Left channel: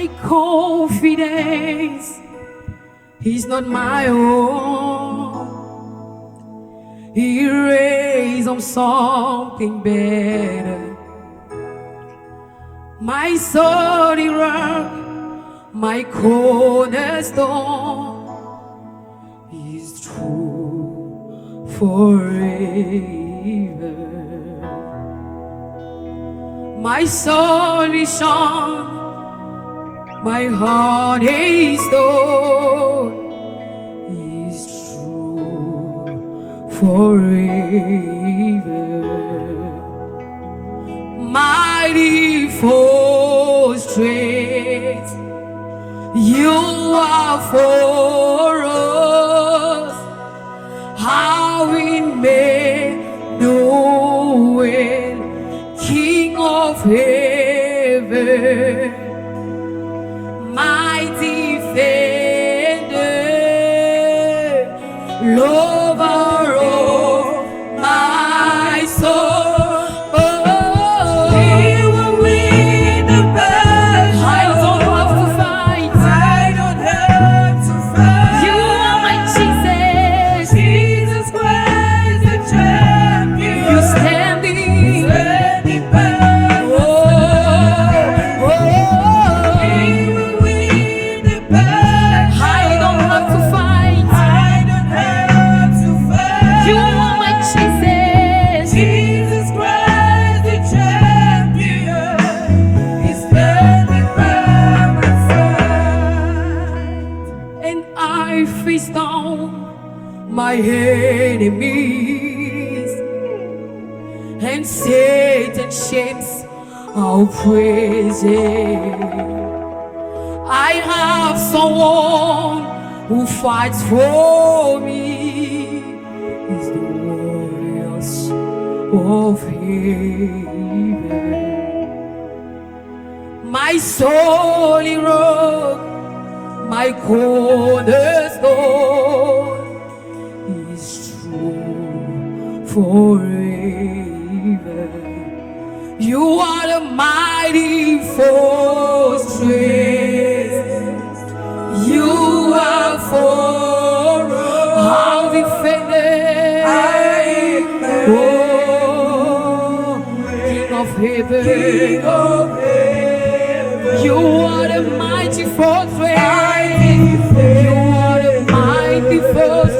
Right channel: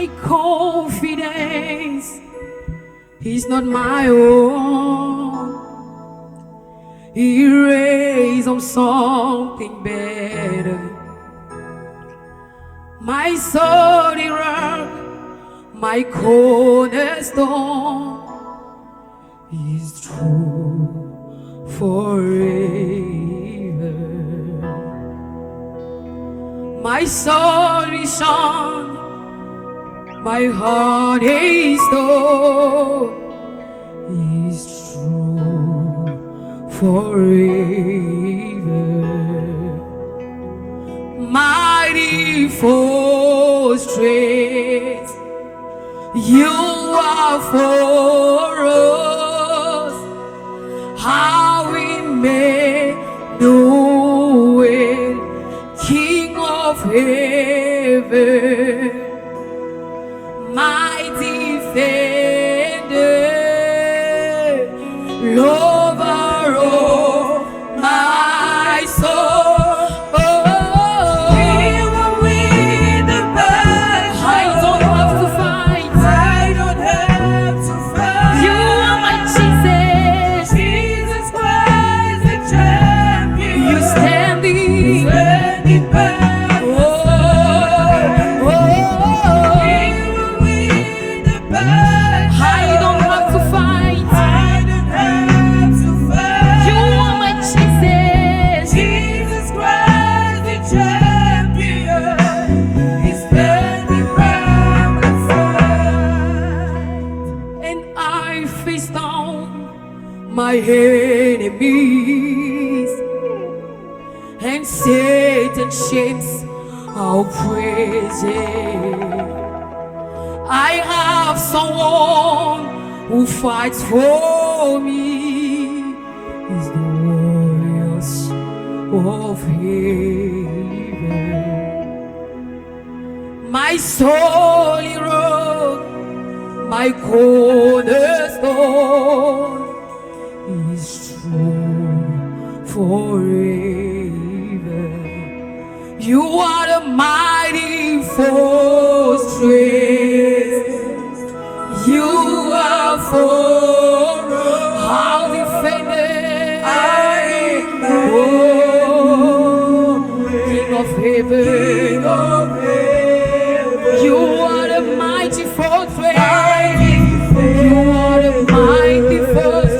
My confidence is not my own. He raised on something better. My solid rock, my cornerstone is true forever. My soul is shone, my heart is stone is true forever. Mighty fortress, you are for us. How we may know it, King of heaven, my defender, lover of my soul. My enemies, and Satan shames our praises. I have someone who fights for me. He's the warriors of heaven. My solid rock, my cornerstone is true forever. You are the mighty fortress. You are for our defender. Oh, King of heaven. King of heaven. You are the mighty fortress. You are the mighty fortress.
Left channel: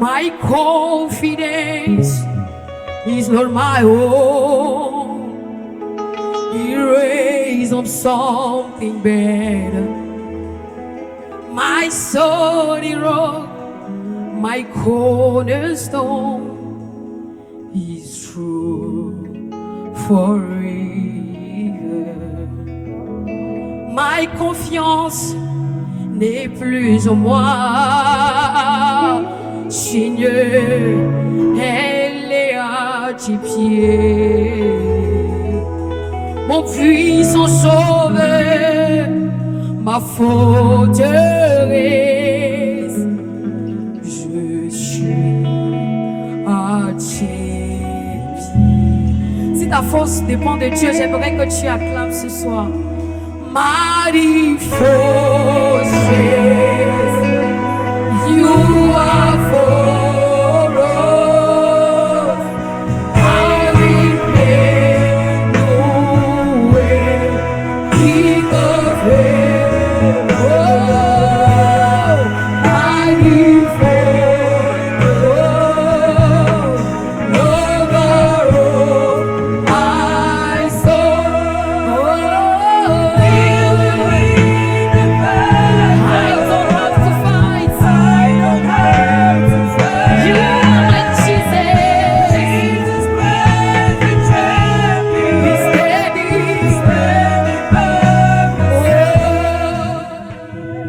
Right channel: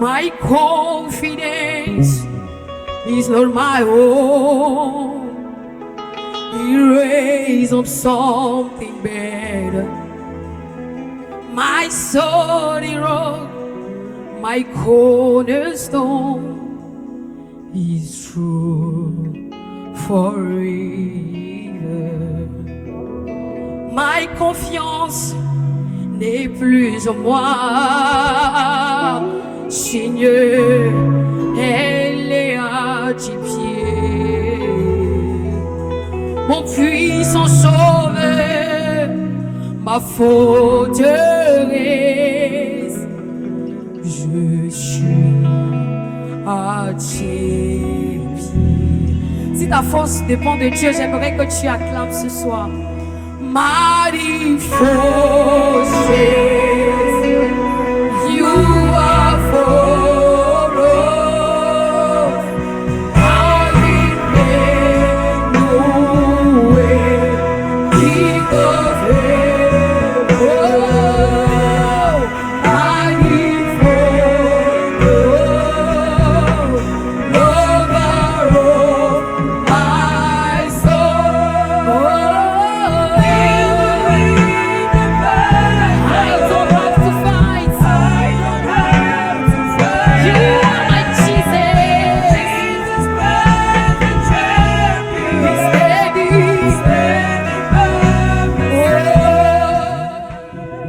My confidence is not my own. He raised up something better. My solid rock, my cornerstone is true forever. Ma confiance n'est plus en moi. Seigneur, elle est à tes pieds. Mon puissant sauveur, ma forteresse, je suis à tes pieds. Si ta force dépend de Dieu, j'aimerais que tu acclames ce soir. Mighty fortress, you are for us. How we may know it, King of heaven.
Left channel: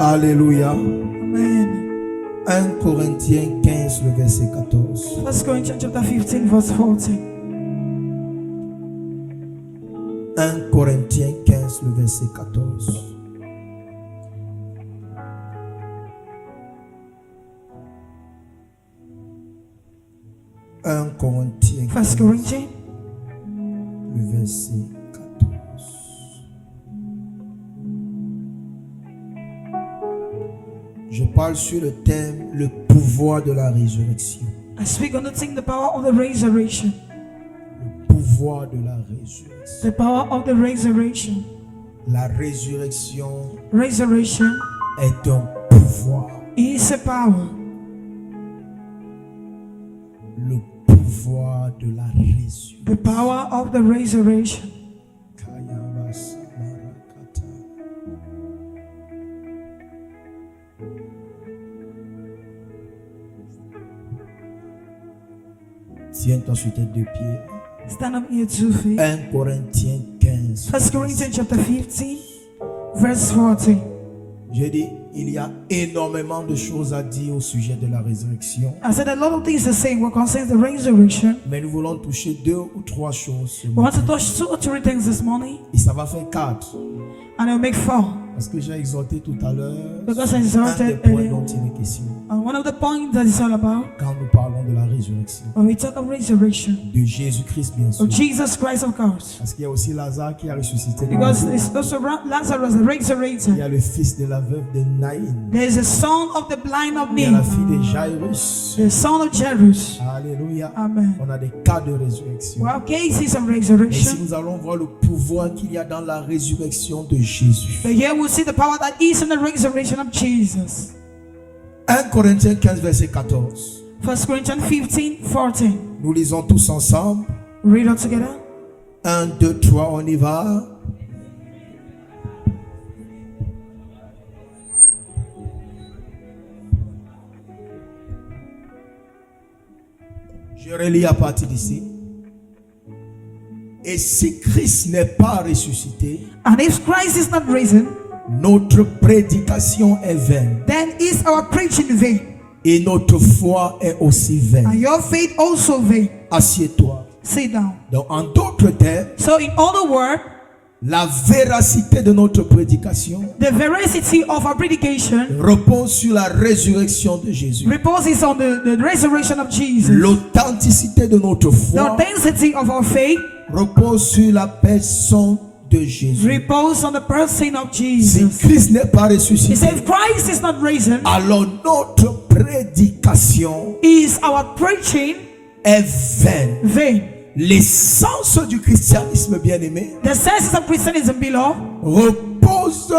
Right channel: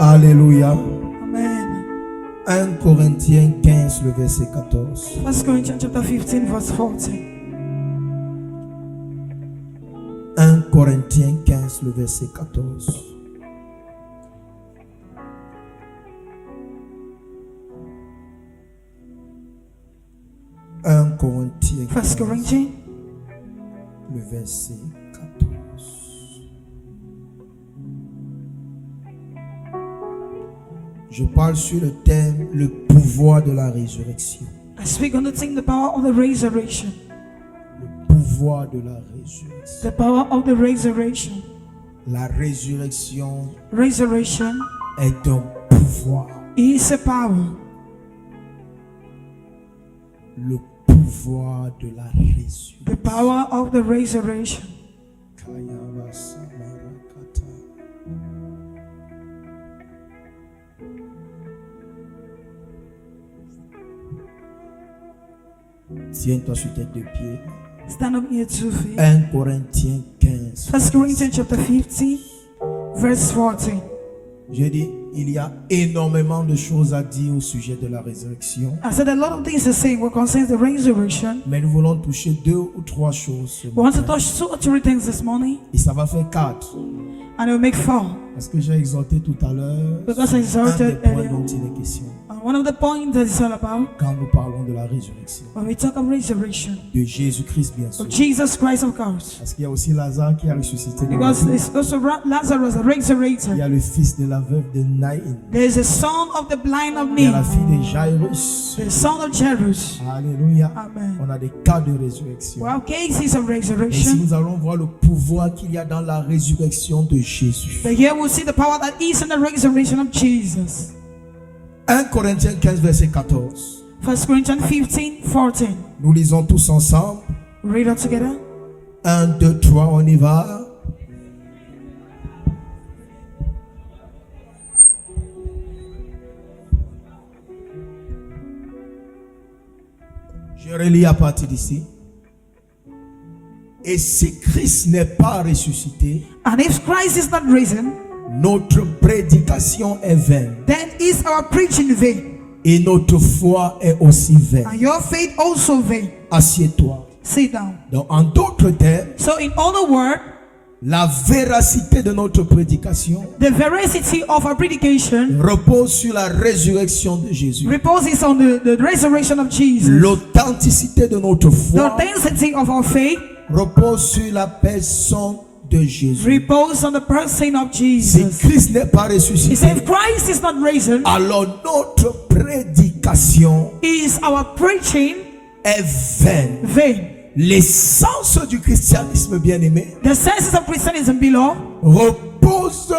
Alléluia. Amen. 1 Corinthiens 15, le verset 14. 1 Corinthians chapter 15, verse 14. 1 Corinthiens 15, le verset 14. Corinthiens 1 Corinthians, le verset 14. Je parle sur le thème le pouvoir de la résurrection. I speak on the thing, the power of the resurrection. Le pouvoir de la résurrection. The power of the resurrection. La résurrection Resurrection est un pouvoir. is a power. Le pouvoir de la résurrection. The power of the resurrection. Tiens-toi sur tes deux pieds. Stand up in your 2 feet. 1 Corinthiens 15. 1 Corinthians chapter 15, verse 40. J'ai dit, il y a énormément de choses à dire au sujet de la résurrection. I said a lot of things to say what concerns the resurrection. Mais nous voulons toucher 2 ou 3 choses ce We want to matin. touch 2 or 3 things this morning, Et ça va faire 4. and it will make 4. Parce que j'ai exhorté tout à l'heure Because I un des exhorted points earlier. dont il est question And one of the points that it's all about, quand nous parlons de la résurrection. when we talk of resurrection, De Jésus-Christ, bien sûr. of Jesus Christ, of course. Parce qu'il y a aussi Lazare qui a ressuscité. de Because la vie. it's also Lazarus, the Il y resurrected. a le fils de la veuve de Naïn. There's a son of the blind of Il y a la me, fille de Jairus. the son of Jairus. Alléluia. Amen. On a des cas de résurrection. We have cases of Et ici, resurrection. nous allons voir le pouvoir qu'il y a dans la résurrection de Jésus. But here we'll see the power that is in the resurrection of Jesus. 1 Corinthiens 15, verset 14. 1 Corinthians 15, 14. Nous lisons tous ensemble. Read it together. 1, 2, 3, on y va. Je relis à partir d'ici. Et si Christ n'est pas ressuscité, And if Christ is not risen, notre prédication est vaine then is our preaching vain, et notre foi est aussi vaine. and your faith also vain. Assieds-toi. Sit down. Donc, en d'autres termes, So in other words, la véracité de notre prédication the veracity of our predication repose sur la résurrection de Jésus. reposes on the resurrection of Jesus. L'authenticité de notre The foi authenticity of our faith repose sur la personne de Jésus. reposes on the person of Si Jesus. Christ n'est pas He said, ressuscité, if Christ is not risen, alors notre prédication is our preaching est vaine. vain. L'essence du christianisme, bien-aimé, The senses of Christianism, beloved, repose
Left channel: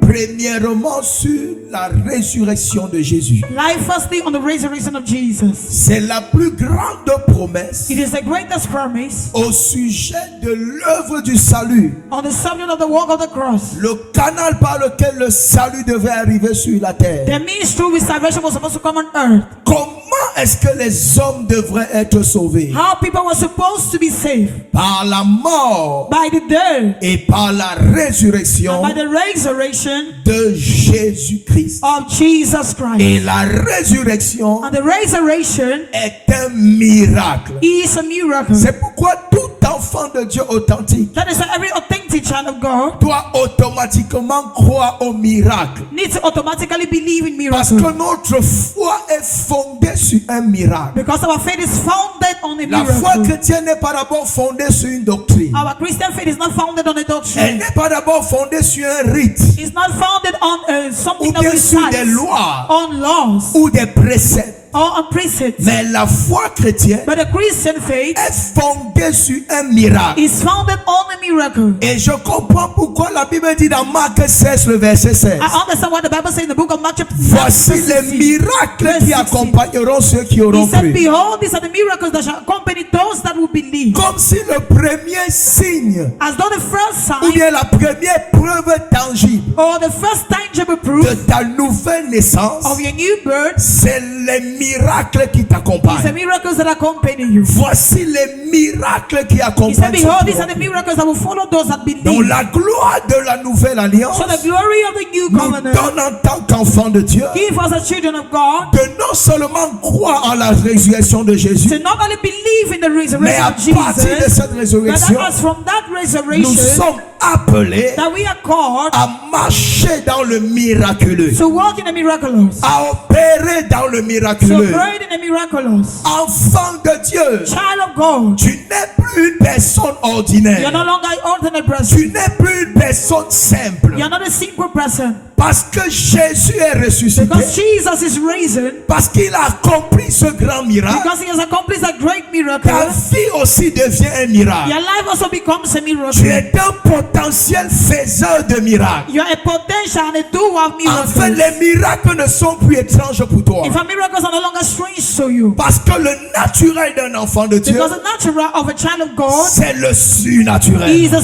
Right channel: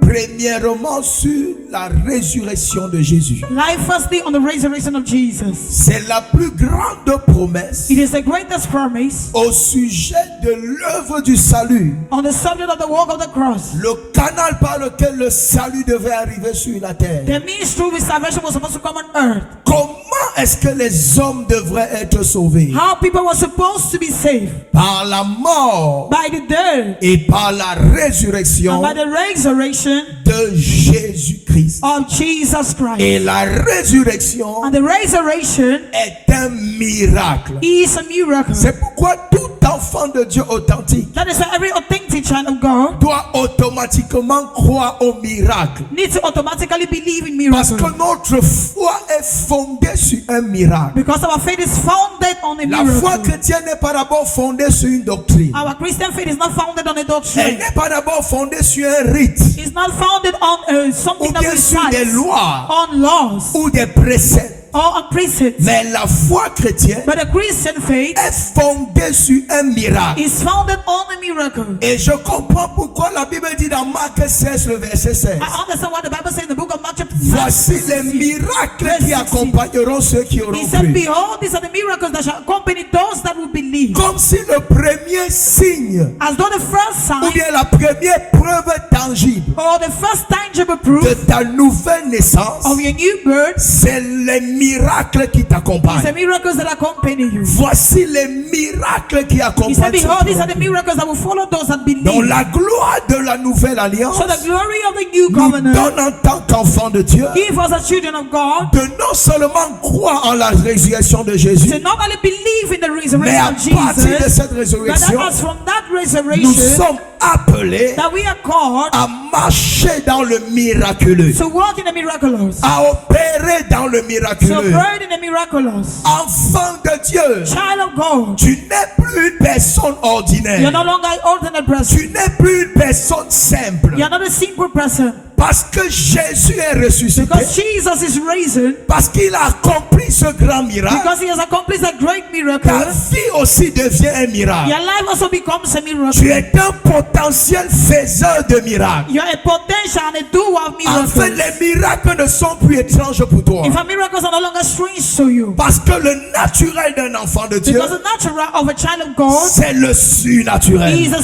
premièrement sur la résurrection de Jésus. lie firstly on the resurrection of Jesus. C'est la plus grande promesse It is the greatest promise au sujet de l'œuvre du salut. on the subject of the work of the cross. Le canal par lequel le salut devait arriver sur la terre. The means through which salvation was supposed to come on earth. Comment est-ce que les hommes devraient être sauvés? How people were supposed to be saved. Par la mort By the death et par la résurrection and by the resurrection de Jésus-Christ. of Jesus Christ. Et la résurrection And the resurrection est un miracle. is a miracle. C'est pourquoi tout enfant de Dieu authentique That is why every authentic child of God doit automatiquement croire au miracle. needs to automatically believe in Parce miracles. que notre foi est fondée sur un miracle. Because our faith is founded on a La foi miracle. chrétienne n'est pas d'abord fondée sur une doctrine. Our Christian faith is not founded on a Elle doctrine. n'est pas d'abord fondée sur un rite It's not founded on something ou that bien we sur des cite, lois on laws ou des préceptes. or on precepts. Mais la foi chrétienne But the Christian faith est fondée sur un miracle. is founded on a miracle. Et je comprends pourquoi la Bible dit dans Marc 16, le verset 16. I understand what the Bible says in the book of Mark chapter 16. Voici les verse 16. miracles Verse qui 16. accompagneront ceux qui auront He said, cru. behold, these are the miracles that shall accompany those that will believe. Comme si le premier signe As though the first ou sign bien la première preuve tangible or the first tangible de proof ta nouvelle naissance, of your new birth c'est les miracles qui He said, t'accompagnent. miracles that accompany you. Voici les miracles qui He said, accompagnent. behold, ceux these qui are the ont cru. miracles that will follow those that believe. Donc la gloire de la nouvelle alliance So the glory of the new nous covenant donne en tant qu'enfants de Dieu give us as children of God de non seulement croire en la résurrection de Jésus, to not only believe in the mais à resurrection of partir de Jesus, cette but résurrection, that as from that nous resurrection sommes appelés that we are called à marcher dans le miraculeux, to walk in the miraculous, à opérer dans le to miraculeux. operate in the miraculous. Enfant de Dieu, Child of God, tu n'es plus une personne you're ordinaire. no longer an ordinary person. Tu n'es plus une personne simple. You're not a simple person. Parce que Jésus est ressuscité. Because Jesus is risen, Parce qu'il a accompli ce grand miracle. because he has accomplished a great miracle, Ta vie aussi devient un miracle. your life also becomes a Tu miracle. es un potentiel faiseur de miracles. You're a potential and a doer of En fait, miracles. les miracles ne sont plus étranges pour toi. In fact, miracles are no longer strange to you. Parce que le naturel d'un enfant de Dieu, Because the natural of a child of God c'est le surnaturel. is a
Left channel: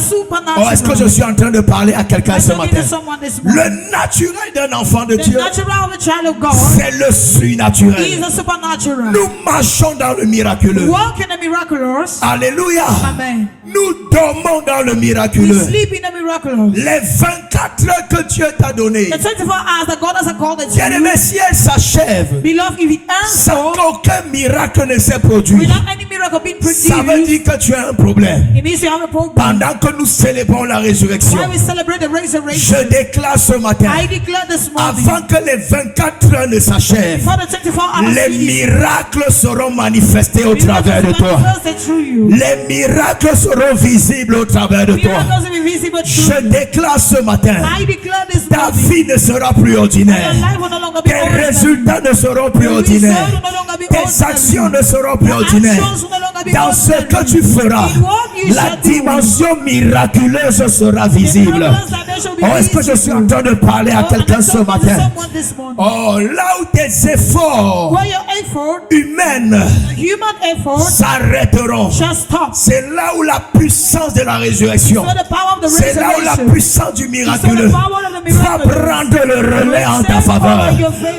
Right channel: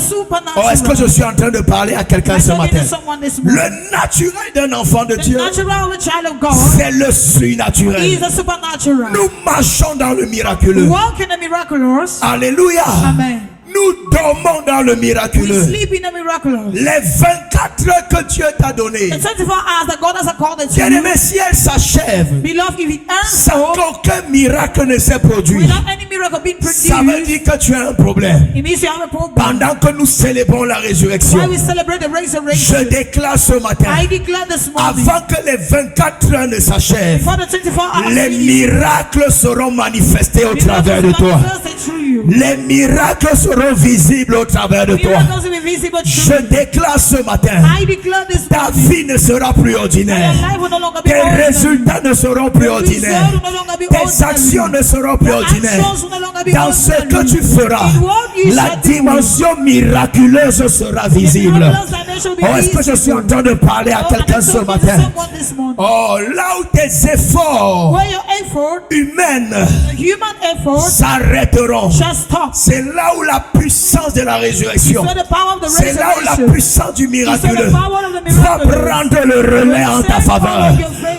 Oh, est-ce que je supernatural. suis en train de parler à quelqu'un I'm ce talking matin? to someone this morning. Le naturel d'un enfant de The Dieu, natural of a child of God c'est le surnaturel. is a supernatural. Nous marchons dans le miraculeux. Walk in the miraculous. Alléluia. Amen. Nous dormons dans le We miraculeux. sleep in the miraculous. Les 24 heures que Dieu t'a données, The 24 hours that God has accorded to bien you, aimé, si elles s'achèvent beloved, if it ends sans so, qu'aucun miracle ne s'est produit, without any miracle being ça veut produced, dire que tu as un problème. it means you have a problem. Pendant que nous célébrons la Why résurrection, we celebrate the je resurrection, déclare ce matin, I declare this morning, avant que les 24 heures ne s'achèvent, before the 24 hours les finish, miracles seront manifestés au travers de miracles toi. manifested through you. Les miracles seront visibles au travers de toi. Miracles will be visible Je through you. déclare ce matin, I declare this ta morning, vie ne sera plus your ordinaire. life will no longer be Tes ordinary. résultats ne seront plus Your ordinaires. result will no longer be Tes ordinary. actions ne seront plus Your ordinaires. actions will no longer be Dans ce ordinary. que tu feras, In what you la shall do, dimension miraculeuse sera the visible. miraculous dimension will be Oh, est-ce que je suis en train de parler à Oh, quelqu'un I'm ce talking to matin? someone this morning. Oh, là où tes efforts Where your effort, humains human effort, s'arrêteront, shall stop. c'est là où la puissance de la résurrection, So the power of the c'est là où la resurrection, puissance du so the miraculeux power of the va miraculous, prendre le relais en ta faveur.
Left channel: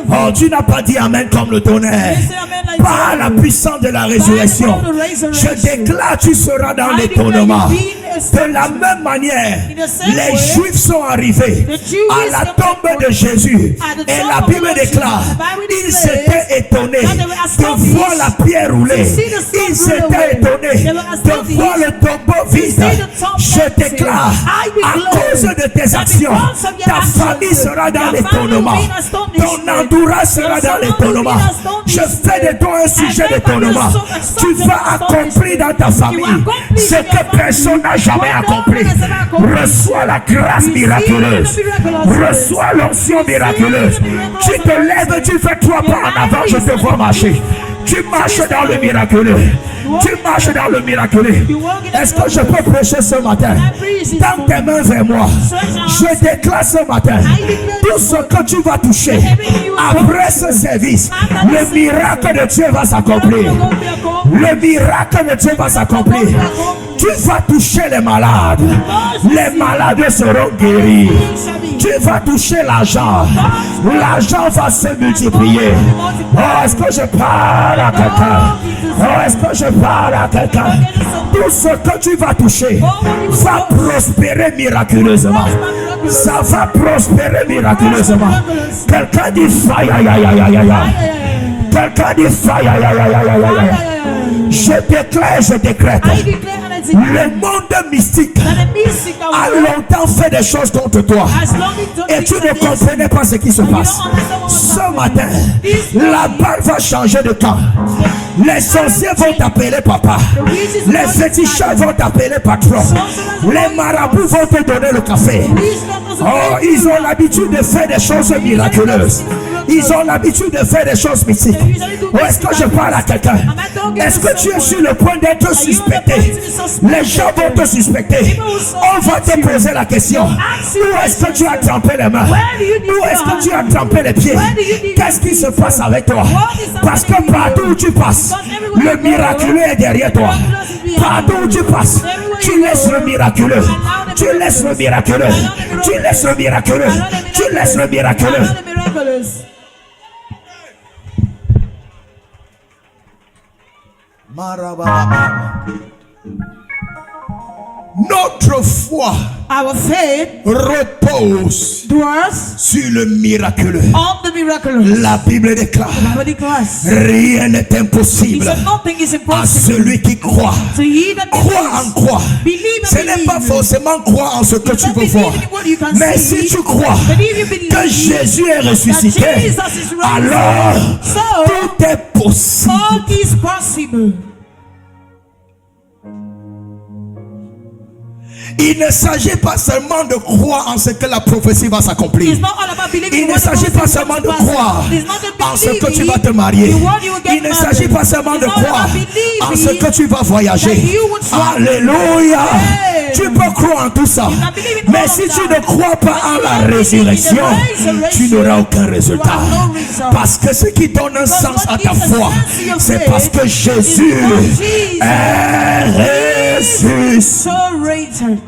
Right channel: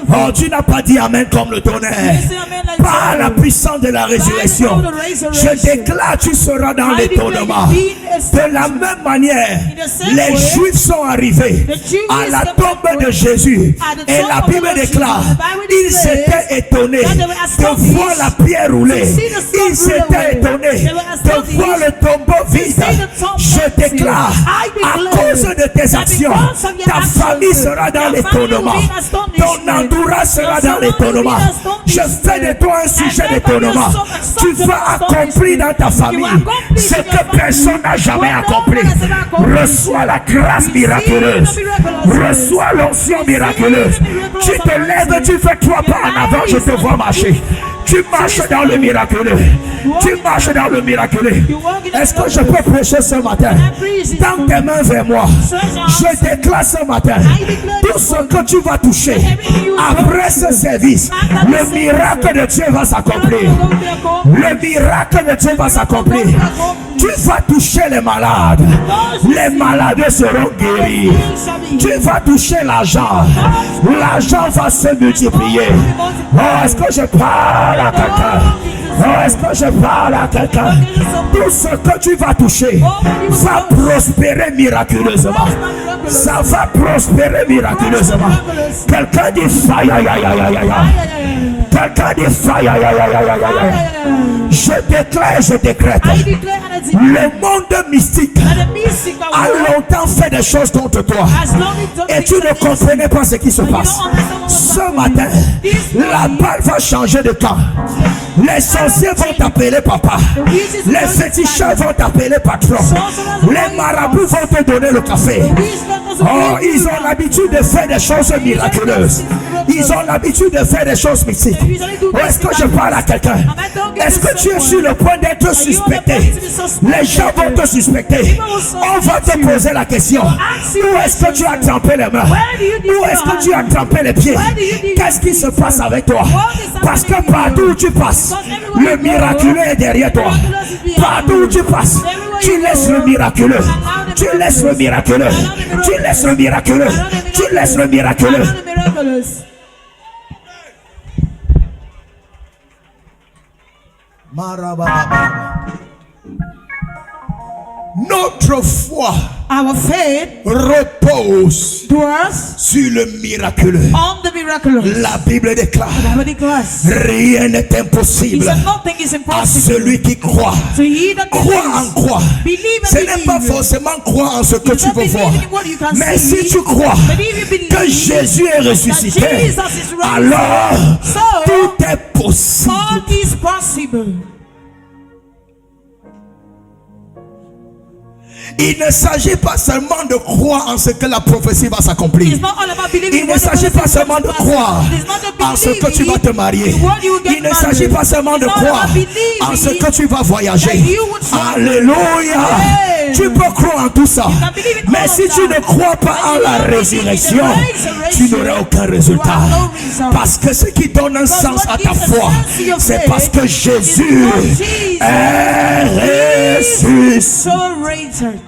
Oh, tu n'as pas dit amen comme le tonnerre. You say amen like Par la thunder. puissance de la résurrection, By the power of the resurrection, je déclare tu seras dans I l'étonnement. declare you be in De la même manière, In the same les way, Juifs sont arrivés the Jews à la came tombe forward de Jésus at the et tomb la of the Bible Lord déclare Jesus. The Bible ils declares étaient étonnés that they were de astonished voir la pierre rouler. to see the stone Ils roll étaient away. étonnés They were de astonished voir le tombeau vide. see the tomb Je empty. déclare I à declare cause de tes that actions, because of your ta actions, famille sera dans your l'étonnement. family will be in astonishment. Ton entourage sera Your dans surrounding l'étonnement. will be in Je fais de toi un sujet And d'étonnement. everybody will so- Tu so- vas accomplir dans ta You famille accomplish ce in your que family personne n'a jamais what no accompli. one has ever accomplished. Reçois la grâce Receive miraculeuse. the miraculous grace. Reçois l'onction Receive miraculeuse. the miraculous Tu te lèves, anointing. tu fais 3 pas en avant, je te vois marcher. Tu marches dans le miraculeux. Tu marches dans le miraculeux. Est-ce que je peux prêcher ce matin? Tends tes mains vers moi. Je déclare ce matin tout ce que tu vas toucher après ce service. Le miracle de Dieu va s'accomplir. Le miracle de Dieu va s'accomplir. Tu vas toucher les malades. Les malades seront guéris. Tu vas toucher l'argent. L'argent va se multiplier. Oh, est-ce que je parle à quelqu'un? Oh, est-ce que je parle à quelqu'un? Tout ce que tu vas toucher va prospérer miraculeusement. Ça va prospérer miraculeusement. Quelqu'un dit faille, aïe, aïe, aïe, aïe, aïe. Quelqu'un dit faille, aïe, aïe, aïe, aïe, aïe, aïe. Je déclare, je décrète. I declare and I declare Le monde mystique that the mystical a world longtemps fait des choses contre toi. has long been Et tu ne comprenais pas ce qui se passe. Ce matin, la balle va changer de camp. Les sorciers vont t'appeler papa. Les féticheurs vont t'appeler patron. Les marabouts vont te donner le café. Oh, ils ont l'habitude de faire des choses miraculeuses. Ils ont l'habitude de faire des choses mystiques. Ou est-ce que je parle à quelqu'un? Est-ce que tu es sur le point d'être suspecté? Les gens vont te suspecter. On va te poser la question. Où est-ce que tu as trempé les mains? Où est-ce que tu as trempé les pieds? Qu'est-ce qui se passe avec toi? Parce que partout où tu passes, le miraculeux est derrière toi. Partout où tu passes, tu laisses le miraculeux. Tu laisses le miraculeux. Tu laisses le miraculeux. Tu laisses le miraculeux. Notre foi Our faith repose dwells sur le miraculeux. on the miraculous. La Bible déclare, The Bible declares, rien n'est he impossible said nothing is à impossible celui qui croit. to he that Crois en believes. quoi? Believe Ce and n'est pas believe. forcément croire en ce que You tu don't veux voir. believe in what you can Mais see, si tu crois but if you believe que Jésus est ressuscité, that Jesus is raised, alors so tout est possible. all is possible. Il ne s'agit pas seulement de croire en ce que la prophétie va s'accomplir. It's not all about believing Il in ne what the s'agit pas prophecy seulement de comes to croire pass. It's not en ce que tu vas believing te marier. in what you will get Il ne s'agit married. pas seulement de It's not croire about believing en ce que tu vas voyager. that you would travel. Alléluia. Amen. Tu peux croire en tout ça. You can believe in Mais all si of tu that. ne crois pas But en you la don't believe in the résurrection, resurrection, tu n'auras aucun résultat. you have no result. Parce que ce qui donne un sens what à ta gives a foi, sense to your c'est faith parce que Jésus is because Jesus est ressuscité. so rated.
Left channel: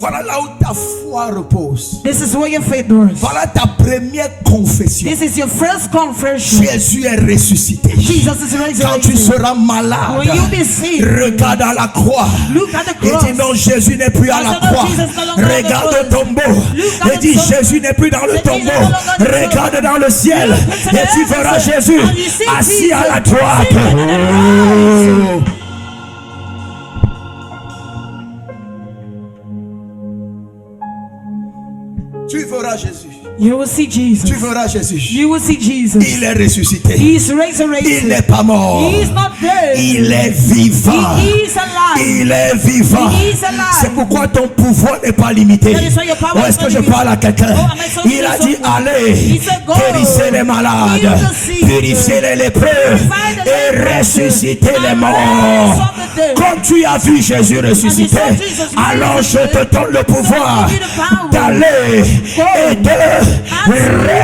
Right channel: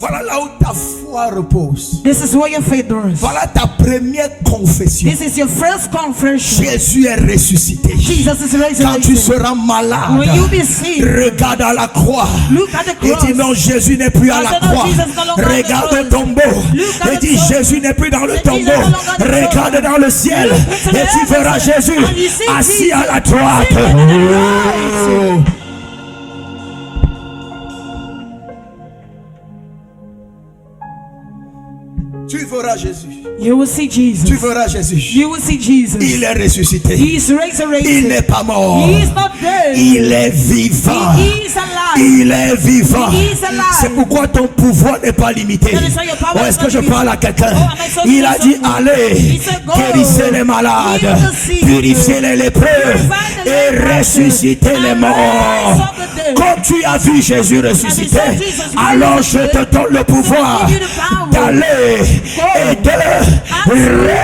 Voilà là où ta foi repose. This is where your faith dwells. Voilà ta première confession. This is your first confession. Jésus est ressuscité. Jesus is Quand tu resurrected. seras malade, When you be sick, regarde à la croix. look at the Et cross. dis non, Jésus n'est plus à la I said, no, croix. Jesus is no longer on the Regarde cross. au tombeau. Look at Et the dis tomb. Jésus n'est plus dans le Say, Jesus tombeau. is no longer on the Regarde tomb. dans le ciel. Look into the Et tu heavens. verras Jésus And you see assis Jesus à la droite. sitting at the right. Oh. Tu verras Jésus. You will see Jesus. Tu verras Jésus. You will see Jesus. Il est ressuscité. He is Il resurrected. n'est pas mort. He is not dead. Il est vivant. He is alive. Il est vivant. He is alive. C'est pourquoi ton pouvoir n'est pas limité. That is why your power Ou is est-ce que not je limited. parle à quelqu'un? Oh, am I talking Il to a dit someone? allez, He said, go. guérissez les malades, Heal the sick. purifiez les lépreux Purify the et lepers. ressuscitez les And morts. raise up the dead. Comme tu as vu Jésus ressuscité, As you saw Jesus alors je resurrected, te donne le pouvoir give you the power. d'aller Go. et de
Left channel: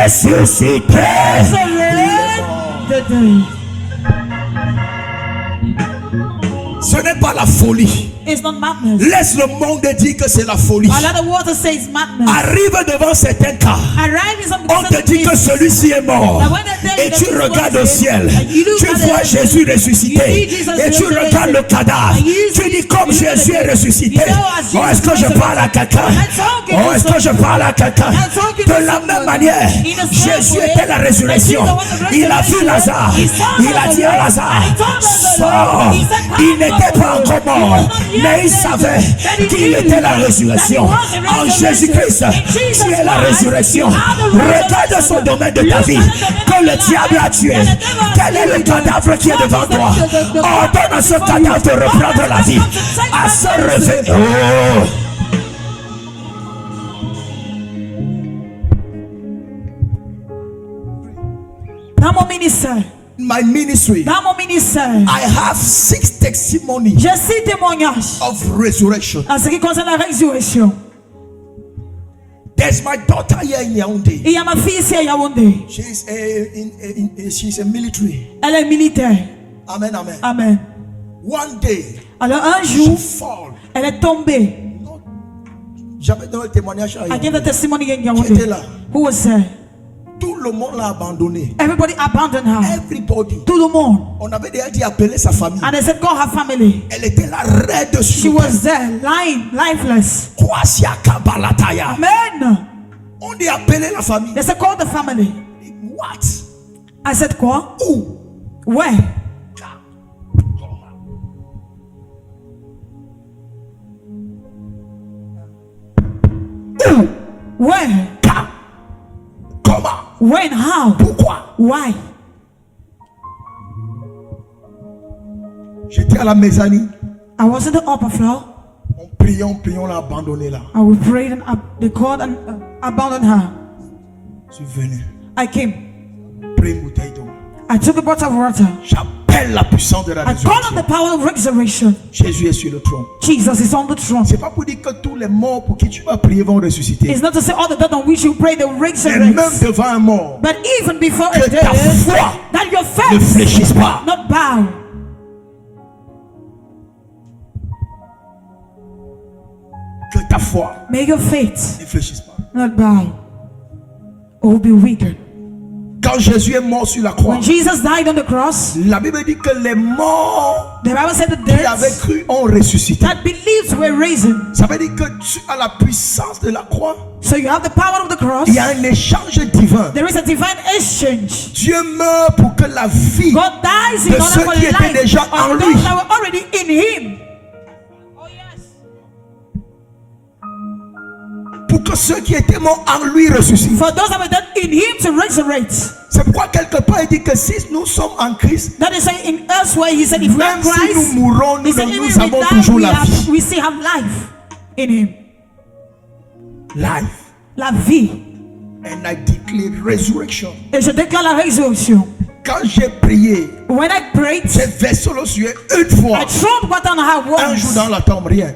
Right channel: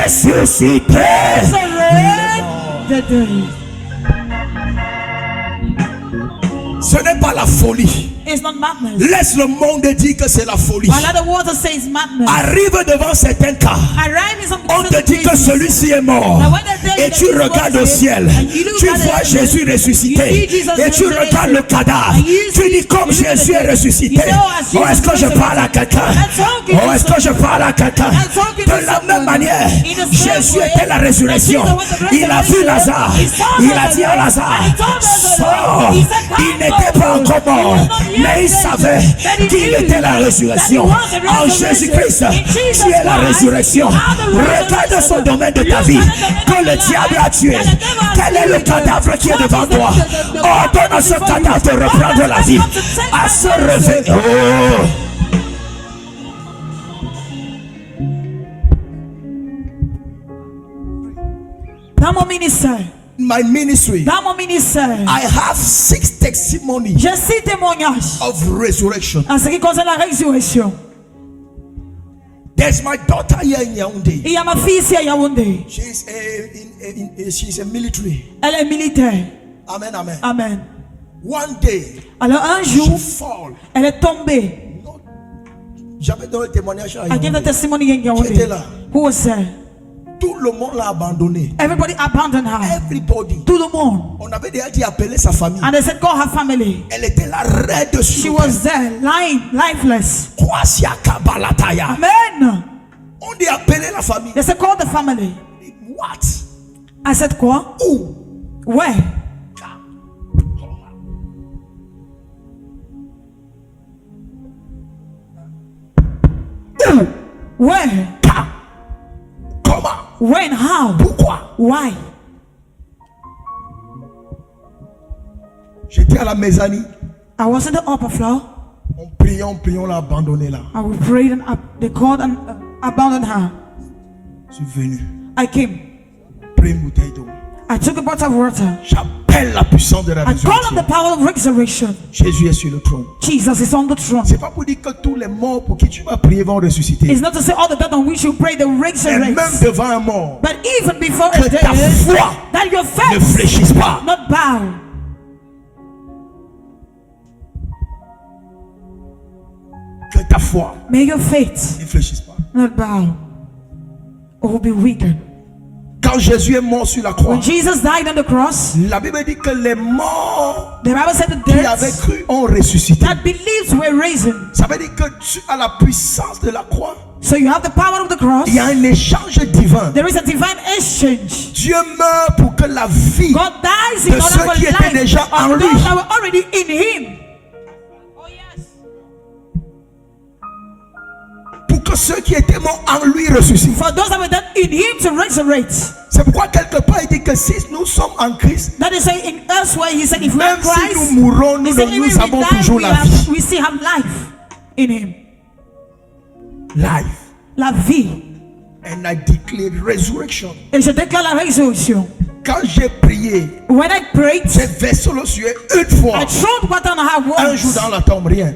ressusciter. Resurrect the dead. Ce n'est pas la folie. It's not madness. Laisse le monde dire que c'est la folie. Another water says madness. Arrive devant certains cas. Arrive in some On te dit que celui-ci est mort. Now when they tell you Et that tu this regardes was au it, ciel. and you look Tu at the vois heavens, Jésus ressuscité. you see Jesus Et tu resurrected, regardes le cadavre. and you Tu see- dis comme you look at Jésus the est dead. ressuscité. You say, oh, as Oh, est-ce que je Jesus parle à quelqu'un? I'm talking Oh, to est-ce que je parle à quelqu'un? I'm talking to De la même someone. manière, In the same Jésus way était la résurrection. that Jesus was the Il a vu resurrection. Lazare. He saw Il a dit à Lazarus, Lazare, and he told Lazarus, sors. he said, Il come n'était pas forward. encore mort, He was not yet mais il dead. savait That he qu'il knew était la that he résurrection. was the En resurrection. Jésus-Christ, In Jesus tu es la Christ, résurrection. you are the Regarde resurrection. ce domaine de ta Look vie at the domaine que of le your diable life a tué. that the devil has Quel est le killed. cadavre qui est What devant is the- toi? the Ordonne à ce before you. cadavre de reprendre la vie, Come to take à back se the réveiller. Oh. Dans mon ministère, My ministry, dans mon ministère, I have 6 testimonies j'ai 6 témoignages of resurrection. en ce qui concerne la résurrection. There's my daughter here in Yaoundé. Il y a ma fille ici à Yaoundé. She's a military. Elle est militaire. Amen, amen. Amen. One day, Alors un she jour, fall. elle est tombée. No, j'avais donné le témoignage à I gave the Yaoundé. testimony in Qui était Yaoundé. là? Who was there? Tout le monde l'a abandonné. Everybody abandoned her. Everybody. Tout le monde. On avait déjà dit appeler sa famille. And they said, call her family. Elle était là raide She sur was there, lying, lifeless. Kwasiaka balataya. Amen. On dit appeler la famille. They said, call the family. What? I said, quoi? Où? Where? Où? Where? Comment? When? How? Pourquoi? Why? J'étais à la mezzanine. I was in the upper floor. On priait, on l'a abandonné là. I we prayed and they called and abandoned her. Je suis venu. I came. Pris une bouteille d'eau. I took a bottle of water. J'appelle la puissance de la I called on the résurrection. power of resurrection. Jésus est sur le trône. Jesus is on the throne. C'est pas pour dire que tous les morts pour qui tu vas prier vont ressusciter. It's not to say all the dead on which you pray they Et resurrect. même devant un mort, But even before que a ta dead, foi that your ne faith fléchisse pas. not bow. Que ta foi May your faith ne fléchisse pas. not bow or be weakened. Quand Jésus est mort sur la croix, When Jesus died on the cross, la Bible dit que les morts the Bible said the qui avaient dead cru ont ressuscité. that believed were risen. Ça veut dire que tu as la puissance de la croix. So you have the power of the cross. Il y a un échange divin. There is a divine exchange. Dieu meurt pour que la vie God dies in de order ceux for qui étaient life déjà en of lui. those that were already in Him. Oh yes. Pour que ceux qui étaient morts en lui ressuscitent. For those that were dead in Him to resurrect. C'est pourquoi quelque part il dit que si nous sommes en Christ, That is why in elsewhere He said, if we are même si Christ, nous mourons, nous, He said, even nous if we avons die, toujours la vie. we still have life in Him. Life. La vie. And I declare resurrection. Et je déclare la résurrection. Quand j'ai prié, When I prayed, j'ai versé l'eau sur eux une fois. I thrown water on her Un once. jour dans la tombe, rien.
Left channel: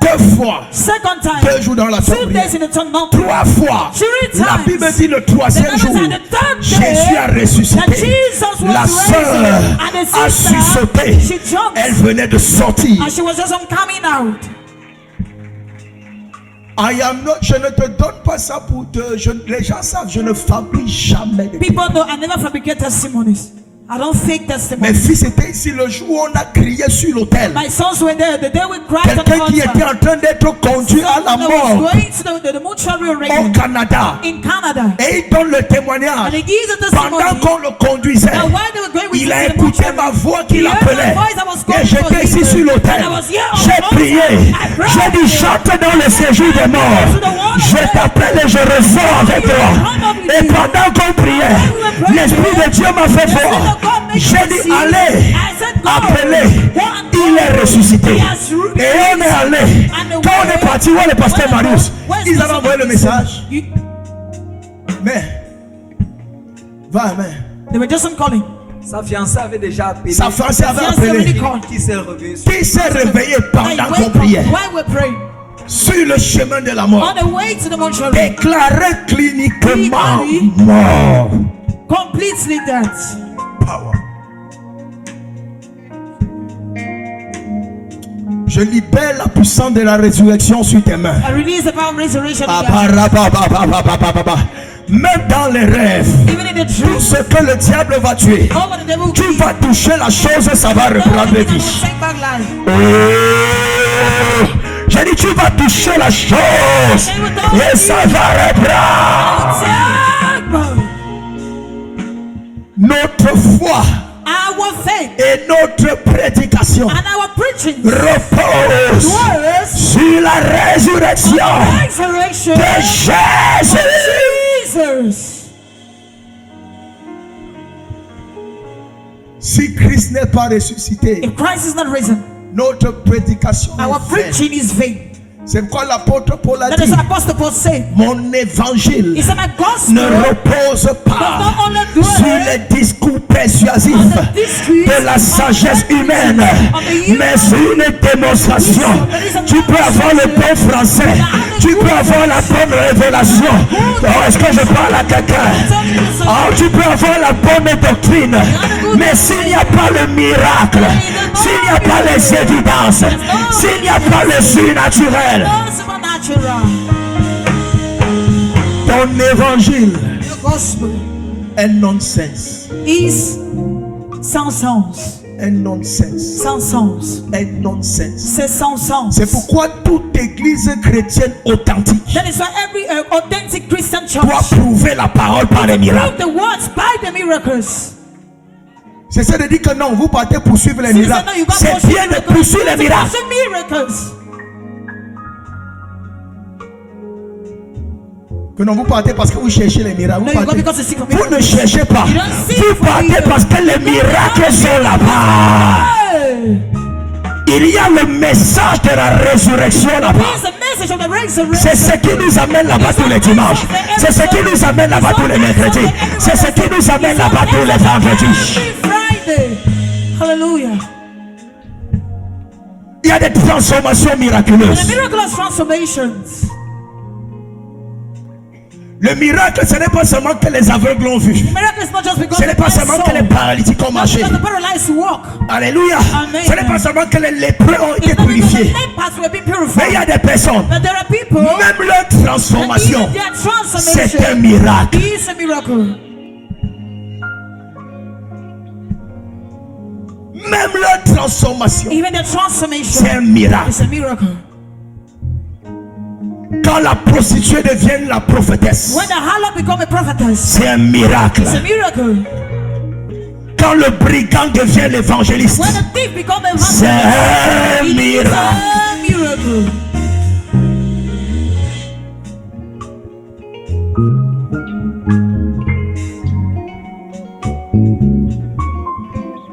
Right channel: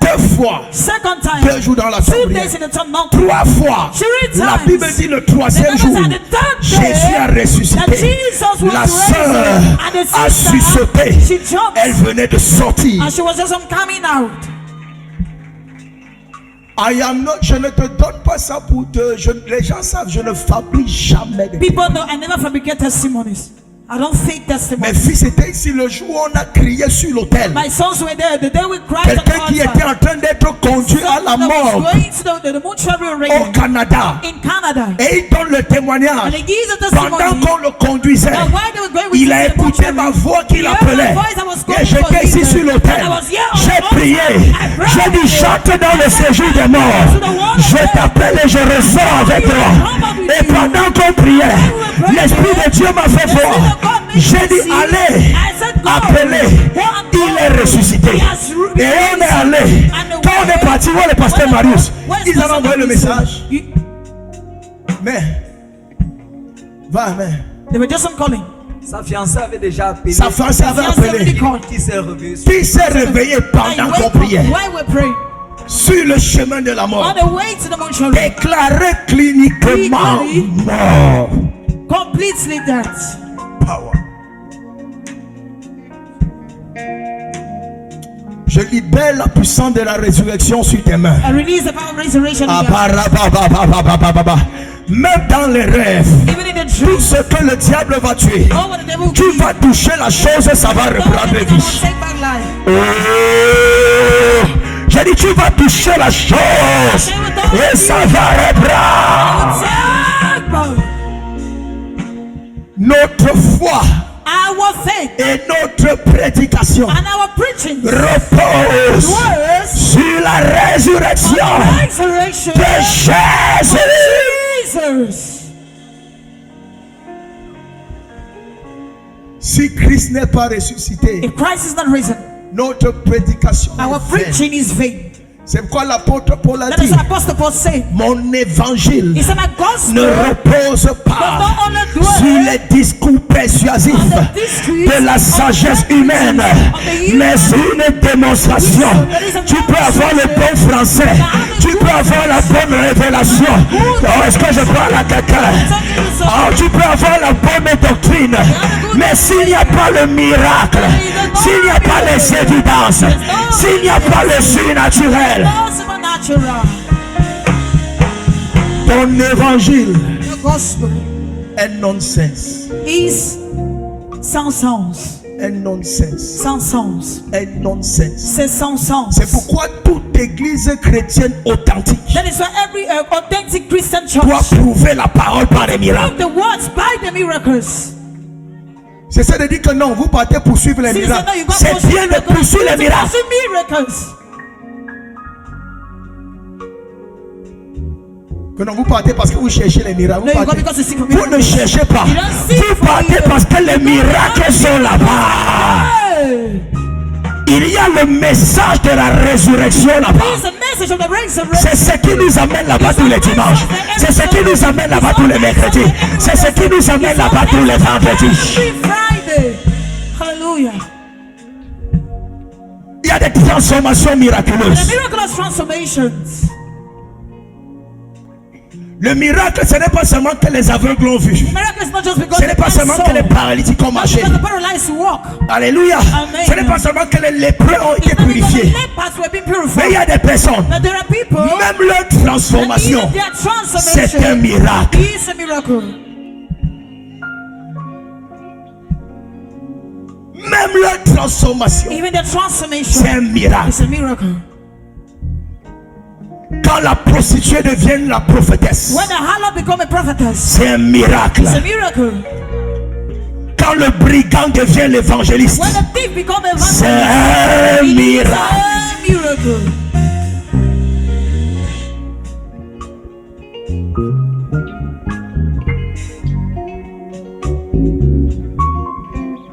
2 fois. Second time. 2 jours dans la 2 tombe, rien. days in the tomb, not 3 fois. 3 La times. Bible dit le The 3e Bible jour, said the third day Jésus a that ressuscité. Jesus was La risen, sœur and the a sister, sursauté. she jumped, Elle venait de sortir. and she was just coming out. Je ne te donne pas ça pour te. Les gens savent, je ne fabrique jamais de People know I never fabricate testimonies. I don't fake Mes testimonies. fils étaient ici le jour où on a crié sur l'autel. My sons were there the day we cried on the Quelqu'un qui était altar. en train d'être conduit à la Someone that mort was going to the mortuary au already Canada. in Canada. Et il donne le And témoignage. he gives a Pendant testimony. qu'on le conduisait, Now while they were going with il him a to the écouté mortuary, ma voix qui he heard l'appelait. my voice that was Et calling for j'étais ici him. sur l'autel. And I was here on J'ai the prié. altar. I prayed. J'ai dit, chante dans le séjour des morts. Je t'appelle et je ressors avec toi. Et pendant qu'on priait, l'Esprit de Dieu m'a fait voir. J'ai dit, allez, appelez. Il est ressuscité. Et on est allé. Quand on est parti voir le pasteur Marius, ils avaient envoyé le message. Mais, va, mais. They were just calling. Sa fiancée avait déjà appelé. Sa fiancée avait appelé. Qui s'est réveillé. Qui s'est réveillé pendant qu'on priait While we're praying. sur le chemin de la mort, On the way to the mortuary. déclaré cliniquement mort. Completely dead. Power. Je libère la puissance de la résurrection sur tes mains. I release the power of resurrection. in your- Abarababababababa. Même dans les rêves, Even in the tout dream. ce que le diable va tuer, Oh, what the devil will tu do. vas toucher la chose, ça va reprendre Will vie. take back life. Oh, j'ai dit tu vas toucher la chose et ça va reprendre. Take back. Notre foi Our faith et notre prédication and our preaching repose was sur la résurrection resurrection de Jésus. Jesus. Si Christ n'est pas ressuscité, If Christ is not risen, notre prédication our est vaine. preaching is vain. C'est pourquoi l'apôtre Paul a That is dit, what Apostle Paul said. mon évangile He said, my gospel ne repose pas not only dwell sur les discours persuasifs on the discreet de la sagesse of the humaine, of the human mais une démonstration. Tu peux avoir le bon français, tu peux avoir la bonne révélation. Oh, est-ce que je parle à quelqu'un? Oh, tu peux avoir la bonne doctrine, mais s'il n'y a pas le miracle, s'il n'y a pas les évidences, s'il n'y a pas le surnaturel, no supernatural. ton évangile The gospel est nonsense. is sans sens. Est nonsense. Sans sens. Est nonsense. C'est sans sens. C'est pourquoi toute église chrétienne authentique That is why every authentic Christian church doit prouver la parole par les miracles. prove the words by the miracles. C'est ça de dire que non, vous partez poursuivre les See, miracles. no, you got C'est bien de poursuivre les miracles. miracles. Que non, vous partez parce que vous cherchez les miracles. No, you go Partez. because you seek for Vous ne miracles. cherchez pas. You don't seek Vous for partez miracles. parce que les miracles sont là-bas. Hey! Il y a le message de la résurrection là-bas. It's the message of the resurrection. C'est ce qui nous amène là-bas tous les dimanches. C'est ce qui nous amène là-bas tous les mercredis. C'est ce qui nous amène là-bas tous les vendredis. Every Friday. Hallelujah. Il y a des transformations The miraculeuses. miraculous transformations. Le miracle, ce n'est pas seulement que les aveugles l'ont vu. Miracle is not just because Ce n'est the pas man seulement saw. que les paralytiques ont Not marché. because the paralyzed walk. Alléluia. Amen. Ce n'est pas seulement que les lépreux ont été It's not because the purifiés. lepers were being Mais il y purified. a des personnes, But there are people. même leur And transformation, even their c'est un transformation miracle. is a miracle. Même leur transformation, even their c'est transformation un miracle. is a miracle. Quand la prostituée devient la prophétesse, When the harlot become a prophetess, c'est un miracle. it's a miracle. Quand le brigand devient l'évangéliste, When the thief become a c'est evangelist, un it is miracle. a miracle.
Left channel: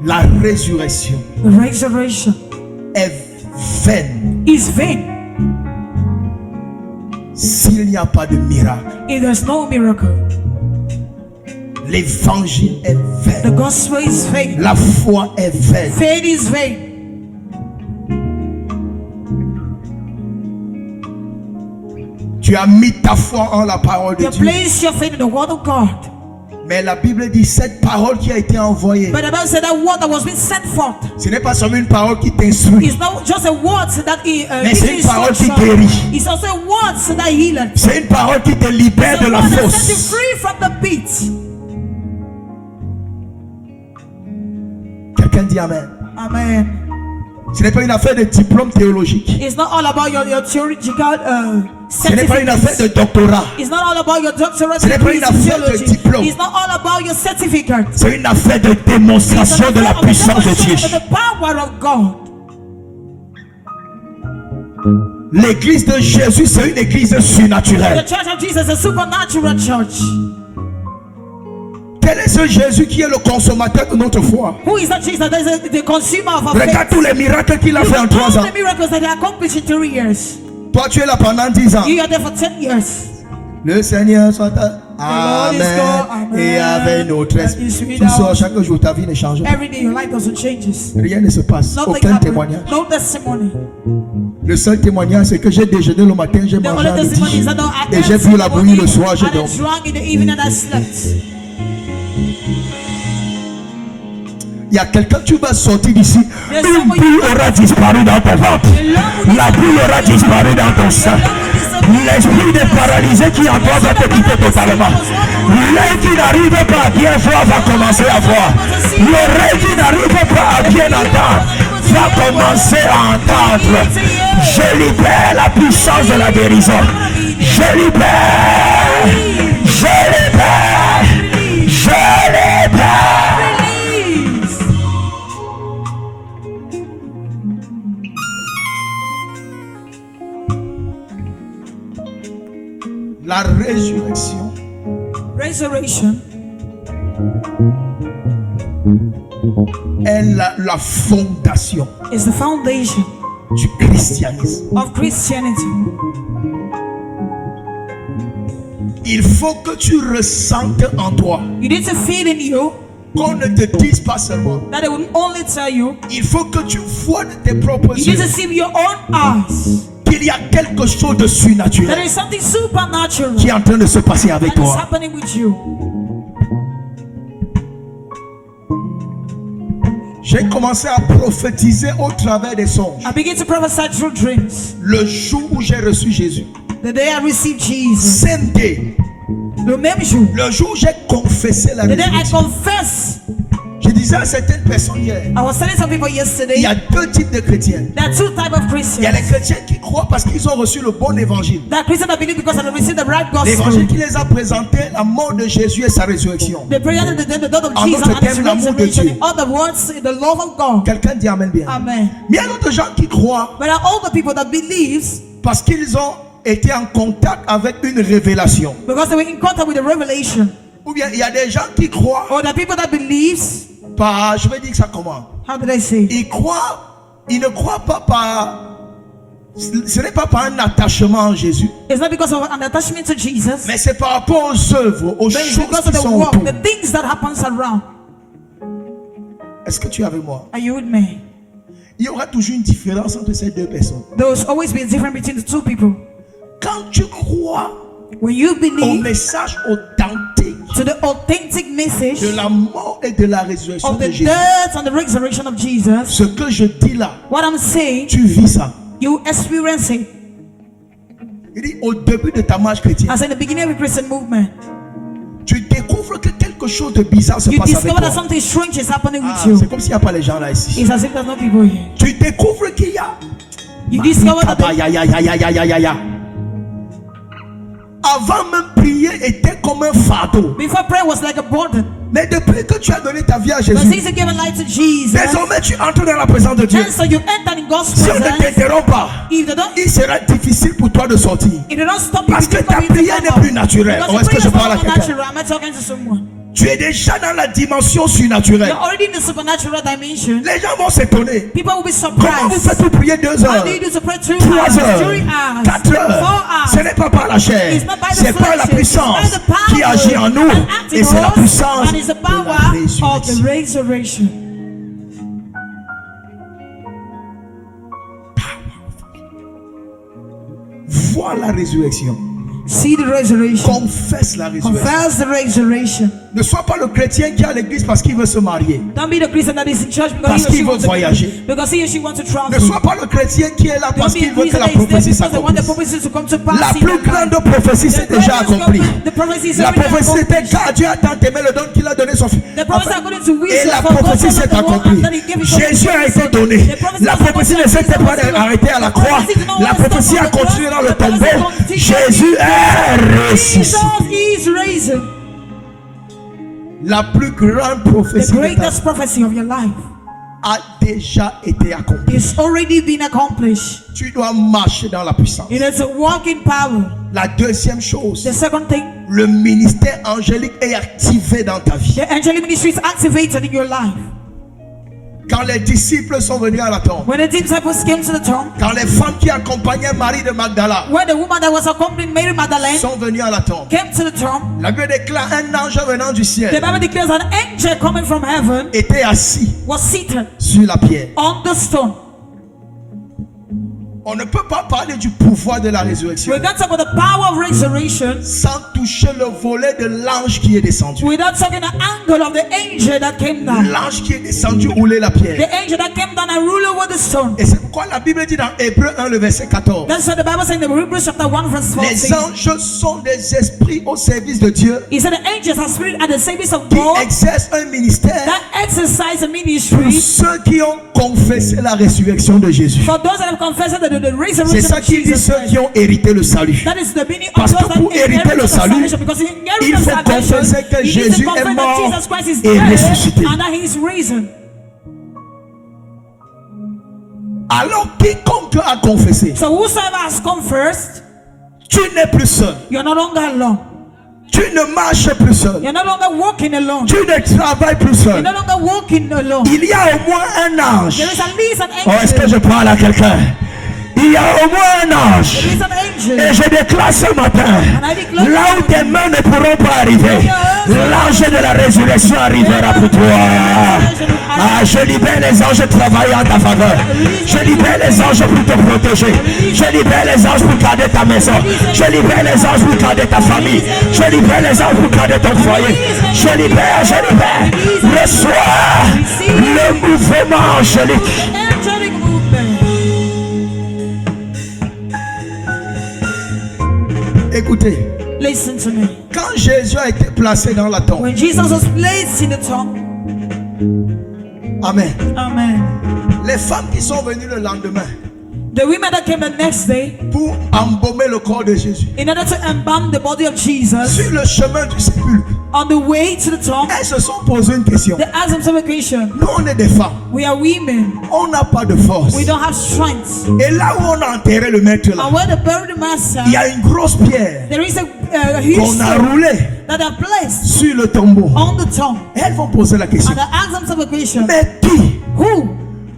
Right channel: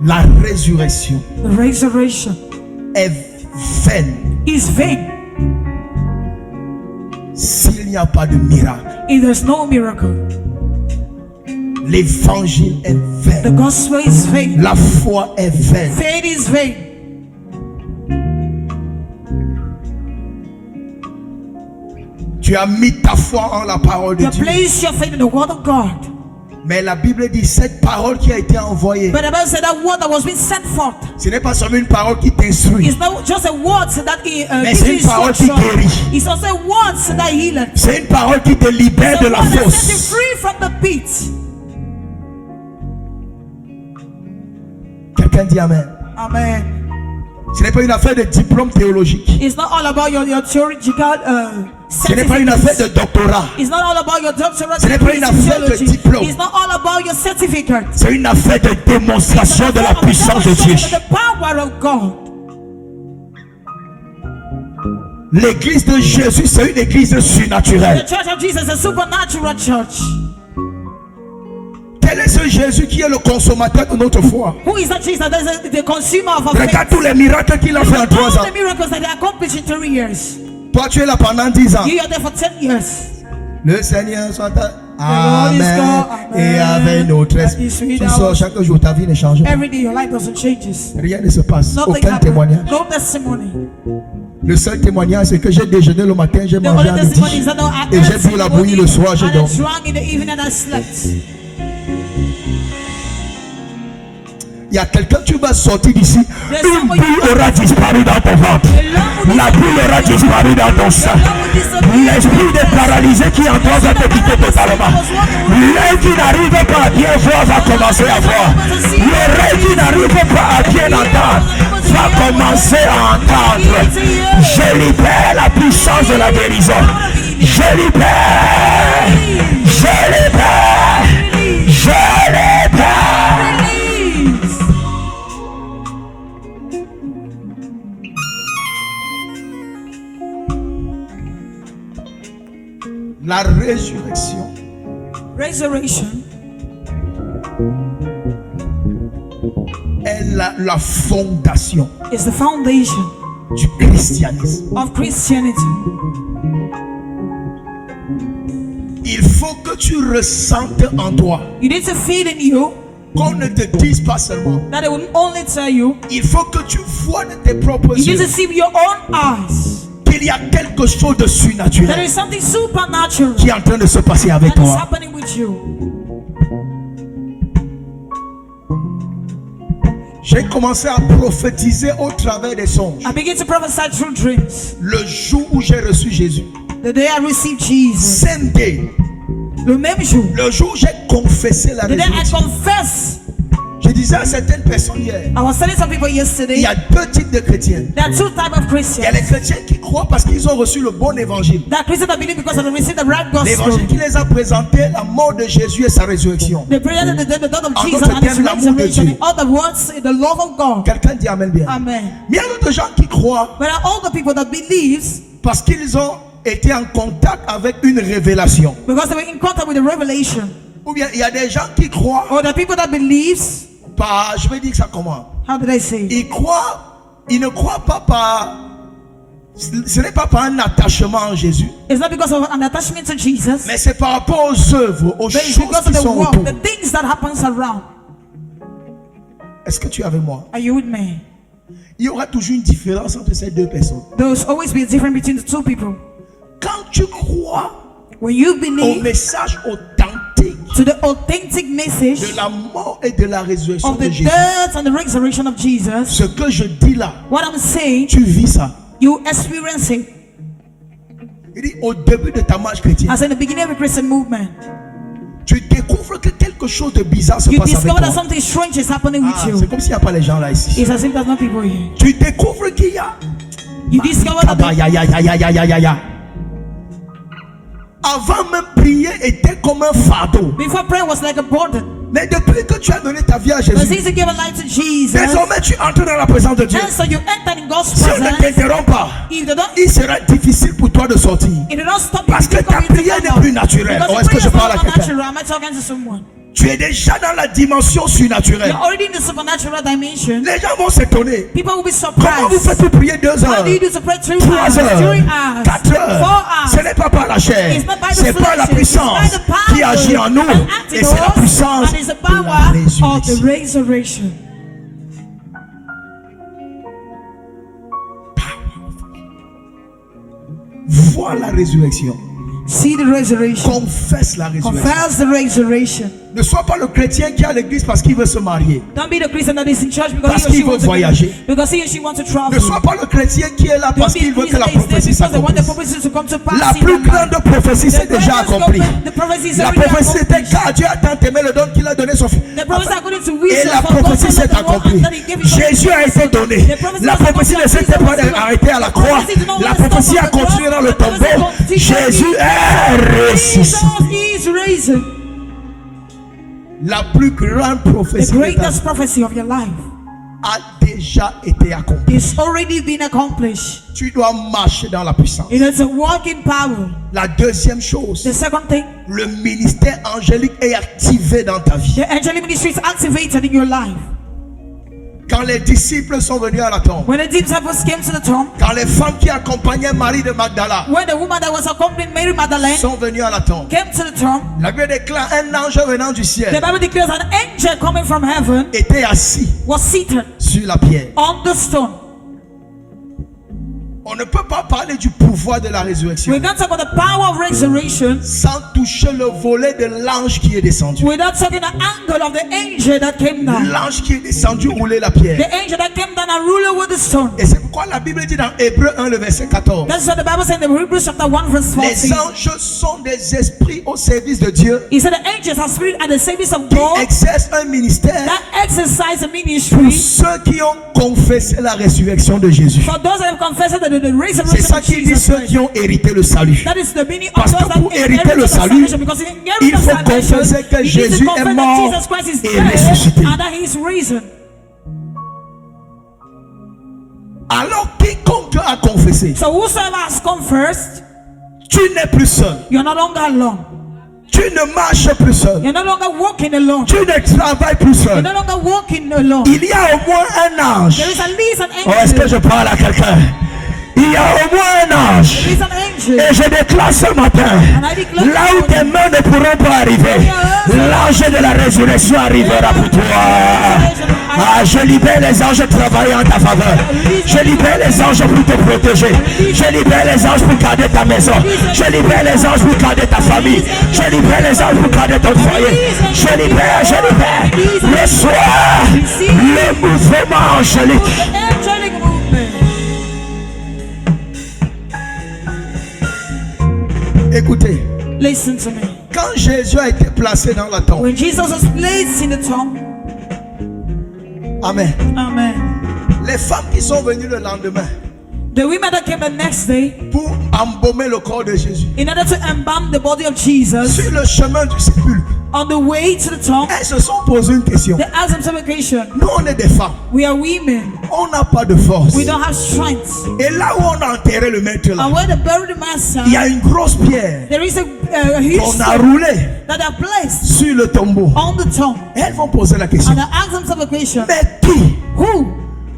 La résurrection The resurrection est vaine is vain s'il n'y a pas de miracle. if there's no miracle. L'évangile est The vain. gospel is vain. La foi est vaine. Faith is vain. Tu as mis ta foi en la parole de You Dieu. place your faith in the word of God. Mais la Bible dit cette parole qui a été envoyée, But the Bible said that word that was being sent forth ce n'est pas seulement une parole qui t'instruit, is not just a word that mais gives c'est you une parole qui instruction. guérit. It's also a word that heals. C'est une parole qui te libère It's de a la word that sets you fosse. free from the pit. Quelqu'un dit Amen. Amen. Ce n'est pas une affaire de diplôme théologique. It's not all about your theological Ce n'est pas une affaire de doctorat. It's not all about your doctorate Ce n'est pas une degrees in affaire de theology. diplôme. It's not all about your certificate. C'est une affaire de démonstration de la puissance de Dieu. The power of God. L'église de Jésus, c'est une église The surnaturelle. church of Jesus is a supernatural church. Quel est ce Jésus qui est le consommateur de notre foi? Who is that Jesus? That is the consumer of our faith. Regarde tous les miracles qu'il a You fait en know 3 ans. all the miracles that he accomplished in 3 years. Toi, tu es là pendant 10 ans. You are there for 10 years. Le Seigneur soit Amen. Amen. Et avec notre esprit. Is with Tu sors us. chaque jour, ta vie ne change pas. Every day your life doesn't change. Rien ne se passe. Nothing Aucun happens. témoignage. No testimony. Le seul témoignage, c'est que j'ai déjeuné le matin, j'ai The mangé only à testimony midi. is that I Et j'ai ate bu in la the bouillie le morning soir, j'ai and I dormi. drank in the evening and I slept. Il y a quelqu'un, tu vas sortir d'ici. There's Une somebody- boule aura disparu dans ton ventre. La boule aura disparu dans ton sang. L'esprit de paralysé qui en toi va te quitter totalement. L'œil qui n'arrive pas à bien voir va commencer à voir. L'oreille qui n'arrive pas à bien entendre va commencer à entendre. Je libère la puissance de la guérison. Je libère. Je libère. Je libère. La résurrection Resurrection est la fondation is the foundation du christianisme. of Christianity. Il faut que tu ressentes en toi, You need to feel in you qu'on ne te dise pas seulement. that it will only tell you. Il faut que tu vois de tes propres You need to yeux see with your own eyes qu'il y a quelque chose de that surnaturel there is something supernatural qui est en train de se passer avec that is toi. happening with you. J'ai commencé à prophétiser au travers des songes. I begin to prophesy through dreams. Le jour où j'ai reçu Jésus, The day I received Jesus, same day, le même jour, le jour où j'ai confessé la the day I résurrection. confess, Je disais à certaines personnes hier, I was telling some people il yesterday, y a 2 types de chrétiens. there are 2 types of Il y a les Christians. chrétiens qui croient parce qu'ils ont reçu le bon évangile. There are Christians that believe because they received the right L'évangile gospel. qui les a présenté, la mort de Jésus et sa résurrection. They presented the death of En Jesus d'autres and his termes, l'amour de resurrection. Dieu. In other words, the love of God. Quelqu'un dit Amen bien. Amen. Mais il y a d'autres gens qui croient But there are all the people that believes parce qu'ils ont été en contact avec une révélation. because they were in contact with the revelation. Ou bien il y a des gens qui croient Or the people that believes, par, je vais dire ça comment? how did I say? Ils ne croient pas par, ce n'est pas par un attachement en Jésus, It's not because of an attachment to Jesus, mais c'est par rapport aux œuvres, aux but it's choses because qui of the sont work, autour. the things that happens around. Est-ce que tu es avec moi? Are you with me? Il y aura toujours une différence entre ces 2 personnes. There's always be a difference between the 2 people. Quand tu crois When you au believe message authentique to the authentic message de la mort et de la résurrection of the de Jésus, death and the resurrection of Jesus, ce que je dis là, what I'm saying, tu vis ça. you experience it. Il dit au début de ta marche chrétienne, As in the beginning of a Christian movement, tu découvres que quelque chose de bizarre se you passe avec discover that toi. something strange is happening with C'est you. comme s'il n'y a pas les gens là ici. It's as if there's no people here. Tu découvres qu'il y a. You discover that the, Avant même prier était comme un fardeau. before prayer was like a burden. Mais depuis que tu as donné ta vie à But Jésus, since you give a life to Jesus, désormais tu entres dans la présence de Dieu. and so you enter in God's Si on ne presence, t'interrompt pas, if they don't, il sera difficile pour toi de sortir. if they don't stop you, Parce que you ta come in to prière come n'est out. plus naturelle. Because Ou the est-ce que prayer je is parle à not quelqu'un? natural. Am I talking to someone? Tu es déjà dans la dimension surnaturelle. You're already in the supernatural dimension. Les gens vont s'étonner. People will be Comment vous surprised. faites pour prier 2 How heures, do you do to pray 3 3 hours, 3 heures, hours, 4 heures? 4 hours? Ce n'est pas par la chair, It's not by the c'est par la flesh, puissance it's by the power qui agit en nous. that acts in Et c'est la us, puissance and it's the de la power of the résurrection. resurrection. Vois la résurrection. See the resurrection. Confesse la résurrection. Confess the resurrection. Ne sois pas le chrétien qui est à l'église parce qu'il veut se marier. Don't be the Christian that is in church Parce because he or she qu'il veut wants to voyager. because he or she wants to travel. Ne sois pas le chrétien qui est là Don't parce be qu'il a veut que Christian la that is there prophétie because they want the s'accomplisse. prophecy to come to pass. La in plus their life. grande prophétie c'est The déjà greatest accompli. the prophecy is La already prophétie était accomplished. car Dieu a tant aimé le don qu'il a donné son fils. The prophecy according to Et wisdom, la for God prophétie so loved s'est the world accomplie. that he gave his only Jésus a begotten été Son. donné. The prophecy La was prophétie ne accomplished. s'était pas The arrêtée à la prophecy croix. did not La want to stop prophétie on a the cross. continué dans le The prophecy tombeau. continued. Jésus est ressuscité. Jesus is risen. La plus grande The prophétie de ta greatest vie prophecy of your life a déjà été accomplie. is already been accomplished. Tu dois marcher dans la puissance. It is a walk in power. La deuxième chose, The second thing, le ministère angélique est activé dans ta vie. the angelic ministry is activated in your life. Quand les disciples sont venus à la tombe, When the disciples came to the tomb, quand les femmes qui accompagnaient Marie de Magdala when the woman that was accompanying Mary Magdalene sont venues à la tombe, came to the tomb, la Bible déclare un ange venant du the ciel Bible declares an angel coming from heaven était assis was seated sur la pierre. on the stone. On ne peut pas parler du pouvoir de la résurrection We can't talk about the power of resurrection sans toucher le volet de l'ange qui est descendu. without talking the angle of the angel that came down. L'ange qui est descendu rouler la pierre. The angel that came down and ruled over the stone. Et c'est pourquoi la Bible dit dans Hébreux 1, le verset 14, That's what the Bible says in the Hebrews chapter 1 verse les 14. anges sont des esprits au service de Dieu He said the angels are spirit at the service of qui God exercent un ministère that exercise a pour ministry ceux qui ont confessé la résurrection de Jésus. for those that have confessed the C'est resurrection ça of qui dit Jesus ceux Christ. qui ont hérité le salut. That is the meaning of Parce those que that pour hériter inherit le the salut, salvation, because in inheriting il the faut salvation, confesser que you need Jésus to est confess mort that Jesus Christ is et dead ressuscité. and that he is risen. Alors quiconque a confessé, So whosoever has confessed, tu n'es plus seul. you're no longer alone. Tu ne marches plus seul. You're no longer walking alone. Tu ne travailles plus You're seul. no longer walking alone. Il y a au moins un ange. There is at least an Oh, est-ce que je angel. parle à quelqu'un? Il y a au moins un ange. There is an angel. Et je déclare ce matin, là où tes mains ne pourront pas arriver, l'ange de la résurrection arrivera pour toi. Ah, je libère les anges travaillant en ta faveur. Je libère les anges pour te protéger. Je libère les anges pour garder ta maison. Je libère les anges pour garder ta famille. Je libère les anges pour garder ton foyer. Je libère. Reçois le mouvement angélique. The angelic movement. Écoutez, Listen to me. quand Jésus a été placé dans la tombe, When Jesus was placed in the tomb, amen, amen. les femmes qui sont venues le lendemain The women that came the next day pour embaumer le corps de Jésus, in order to embalm the body of Jesus sur le chemin du sépulcre, on the way to the tomb, elles se sont posées une question. they asked themselves a question. Nous, on est des femmes, We are women. on n'a pas de force. We don't have strength. Et là où on a enterré le maître là, And where they buried the master, il y a une grosse pierre there is a huge qu'on a stone roulée that are placed sur le tombeau. on the tomb. Elles vont poser la question. And they asked themselves a question. Mais qui Who?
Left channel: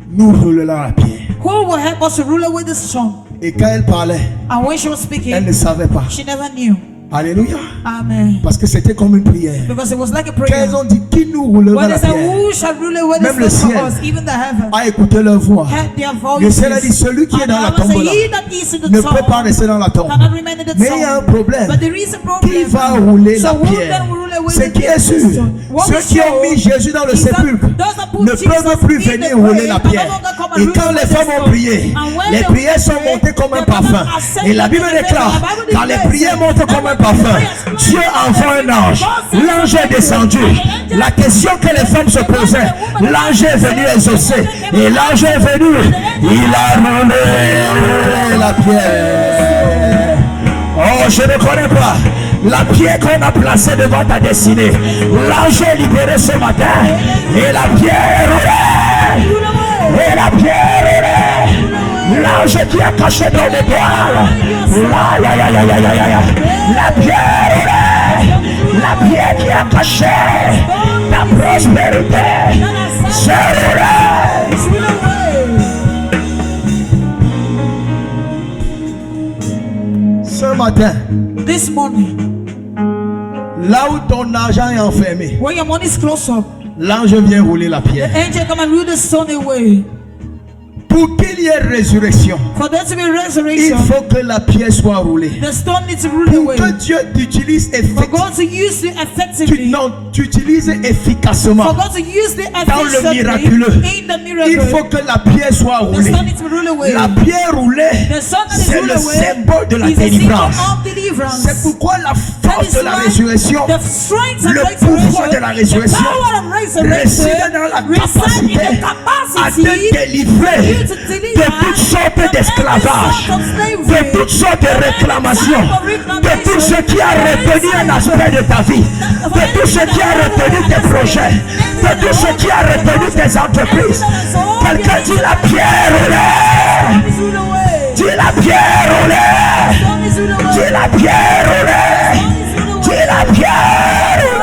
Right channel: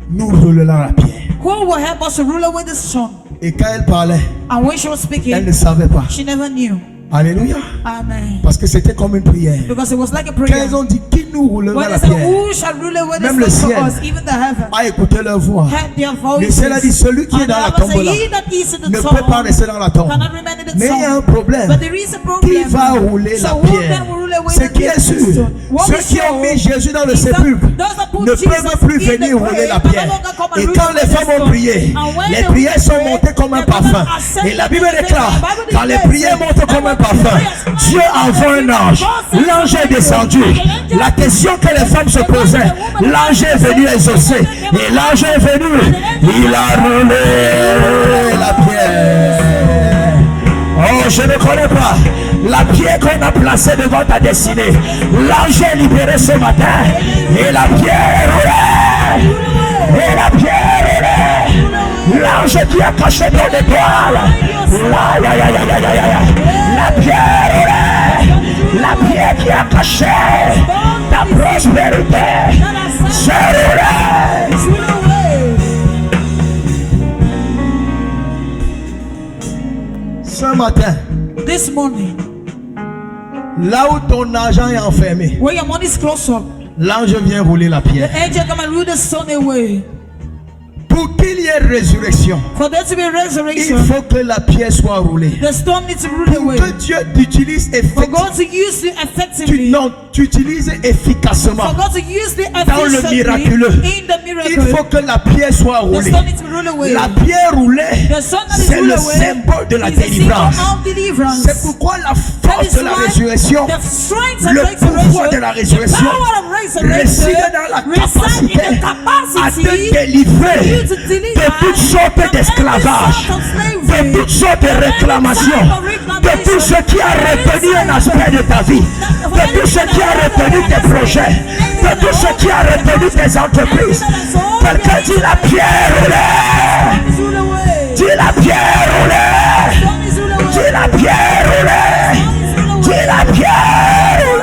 nous roulera la pierre? Who will help us to rule away the stone? Et quand elle parlait, And when she was elle speaking, ne savait pas. she never knew. Alléluia. Amen. Parce que c'était comme une prière. Because it was like a Quand prayer. elles ont dit qui nous roulera When la they said, pierre, who shall rule away the Même le stone for ciel us? Even the heaven a écouté leur voix. heard their Le voices. ciel a dit celui qui est And dans la the Bible tombe said, là he that is in the ne peut pas tomb rester dans la tombe. cannot remain in the Mais il y a un tomb. problème. But there is a Qui problem. va rouler So la who pierre? can rule away Ce the qui est sûr, stone? What ceux is qui ont sure mis Jésus dans le is that sépulcre those that put ne Jesus peuvent plus in the venir rouler grave la can no pierre. longer come and Et rule quand away les the femmes ont stone. prié, And when les they prières sont pray, montées comme un the brothers parfum. are sent Et la to Bible the déclare, Bible quand les declares, prières montent comme un and when parfum. Dieu envoie un ange. L'ange est descendu. La question que les femmes se posaient, l'ange est venu exaucer. Et l'ange est venu. Il a roulé la pierre. Oh, je ne connais pas la pierre qu'on a placée devant ta destinée. L'ange est libéré ce matin. Et la pierre roulée. Et la pierre roulée. L'ange qui a caché ton étoile. La pierre roulée. La pierre qui a caché ta prospérité. C'est roulé. Ce matin, This morning, là où ton argent est enfermé, where your money is close up, l'ange vient rouler la the pierre. angel come and roll the stone away. Pour qu'il y ait résurrection, For there to be il resurrection, faut que la pierre soit roulée. the stone needs to roll Pour away. que Dieu t'utilise For effectivement, God to use it effectively, tu utilises efficacement for God to use it dans le efficiently miraculeux. in the Il miracle, faut que la pierre soit the roulée. stone needs to roll away. La pierre roulée, The stone that is c'est rolled le away symbole de la is a symbol délivrance. of deliverance. C'est pourquoi la That force is de la why résurrection, the strength of le resurrection, pouvoir de la résurrection the power of resurrection réside dans la resides in capacité the à capacity te délivrer for you to deliver de toutes sortes from d'esclavage, every sort of slavery, de toutes sortes de réclamations, de tout ce qui a retenu un aspect de ta vie, de tout ce qui a retenu tes projets, de tout ce qui a retenu tes entreprises. Quelqu'un dit la pierre roulée, dit la pierre roulée, dit la pierre roulée, dit la pierre roulée.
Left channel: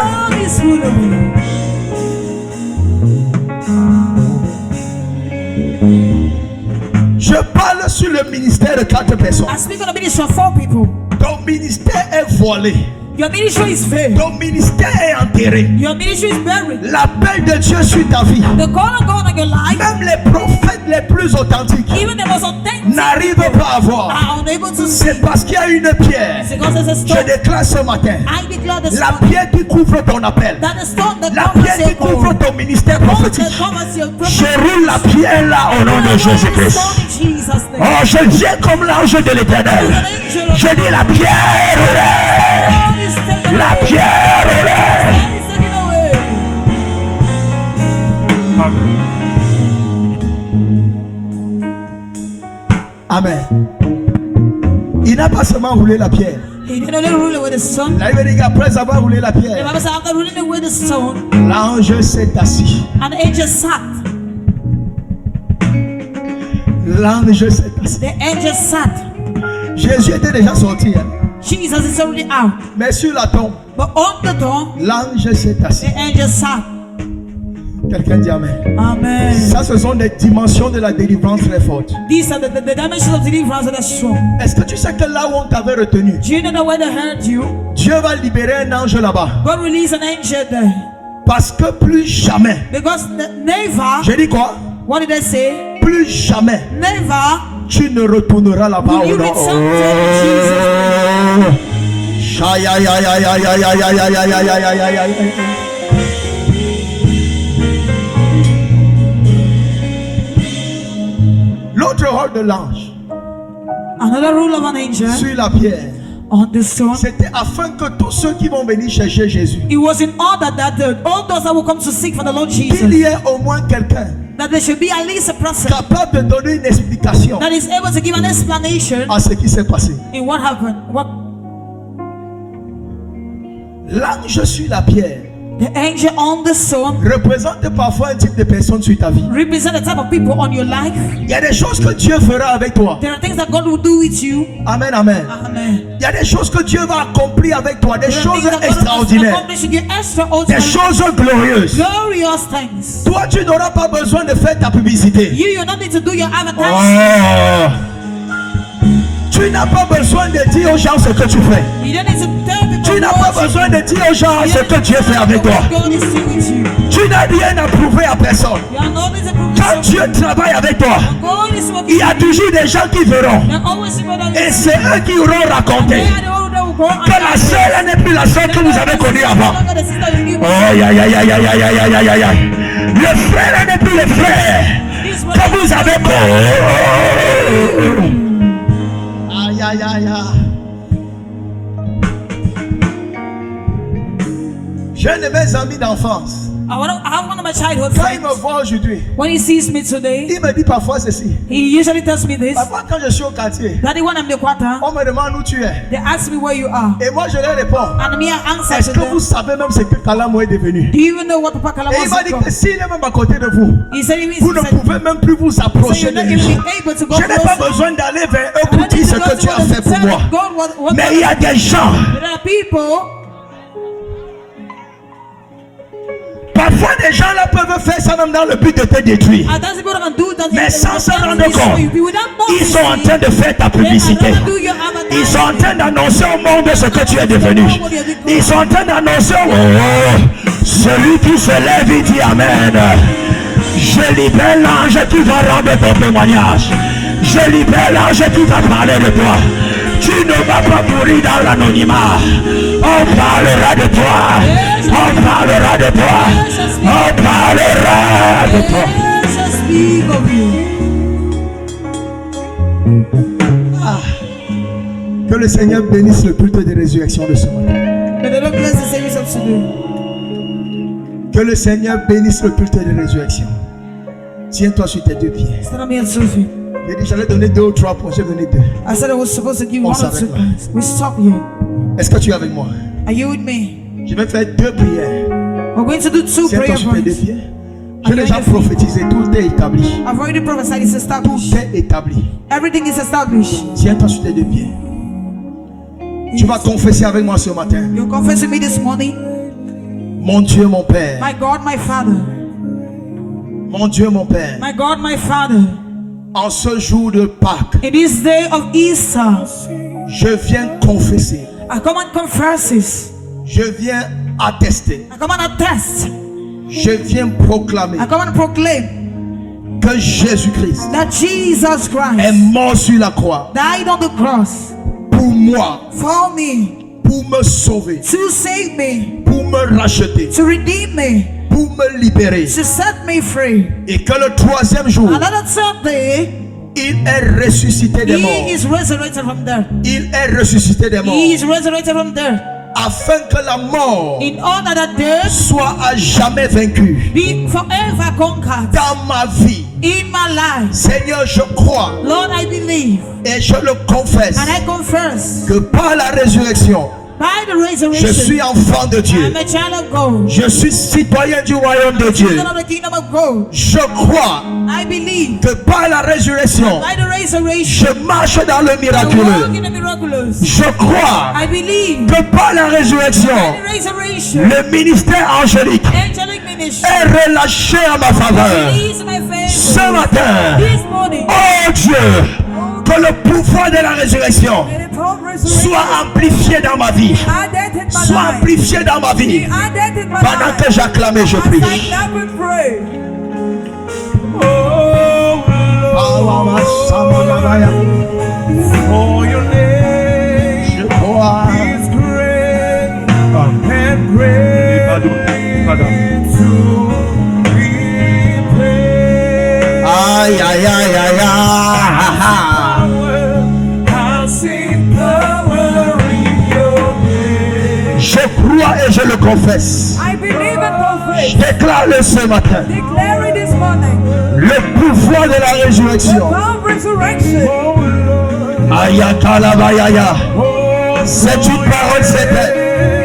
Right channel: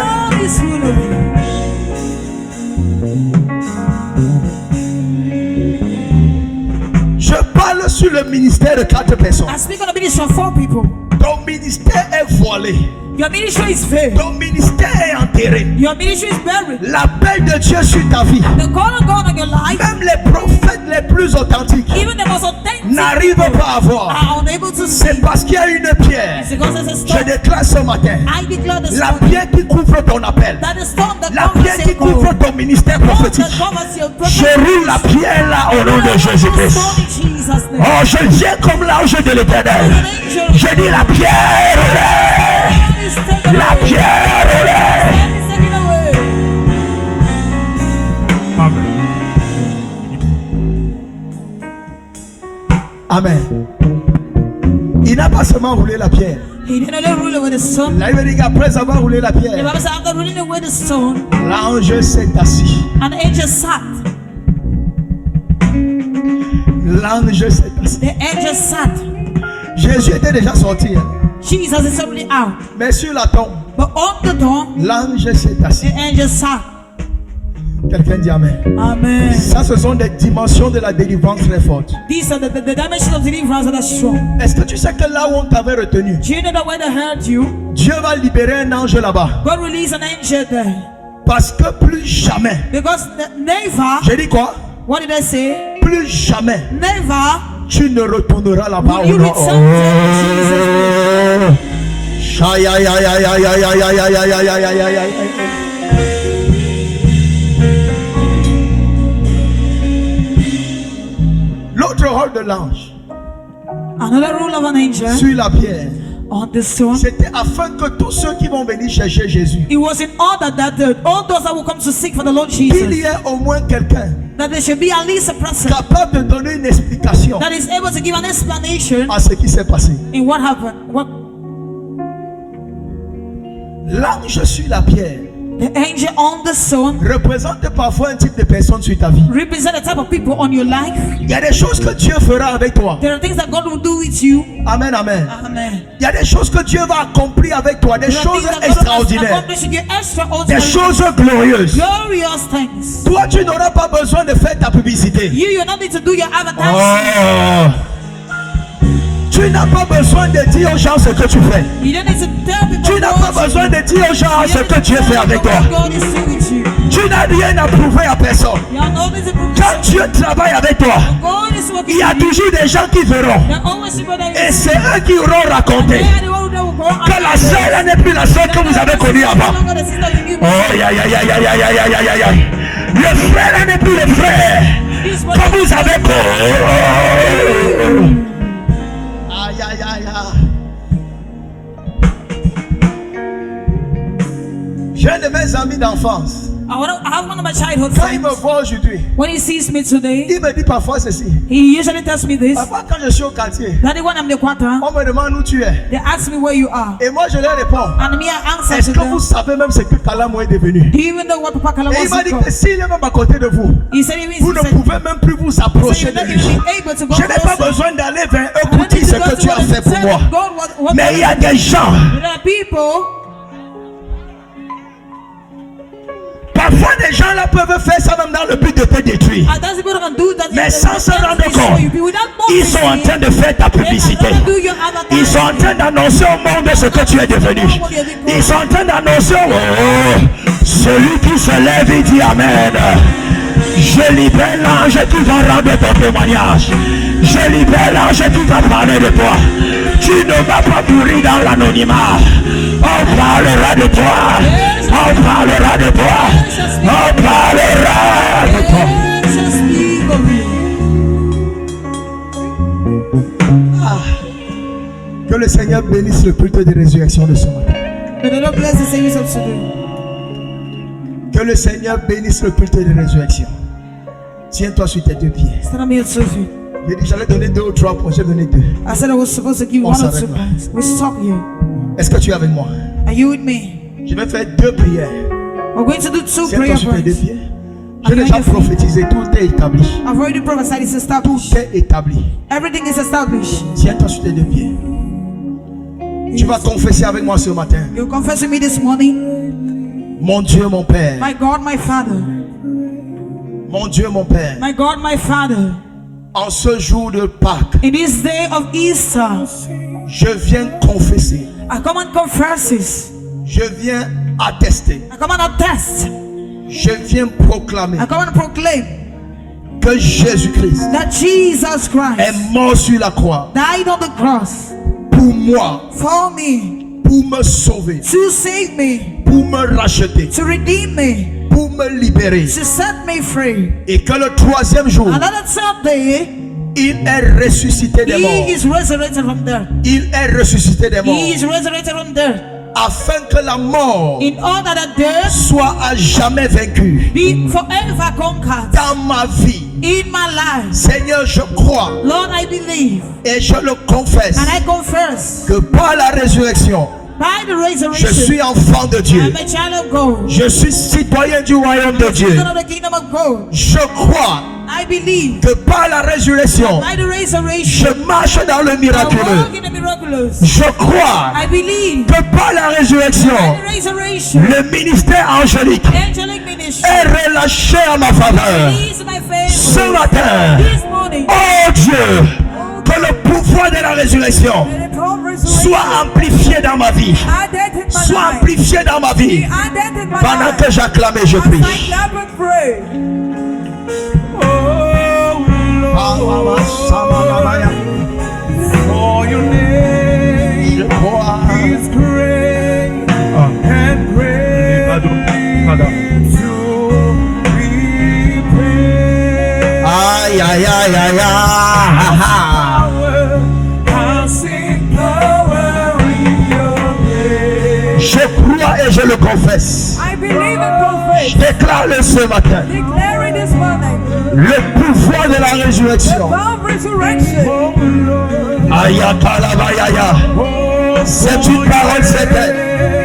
Je parle sur le ministère de 4 personnes. I speak on the ministry of 4 people. Ton ministère est voilé. Your ministry is veiled. Ton ministère est enterré. Your ministry is buried. L'appel de Dieu sur ta vie, The call of God on your life, même les prophètes les plus authentiques even the most authentic n'arrivent people pas à voir. are unable to see. C'est parce qu'il y a une pierre. It's because there's a Je stone. déclare ce matin, I declare this la morning pierre qui couvre ton appel, that the stone that la covers pierre qui your call, couvre ton ministère the stone prophétique. that covers your Je prophecy, roule la pierre là au nom de Jésus-Christ. stone in Jesus' name. Oh, je viens comme l'ange de l'Éternel. Je dis la pierre roulée. Stone is taken La away. pierre roulée. Stone is taken away. Amen. Il n'a pas seulement roulé la pierre. He didn't only rule away the stone. La Bible dit qu'après avoir roulé la The pierre, Bible says after ruling away the stone, l'ange s'est assis. an angel sat. L'ange s'est assis. The angel sat. Jésus était déjà sorti, hein. Jesus is already out. Mais sur la tombe, But on the tomb, l'ange s'est assis. the angel sat. Quelqu'un dit Amen. Amen. Ça, ce sont des dimensions de la délivrance très fortes. These are the dimensions of deliverance that are strong. Est-ce que tu sais que là où on t'avait retenu, Do you know that when they heard you, Dieu va libérer un ange là-bas? God released an angel there? Parce que plus jamais, Because never, j'ai dit quoi? what did I say? Plus jamais, Never tu ne retourneras là-bas will au you nom. return to Jesus' name. Aïe, aïe, aïe, aïe, aïe, aïe, aïe, aïe, aïe, aïe, aïe, aïe, aïe, aïe. L'autre rôle de l'ange Another rule of an angel sur la pierre, on the stone. c'était afin que tous ceux qui vont venir chercher Jésus, It was in order that all those that will come to seek for the Lord qu'il Jesus, y ait au moins quelqu'un that there should be at least a person capable de donner une explication that is able to give an explanation à ce qui s'est passé. in what happened. L'ange sur la pierre The angel on the stone représente parfois un type de personne sur ta vie. represent the type of people on your life. Il y a des choses que Dieu fera avec toi. There are things that God will do with you. Amen, amen. Amen. Il y a des choses que Dieu va accomplir avec toi, des There are choses things that God will extraordinaires, accomplish in you, des extraordinary, choses glorieuses. glorious things. Toi, tu n'auras pas besoin de faire ta publicité. You don't need to do your advertising. Oh. Tu n'as pas besoin de dire aux gens ce que tu fais. You don't need to tell people Tu n'as pas what you besoin de dire aux gens do. ce que Dieu fait avec toi. What God is doing with you. Tu n'as rien à prouver à personne. You are not need to prove Quand yourself. Dieu travaille avec toi, God is working il y a with you. toujours des gens qui verront. There are always people that Et you c'est eux qui auront raconté They are the one that will go que la sœur n'est plus la sœur que vous avez connue avant. Oh, ya, ya, ya, ya, ya, ya, ya, ya, ya, ya. Le frère n'est plus le frère que vous avez connu. Aïe, aïe, aïe, aïe. J'ai un de mes amis d'enfance. I have one of my childhood Quand il me friends. voit aujourd'hui, When he sees me today, il me dit parfois ceci. he usually tells me this. Parfois quand je suis au quartier, Daddy, when I'm in the quarter, on me demande où tu es. they ask me where you are. Et moi je leur réponds. And me, I answer Est-ce to que vous them. savez même ce que Kalamo est devenu? Do you even know what Papa Kala Et il m'a was dit become? que s'il est même à côté de vous, He said, even vous ne pouvez même plus vous so approcher you're de not lui. even able to go Je n'ai pas closer. besoin d'aller vers eux I pour don't dire need ce to go que to tu as them fait to pour tell moi. God what Mais il y a des gens, There are people. parfois des gens là peuvent faire ça même dans le but de te détruire. And that's people can do that. Mais sans se rendre compte, ils sont en train de faire ta publicité. Ils sont en train d'annoncer au monde ce que tu es devenu. Ils sont en train d'annoncer, oh, celui qui se lève, il dit Amen. Je libère l'ange qui va rendre ton témoignage. Je libère l'ange qui va parler de toi. Tu ne vas pas mourir dans l'anonymat. On parlera de toi. On parlera de toi. On parlera de toi. Que le Seigneur bénisse le culte de résurrection de ce matin. May the Lord bless the service of today. Que le Seigneur bénisse le culte de résurrection. Tiens-toi sur tes deux pieds. Stand up here, Sophie. J'ai dit j'allais donner 2 ou 3 points, j'ai donné 2. I said I was supposed to give On 1 or 2 s'arrête là. points. We stop here. Est-ce que tu es avec moi? Are you with me? Je vais faire 2 prières. We're going to do 2 Tiens-toi prayer sur tes 2 points. pieds. J'ai déjà prophétisé, tout est établi. I've already prophesied, it's established. Tout est établi. Everything is established. Tiens-toi sur tes 2 pieds. Tu vas confesser avec moi ce matin. You confess with me this morning. Mon Dieu, mon Père. My God, my Father. Mon Dieu, mon Père. My God, my Father. En ce jour de Pâques, In this day of Easter, je viens confesser. I come and confess this. Je viens attester. I come and attest. Je viens proclamer I come and proclaim que Jésus-Christ that Jesus est Christ mort sur la croix died on the cross pour moi, for me, pour me sauver, to save me, pour me racheter, to redeem me, pour me libérer. to set me free. Et que le 3e jour, And on the third day, il est ressuscité des morts. He is resurrected from death. Il est ressuscité des morts. He is resurrected from death. Afin que la mort In order that death soit à jamais vaincue be forever conquered dans ma vie. in my life. Seigneur, je crois Lord, I believe et je le confesse and I confess que par la résurrection, by the je resurrection, suis enfant de Dieu. I'm a child of God. Je suis citoyen du royaume de Dieu. Son of the kingdom of God. Je crois I believe que par la résurrection, by the resurrection, je marche dans le I walk miraculeux. in the miraculous. Je crois I believe que par la résurrection, by the resurrection, le ministère angélique angelic ministry est relâché à ma faveur. release my favor. Ce matin, This morning, oh Dieu, que le pouvoir de la résurrection soit amplifié dans ma vie. Soit amplifié dans ma vie. Pendant que j'acclame et je prie. For your name Je crois. is great and great to be praised. Aïe, aïe, aïe, aïe, aïe. I'll sing power in your name. Je crois et je le confesse. I believe and confess. Je déclare-le ce matin. Declare it this morning. Le pouvoir de la résurrection. Of resurrection. Oh Lord, Ayakalabayaya. C'est une parole certaine.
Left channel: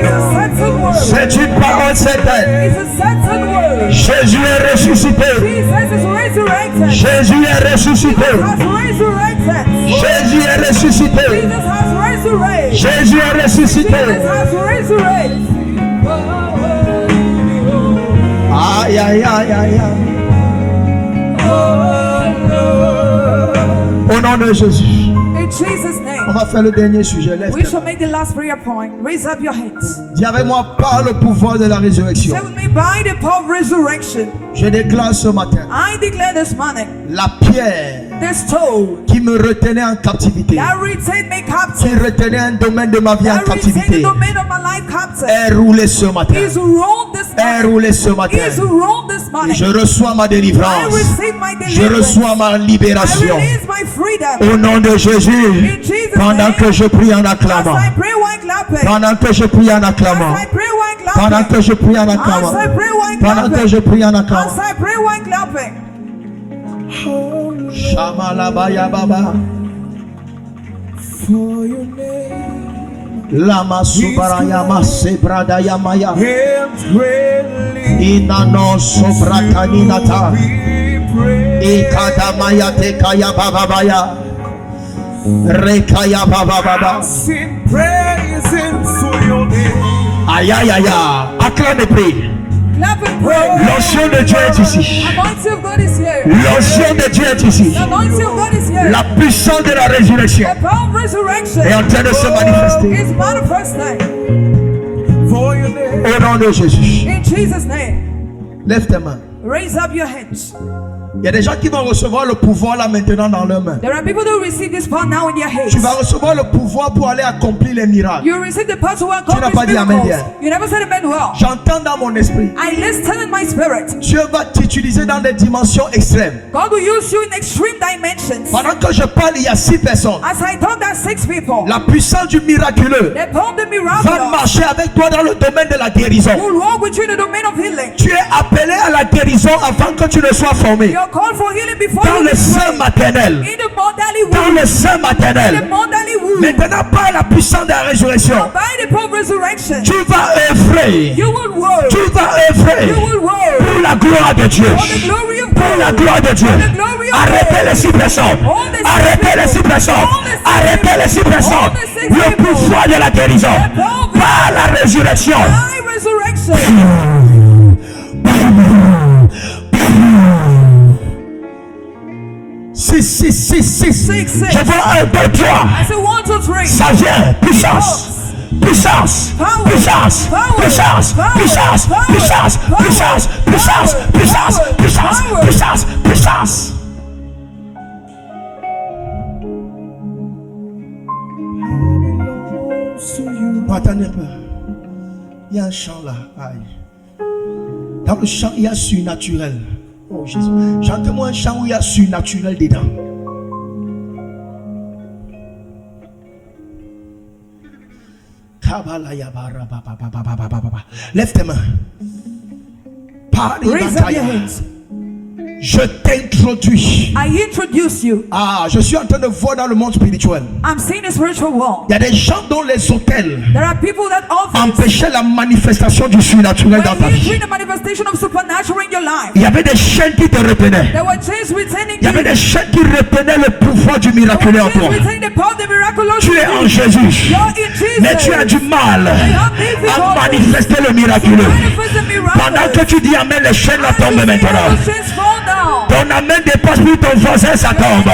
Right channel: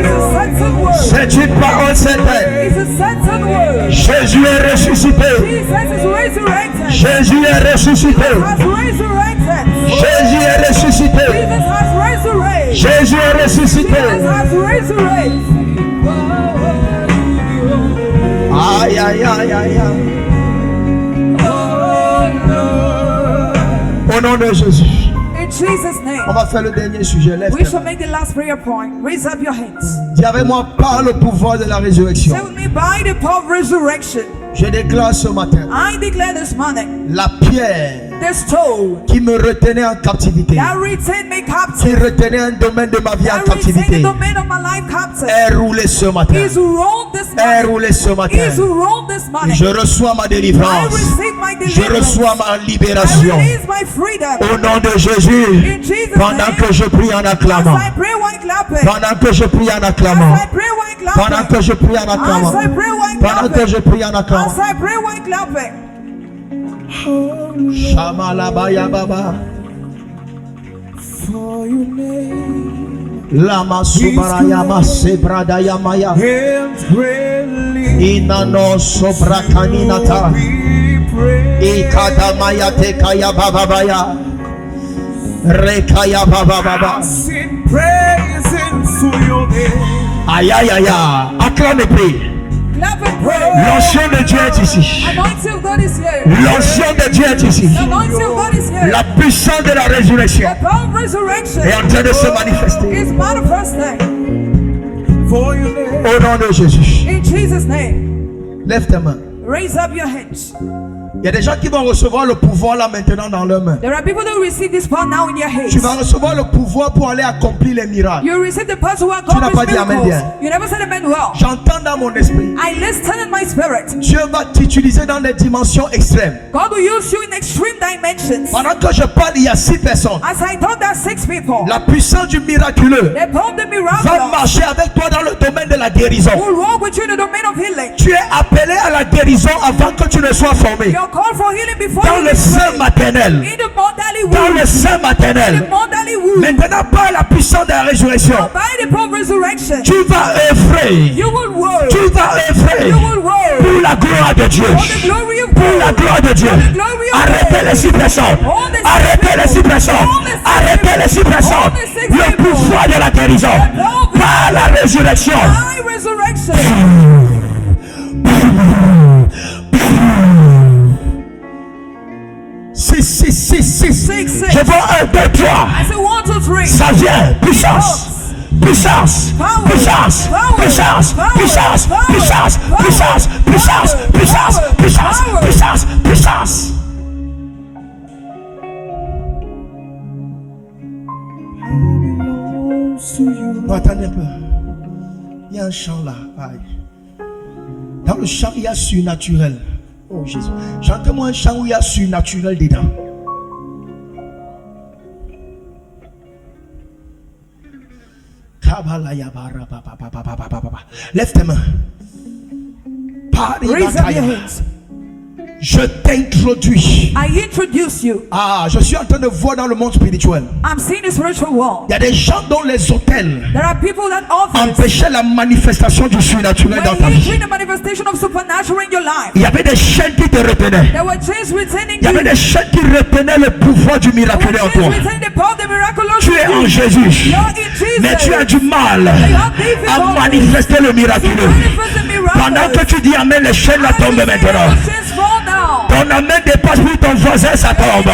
It's a certain word. C'est une parole certaine. It's a certain word. Jésus est ressuscité. Jesus is resurrected. Jésus est ressuscité. Has resurrected. Jésus est ressuscité. Jesus has resurrected. Jésus est ressuscité. Jesus has resurrected. Aïe, aïe, aïe, aïe, aïe. Au nom de Jésus. In Jesus' On name, va faire le dernier sujet. Lève we tes shall mains. make the last prayer point. Raise up your hands. Dis avec moi par le pouvoir de la résurrection. Say with me, by the power of resurrection, Je déclare ce matin I declare this morning, la pierre the stone qui me retenait en captivité, that retained me qui captive, retenait un domaine de ma vie en that retained the captivité, domain of my life captive, est roulée ce matin. is rolled this Est morning. roulée ce matin. Is rolled this Et morning. je reçois ma I délivrance. receive my Je deliverance. reçois ma I libération. release my freedom. Au nom de Jésus. In Jesus' Pendant name, que je prie en as acclamant. I pray while clapping, Pendant que je prie en acclamant. acclamant. As I pray while Pendant clapping. que je prie en acclamant. As I pray while Pendant que je clapping. prie en acclamant. As I pray while clapping. Shamalabaya baba. For your name Lama subaraya masebradaya maya. and greatly Inano sobrakaninata. we pray. Ikadamaya tekaya bababaya. Rekaya babababa. Sing praises to your name. Aïe aïe aïe aïe. Acclame et prie. Clap and pray. L'onction de Dieu est ici. Anointing of God is here. L'onction de Dieu est ici. The anointing of God is here. La puissance de la résurrection The power of resurrection est en train de se manifester. is manifesting. For your name. Au nom de Jésus. In Jesus' name. Lève tes mains. Raise up your hands. Il y a des gens qui vont recevoir le pouvoir là maintenant dans leurs mains. There are people that will receive this power now in their hands. Tu vas recevoir le pouvoir pour aller accomplir les miracles. You receive the power to n'as accomplish pas dit amen miracles. bien. You never said amen well. J'entends dans mon esprit. I listen in my spirit. Dieu va t'utiliser dans des dimensions extrêmes. God will use you in extreme dimensions. Pendant que je parle, il y a 6 personnes. As I talk, there are 6 people. La puissance du miraculeux The power of the va miraculous marcher avec toi dans le domaine de la guérison. will walk with you in the domain of healing. Tu es appelé à la guérison avant que tu ne sois formé. You're called for healing before Dans you le be sein trained. maternel. In the motherly Dans womb. le sein In the maternel. motherly womb. Maintenant, par la puissance de la résurrection, By the power of resurrection. tu vas œuvrer. You will work. Tu vas œuvrer You will work. pour la gloire de Dieu. For the glory of Pour la God. gloire de Dieu. For the glory of Arrêtez God. les 6 personnes. All the 6 Arrêtez les 6 people. personnes. All the 6 Arrêtez les 6 people. personnes. All the 6 Le people. pouvoir de la guérison. The power of Par la résurrection. By resurrection. 6. 6. Je vois 1, 2, 3. I say 1, 2, 3. Ça vient. Puissance. Puissance. Power. Puissance. Power. Puissance. Power. Puissance. Power. Puissance. Power. Puissance. Puissance. Power. Puissance. Power. Puissance. Power. Puissance. Puissance. Non, attendez un peu. Il y a un chant là. Aïe. Dans le chant, il y a surnaturel. Oh Jésus. Chante-moi un chant où il y a surnaturel dedans. Lève tes mains. Raise up your hands. Je t'introduis. I introduce you. Ah, je suis en train de voir dans le monde spirituel. I'm seeing the spiritual world. Il y a des gens dont les hôtels There are people that offer empêchaient la manifestation du surnaturel dans ta when you vie. bring the manifestation of supernatural in your life. Il y avait des chaînes qui te retenaient. There were chains retaining Il y you. avait des chaînes qui retenaient le pouvoir du There miraculeux en were toi. chains retaining the power of the miraculous Tu es in en you. Jésus, You're in Jesus. mais tu as du mal à manifester le miraculeux. Manifest the miracle. Pendant que tu dis amen, les chaînes là tombent maintenant. The chains fall down. Ton amen dépasse pour ton voisin, ça tombe.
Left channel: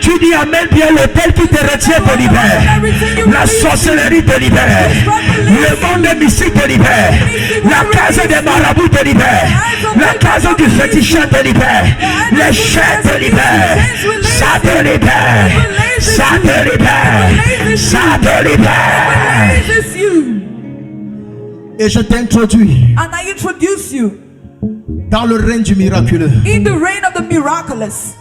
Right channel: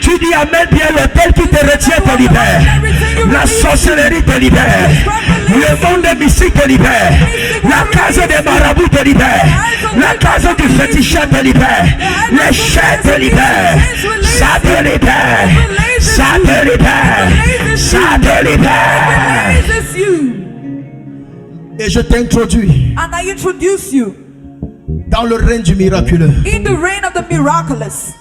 Tu dis amen bien, l'hôtel qui te retient te libère. La sorcellerie te libère. Le monde des mystiques te libère. La case des marabouts te libère. La case du féticheur te libère. Les chaînes te libèrent. Ça te libère. Ça te libère. Ça te libère. Releases you. Et je t'introduis And I introduce you dans le règne du miraculeux. in the reign of the miraculous.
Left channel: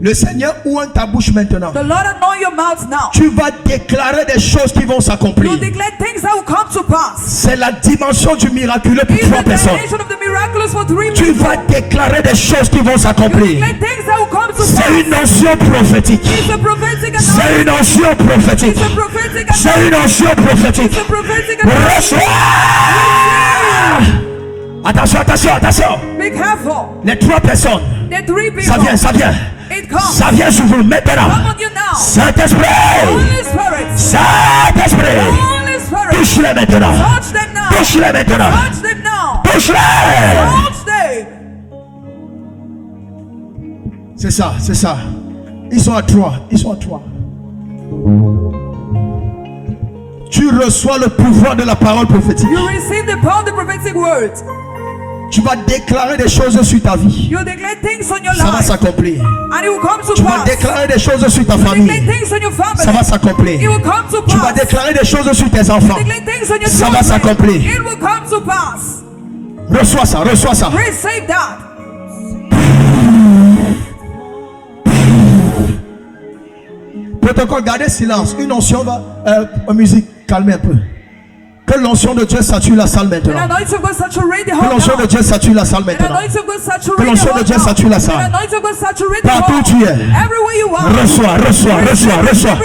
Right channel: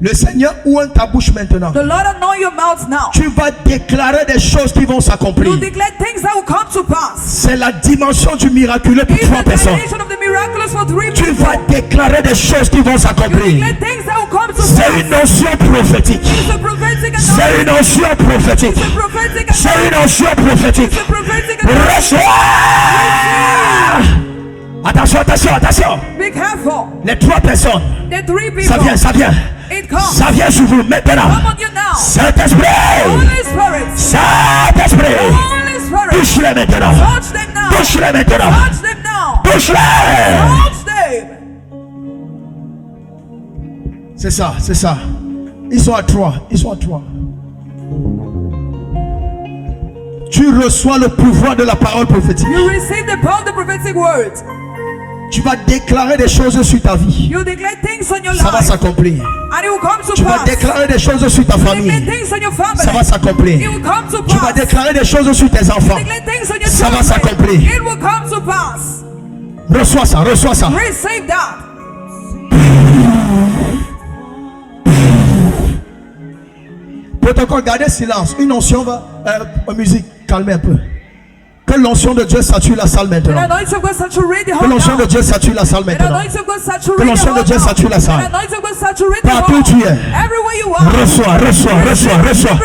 Le Seigneur ouvre ta bouche maintenant. The Lord anoint your mouth now. Tu vas déclarer des choses qui vont s'accomplir. You declare things that will come to pass. C'est la dimension du miraculeux pour In 3 the personnes. dimension of the miraculous for 3 Tu people. vas déclarer des choses qui vont You s'accomplir. declare things that will come to C'est pass. une notion prophétique. It's a prophetic C'est anointing. une notion prophétique. It's a prophetic C'est anointing. une notion prophétique. It's a prophetic anointing. Reçois. Attention, attention, attention. Be careful. Les 3 personnes. The 3 people. Ça vient, ça vient. It comes. Ça vient sur vous maintenant. Come on you now. Saint-Esprit. Holy Spirit. Saint-Esprit. Holy Spirit. Touche-les maintenant. Touch them now. Touche-les maintenant. Touch them now. Touche-les. Touch them. C'est ça, c'est ça. Ils sont à 3. Ils sont à 3. Tu reçois le pouvoir de la parole prophétique. You receive the power of the prophetic word. Tu vas déclarer des choses sur ta vie. You declare things on your Ça va life. s'accomplir. And it will come to Tu vas pass. déclarer des choses sur ta You declare famille. things on your family. Ça va It s'accomplir. will come to Tu vas pass. déclarer des choses sur tes enfants. Declare things on your Ça va children. s'accomplir. It will come to pass. Reçois ça, reçois ça. Receive that. Protocole, gardez silence. Une onction va. Musique, calmez un peu. Que l'onction de Dieu sature la salle And maintenant. anointing of God saturate the Que whole l'onction de house. Dieu sature la salle And maintenant. anointing of God saturate Que the l'onction de whole Dieu house. sature la And salle. anointing of God saturate the Partout whole. tu es. Everywhere you are. Reçois, reçois, reçois, reçois.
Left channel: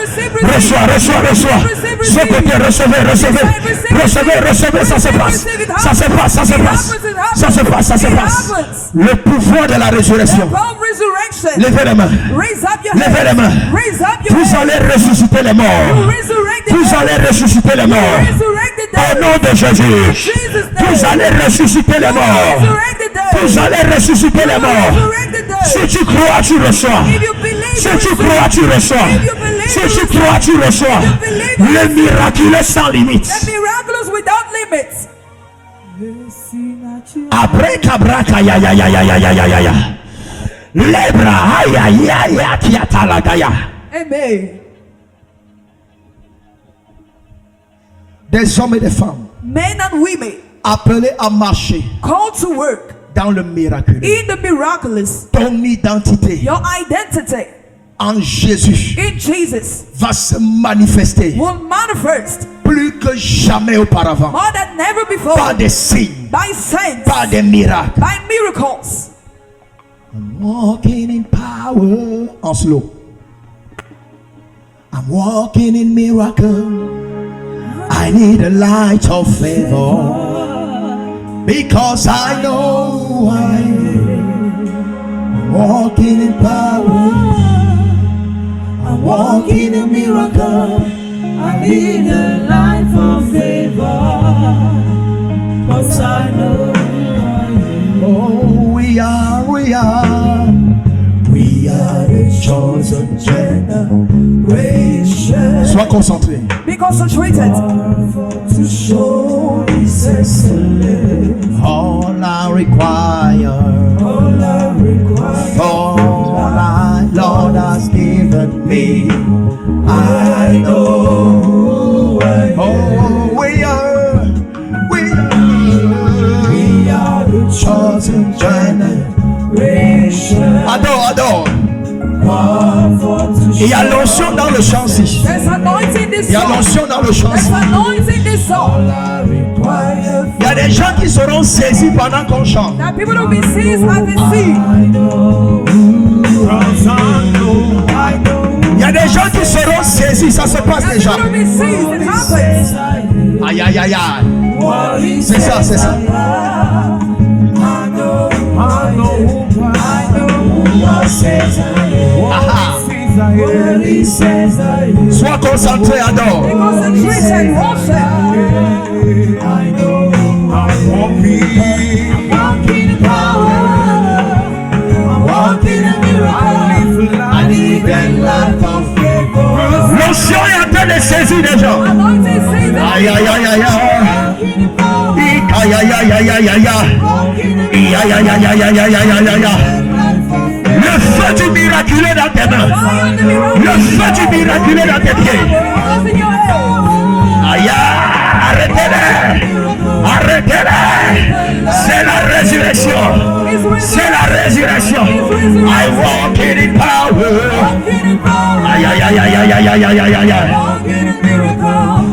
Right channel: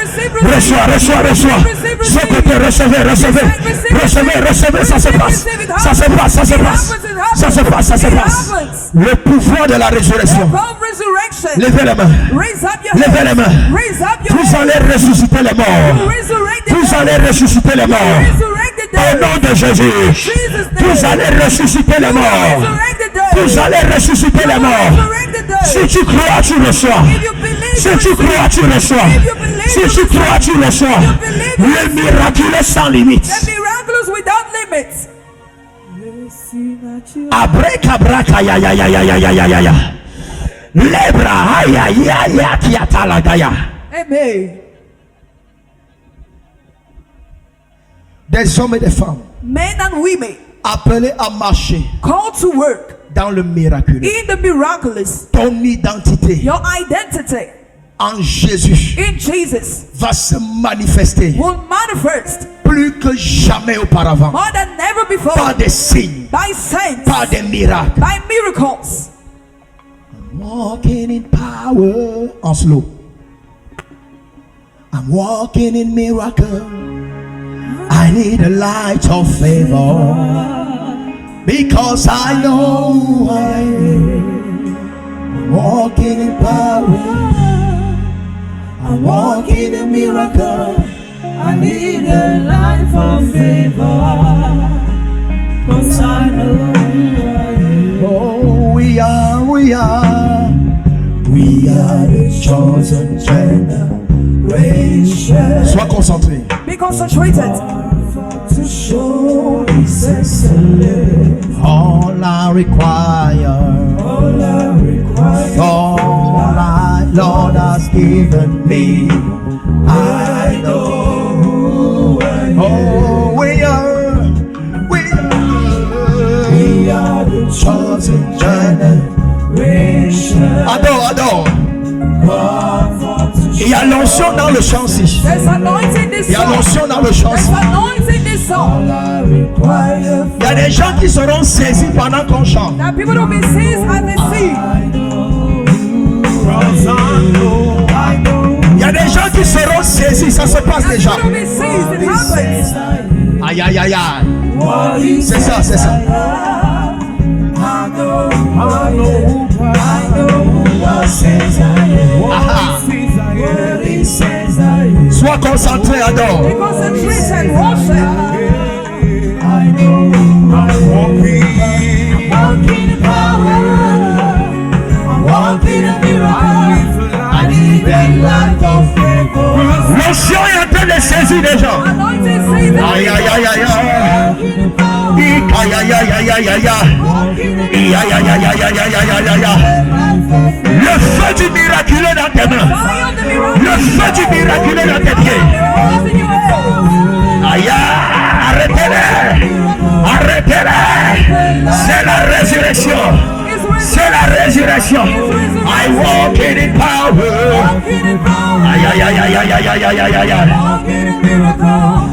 Reçois, reçois, reçois. Ce côté, recevez, recevez. Recevez, recevez, ça se passe. Ça se passe, ça se passe. Ça se passe, ça se passe. Le pouvoir de la résurrection. Power of resurrection. Levez les mains. Raise up your Levez les hands. mains. Raise up your Vous hands. allez ressusciter les morts. Resurrect the Vous dead. allez ressusciter les morts. Resurrect the Au dead. nom de Jésus. Vous allez ressusciter les morts. Resurrect the dead. Vous allez ressusciter les morts. Resurrect the dead. Si tu crois, tu reçois. If you believe, Si you tu receive. crois, tu reçois. If you believe, Si you tu receive. crois, tu reçois. you believe, you Le miraculeux sans limite. The miraculous without limits. Abrekabraka ya ya ya ya ya ya ya ya ya. Lebra ya ya ya kiatalagaya. Amen. Des hommes et des femmes Men and women appelés à marcher called to work dans le miraculeux. in the miraculous. Ton identité Your identity en Jésus in Jesus va se manifester will manifest plus que jamais auparavant. more than never before Par des signes, by signs, par des miracles. by miracles. I'm walking in power. En slow. I'm walking in miracle. I need a light of favor because I know I'm walking in power. I'm walking in miracle. I need a life of favor because I know oh, we are the chosen generation. Sois concentré. Be concentrated. To show His excellence. All I require, all I Lord has given me. I know. Oh, we are the chosen generation. Adore. Il y a l'onction dans le chant ici. There's anointing this Il y a song. l'onction dans le chant There's ici. anointing this song. Il y a des gens qui seront saisis pendant qu'on chante. That people will be seized as they see. Il y a des gens qui seront saisis, ça se passe That déjà. people will be seized. It happens. Aïe aïe aïe aïe. C'est ça, c'est ça. Aha. Sois concentré, adore. Be concentrated and worship. Walking in power. Walking in miracle. I need that life of favor. L'onction est en train de saisir des gens. Anointing seized. Aïe aïe aïe aïe aïe. Aïe aïe aïe aïe aïe aïe aïe. Aïe aïe aïe aïe aïe aïe aïe aïe aïe. Le feu du miraculeux dans tes mains. Fire of the miracle. Le feu du miraculeux dans tes pieds. Miracles in your hands. Aïe, arrêtez-les. Arrêtez-les. C'est la résurrection. C'est la résurrection. I walk in power. Walking in power. Aïe aïe aïe aïe aïe aïe aïe aïe aïe aïe. Walking in miracle.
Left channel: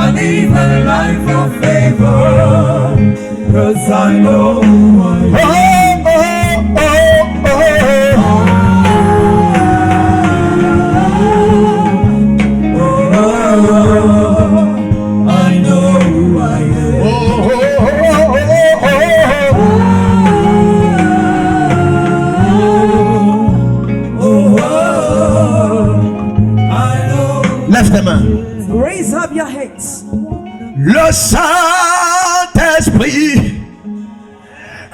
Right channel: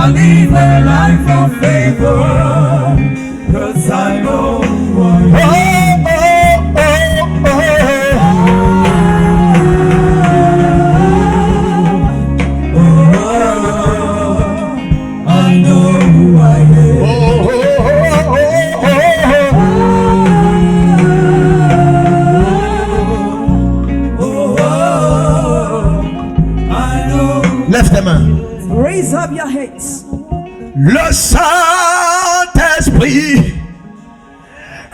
I live a life of favor. 'Cause I know who I am. I know who I am. Lève tes mains. Raise up your heads. Le Saint-Esprit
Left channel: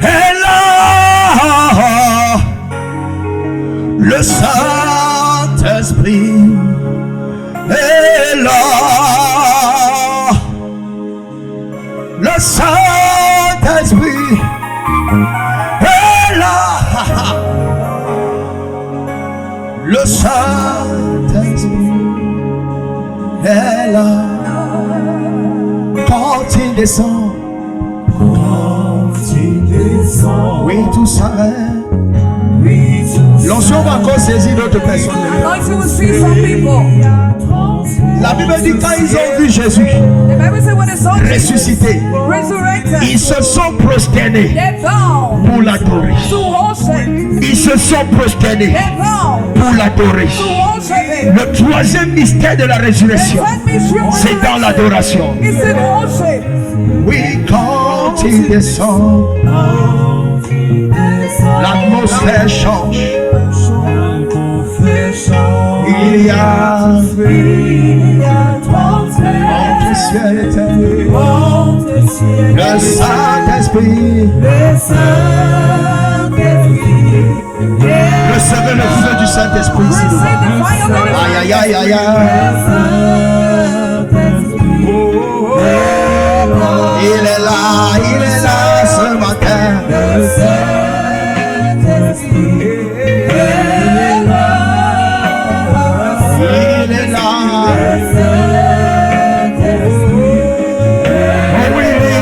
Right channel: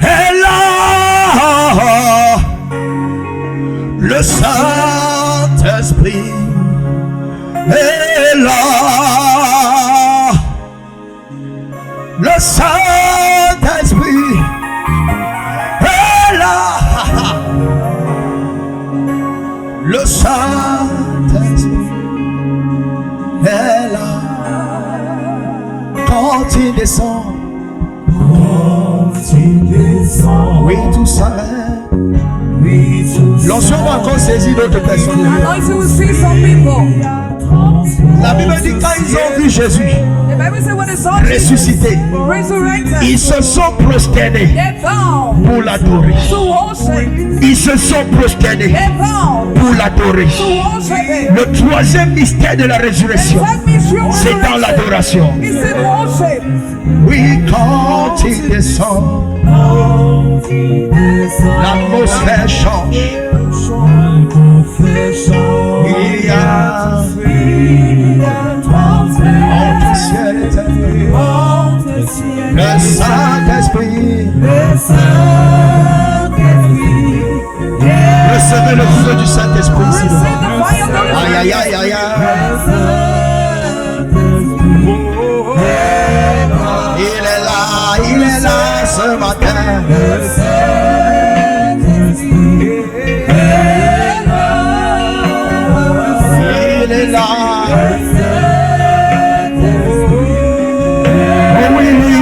est là. Le Saint-Esprit est là. Le Saint-Esprit est là. Le Saint-Esprit est là. Quand il descend, oui, tout s'arrête. L'onction va va encore saisir d'autres personnes. Anointing will see some people. La Bible dit quand ils ont vu Jésus The Bible says when they saw Jesus ressuscité, resurrected, ils se sont prosternés they bowed pour l'adorer. to worship. Ils se sont prosternés They bowed pour l'adorer. to worship Him. Le troisième mystère de la The résurrection, third mystery of c'est dans resurrection l'adoration. is in worship. oui, quand il descend, l'atmosphère change. Il y a entre ciel et terre le Saint-Esprit. Recevez le feu du Saint-Esprit ici Receive devant. the fire of the Holy Aïe, aïe, aïe, aïe, aïe. Il est là ce matin. Il est là. Oh oui, les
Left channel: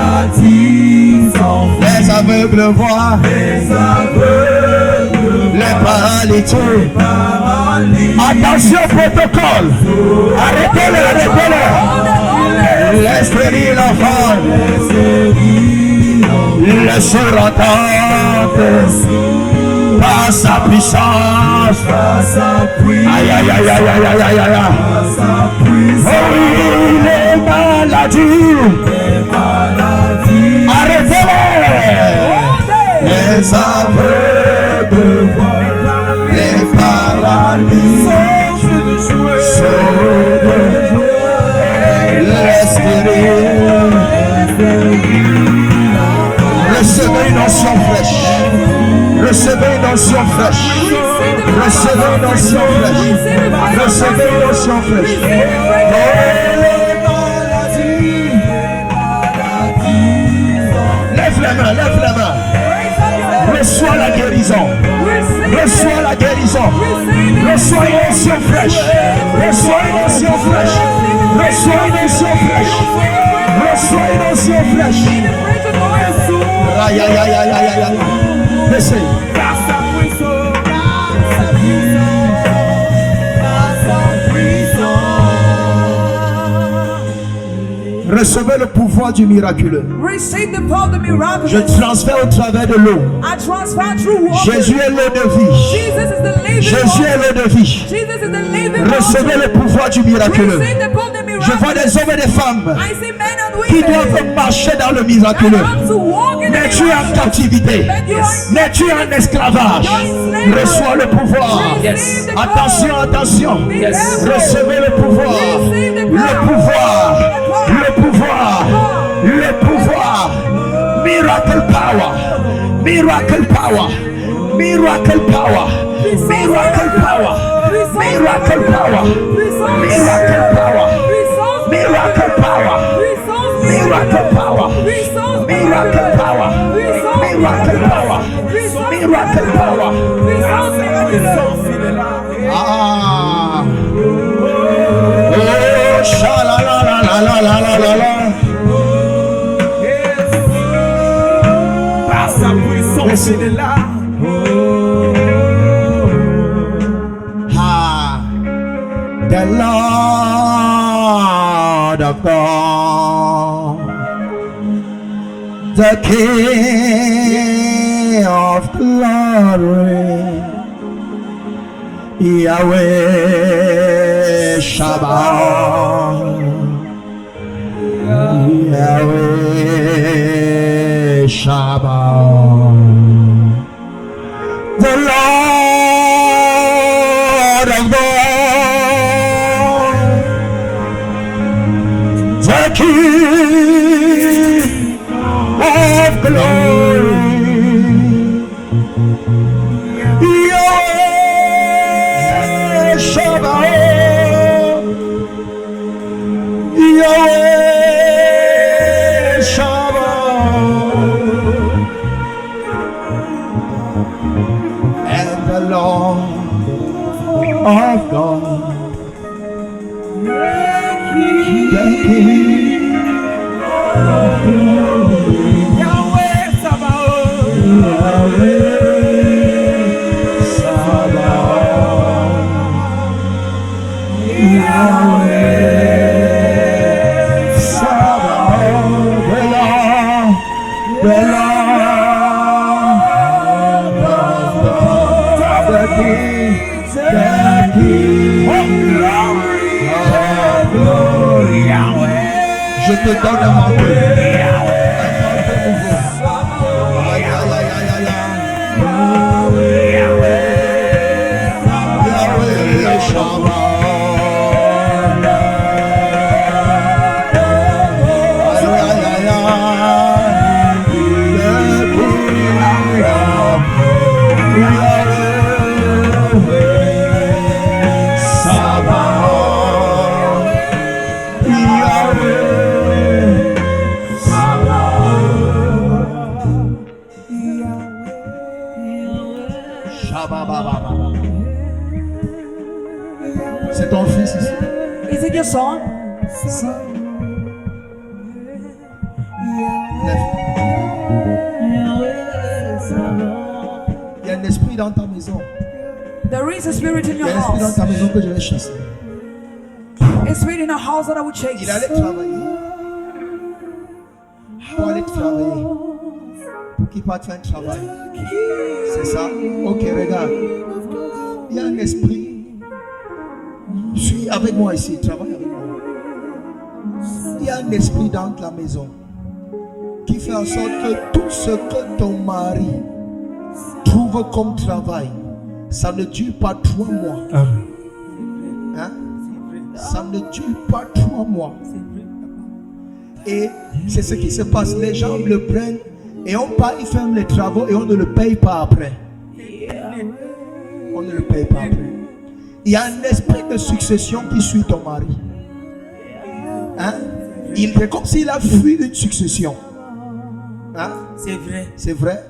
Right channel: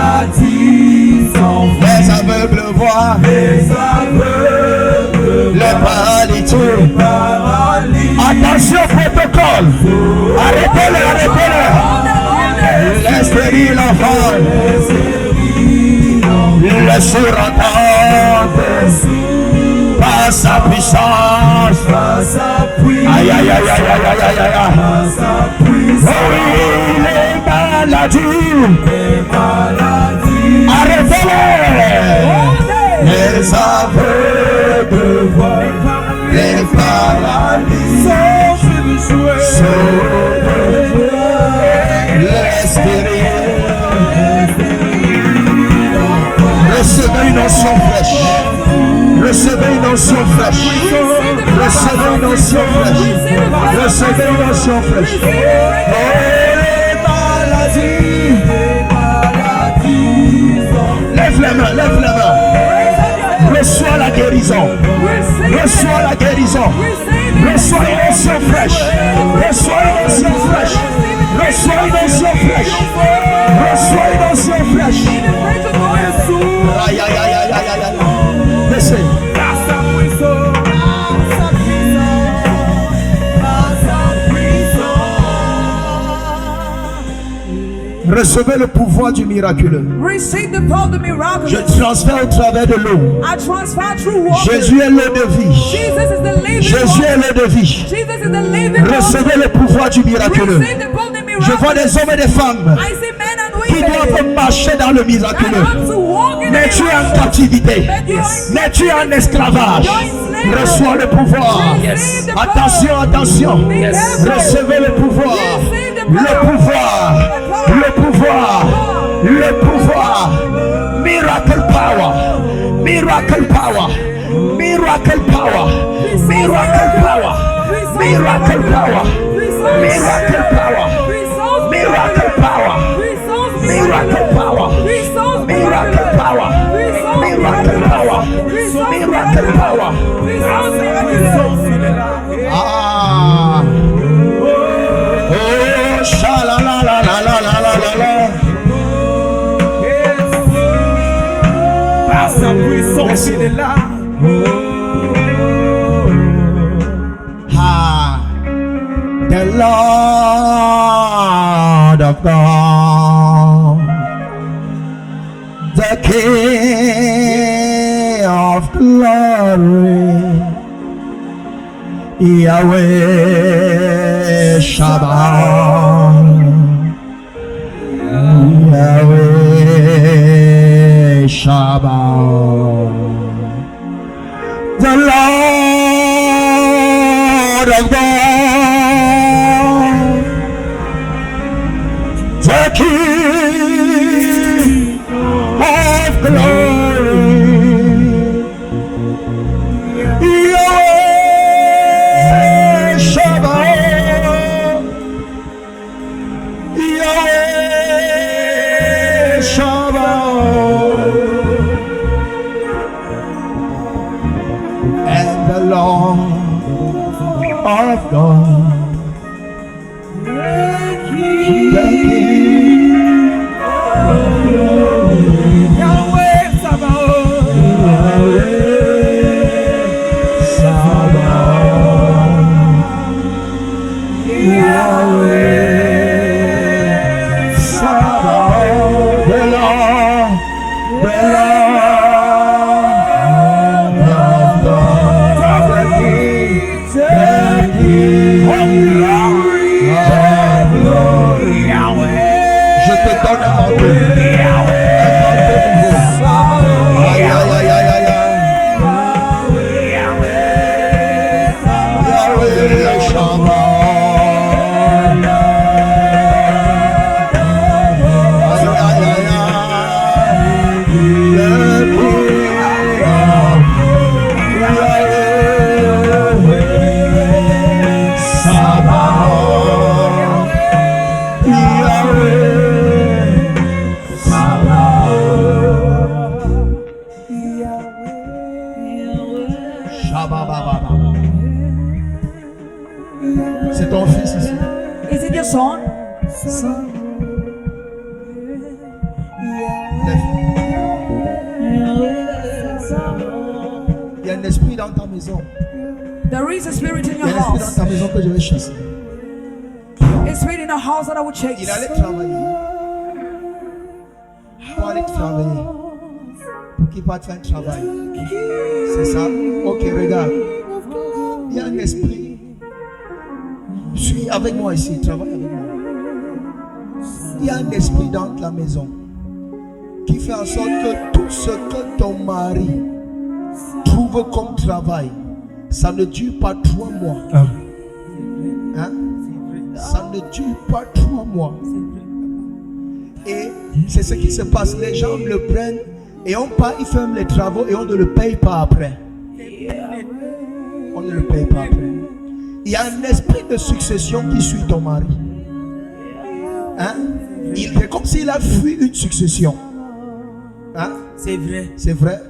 maladies sont les aveugles voient, les paralytiques. Attention protocole. Arrêtez-le, arrêtez-le. Les stériles enfants, Les sourds entendent par sa puissance. Aïe, aïe, aïe, aïe, aïe, aïe, aïe, aïe. Oh oui, les maladies. Arrêtez-les. les aveugles voient, les paralysés les stériles. Recevez une onction fraîche. Recevez une onction fraîche. Recevez une onction fraîche. Recevez une onction fraîche. Oh, les maladies. Lève les mains, lève les mains. Reçois la guérison. Reçois la guérison. Reçois une onction fraîche. Reçois une onction fraîche. Reçois une onction fraîche. Reçois une onction fraîche. Aïe, aïe, aïe, aïe, aïe, aïe, aïe. Laissez. Recevez le pouvoir du miraculeux. Receive the power of the miraculous. Je transfère au travers de l'eau. I transfer through water. Jésus est l'eau de vie. Jesus is the living Jésus est water. l'eau de vie. Jesus is the living Recevez water. le pouvoir du miraculeux. Receive the power of the Je miraculous. vois des hommes et des femmes I see men and qui women doivent marcher dans le that miraculeux. have to walk in Mais the tu es en miraculous. captivité. But you are in Mais tu es en esclavage. Reçois le pouvoir. Receive the power. Attention, attention. Be careful. Recevez le pouvoir. Receive the Le power. pouvoir. Le pouvoir. Le pouvoir. Miracle power. Miracle power. Miracle power. Miracle power. Miracle power. Miracle power. Miracle power. Miracle power. Miracle power. Miracle power. Miracle power. Ah. Oh, sha-la-la-la-la-la-la-la-la. Par sa puissance, il est là. Ah. The Lord of God, the King of glory, Yahweh Shabbat, Yahweh Shabbat, the Lord of God, the King of glory, Yahweh Shabbat, Yahweh Shabbat, and the Lord of God, the King Yahweh Sabaoth. te donne un manteau. Un manteau nouveau. Aïe, aïe, aïe, aïe, aïe, aïe. Yahweh, Shabbat. C'est ton fils ici. Is it your son? Il y a un esprit dans ta maison. There is a spirit in Il y your a un esprit dans house. ta maison que je vais chasser. A spirit in a house that I would chase. Il allait travailler. Pour aller travailler. Pour qu'il parte faire un travail. C'est ça? Ok, regarde. Il y a un esprit. Suis avec moi ici. Travaille avec moi. Il y a un esprit dans la maison qui fait en sorte que tout ce que ton mari trouve comme travail, ça ne dure pas 3 mois. Hein? Ça ne dure pas 3 mois. Et c'est ce qui se passe. Les gens le prennent et on part, ils ferment les travaux et on ne le paye pas après. On ne le paye pas après. Il y a un esprit de succession qui suit ton mari. Hein? Il est comme s'il a fui une succession. Hein? C'est vrai. C'est vrai.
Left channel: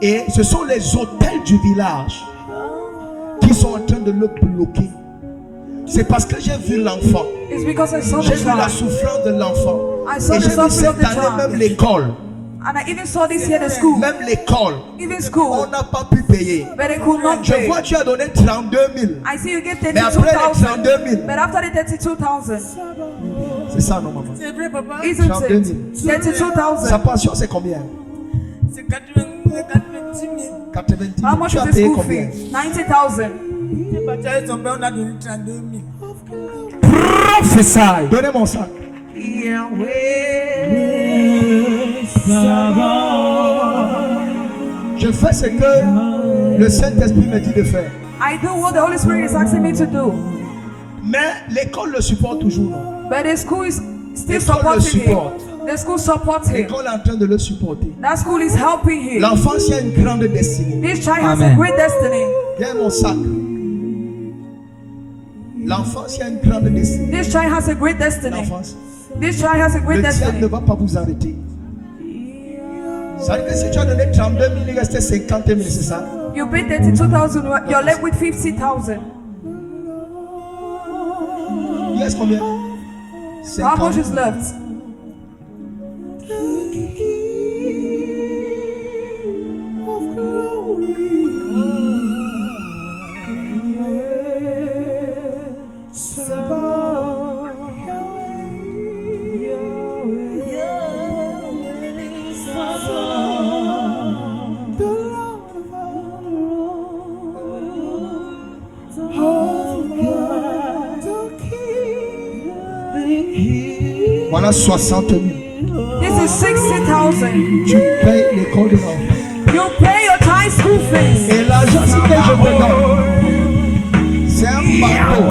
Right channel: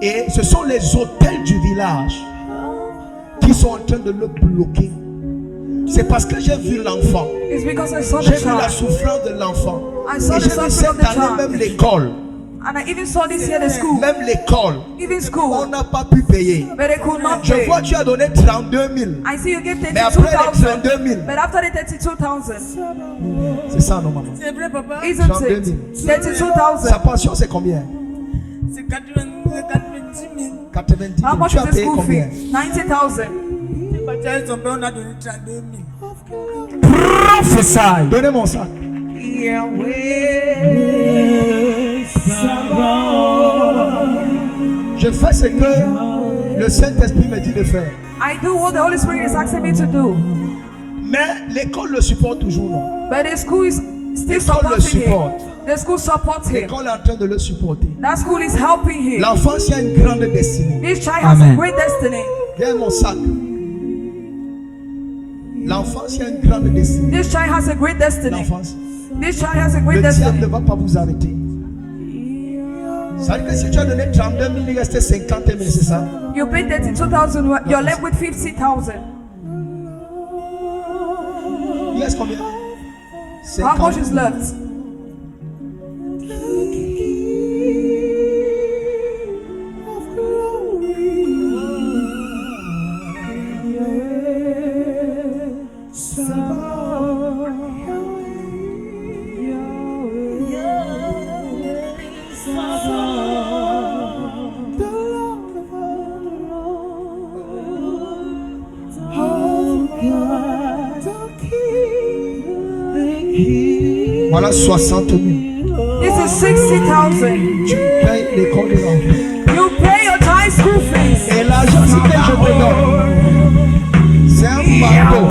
Et ce sont les hôtels du village qui sont en train de le bloquer. C'est parce que j'ai vu l'enfant. It's because I saw the J'ai vu la child. souffrance de l'enfant. I saw Et the j'ai vu suffering of cette the année même child. l'école. And I even saw this here at the school. Même l'école. Even On school. n'a pas pu payer. But they could not Je pay. vois tu as donné 32 000. I see you give Mais après les 32,000. 32 000. But after the 32,000, C'est ça non maman. C'est vrai, papa. isn't 32 it? 000. 32,000. Sa pension c'est combien? C'est 90 000. 90 000. How much Tu is as the payé school combien? fee? 90,000. Les batailles sont bien, on a donné 32 000. Prophesy. Donnez mon sac. Je fais ce que le Saint-Esprit me dit de faire. I do what the Holy Spirit is asking me to do. Mais l'école le supporte toujours, non? But the school is still L'école le supporting supporte. him. The school supports him. L'école est en train de le supporter. That school is helping him. L'enfant a une grande destinée. This child has a Amen. great destiny. Viens mon sac. L'enfance a une grande destinée. This child has a great destiny. L'enfance. This child has a Le great diable ne destiny. va pas vous arrêter. Ça veut dire que si tu as donné 32 000, il restait 50 000, c'est ça? You paid 32,000. You're left with 50,000. Il reste combien? How much 50. is left? Voilà 60 000. This is 60,000. Tu payes l'école de l'enfant. You pay your child school fees. Et l'argent que je te donne, c'est un bateau.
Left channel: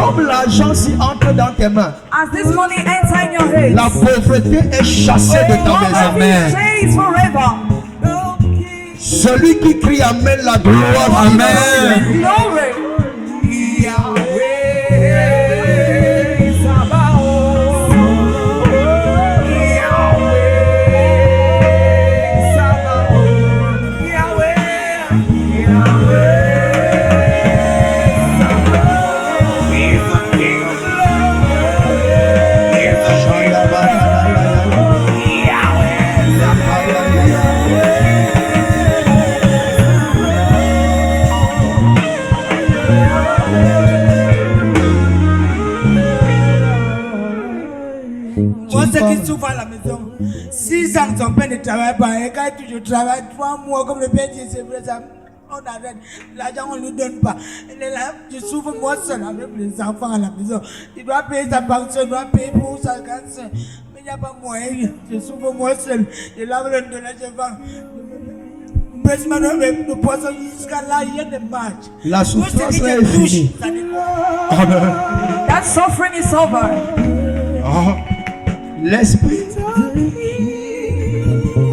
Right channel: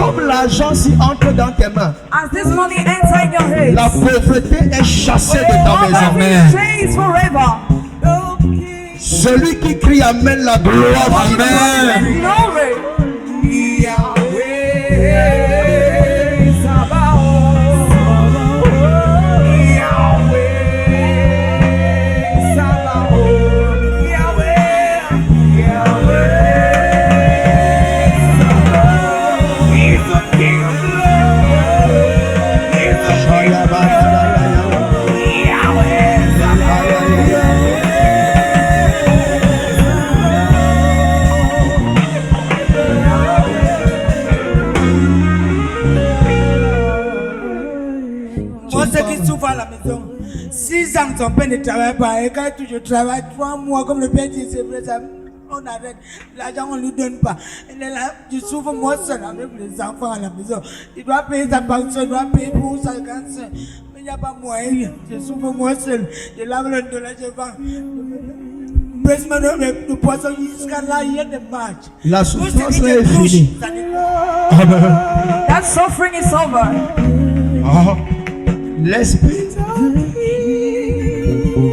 Comme l'argent s'y entre dans tes mains, As this money enter in your hands, la pauvreté est chassée de ta maison. poverty stays forever. Celui qui crie Amen, la gloire. Amen. Glory. Moi, ceux qui souffrent à la maison, 6 ans, son père ne travaille pas. Et quand tu travailles 3 mois, comme le père dit, c'est vrai, ça. On arrête. L'argent, on ne lui donne pas. Elle est là, je souffre moi seul avec les enfants à la maison. Il doit payer sa pension, il doit payer pour sa cancer. Mais il n'y a pas moyen. Je souffre moi seul. Je lave le dollar, je vends. Le poisson jusqu'à là, il y a des matchs. La souffrance là est finie. Amen. That suffering is over. Ah. L'esprit.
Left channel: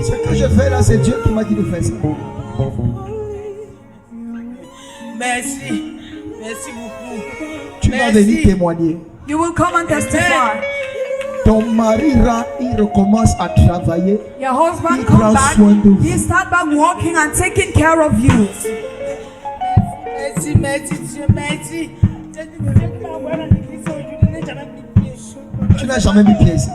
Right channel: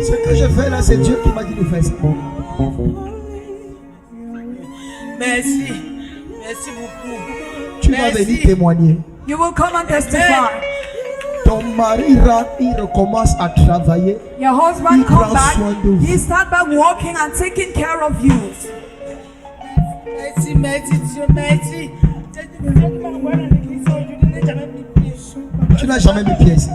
Ce que je fais là, c'est Dieu qui m'a dit de faire ça. Merci. Merci beaucoup. Tu vas venir témoigner. You will come and testify. Ton mari rentre, il recommence à travailler. Your husband Il prend come back. soin de vous. He start back working and taking care of you. Merci, merci Dieu, merci. Tu n'as jamais mis pied ici.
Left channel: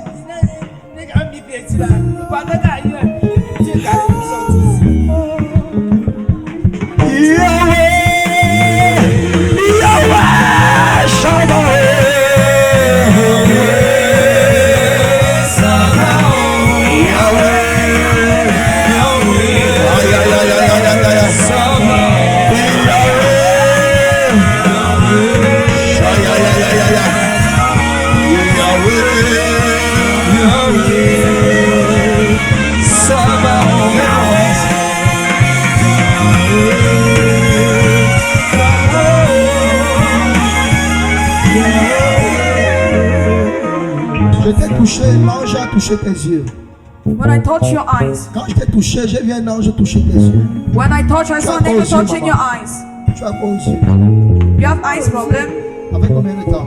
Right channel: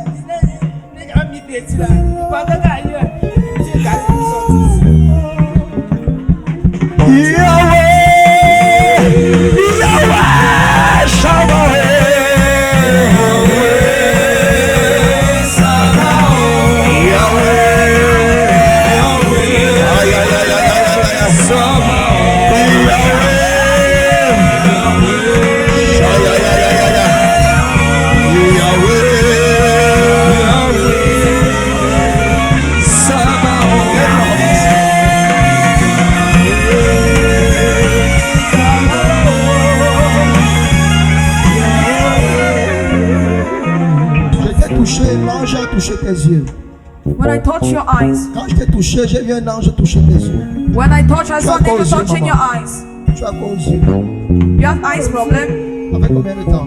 L'ange a touché tes yeux. When I touch your eyes. Quand je t'ai touché, j'ai vu un ange toucher tes yeux. When I touch, I saw an angel touching your eyes. Tu as quoi aux yeux? You have eyes problem? Avec combien de temps?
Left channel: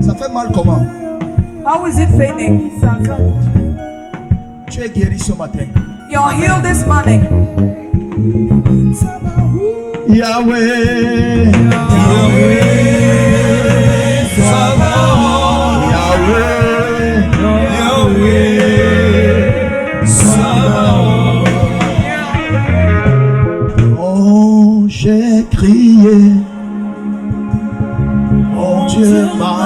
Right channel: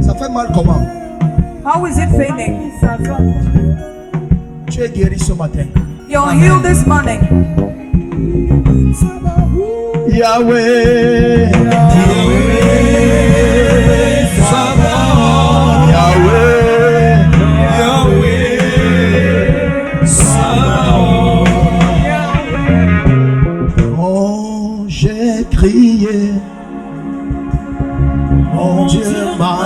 Ça fait mal comment? How is it fading? Tu es guéri ce matin. You're healed this morning. Yahweh. Oh, j'ai crié, mon Dieu m'a.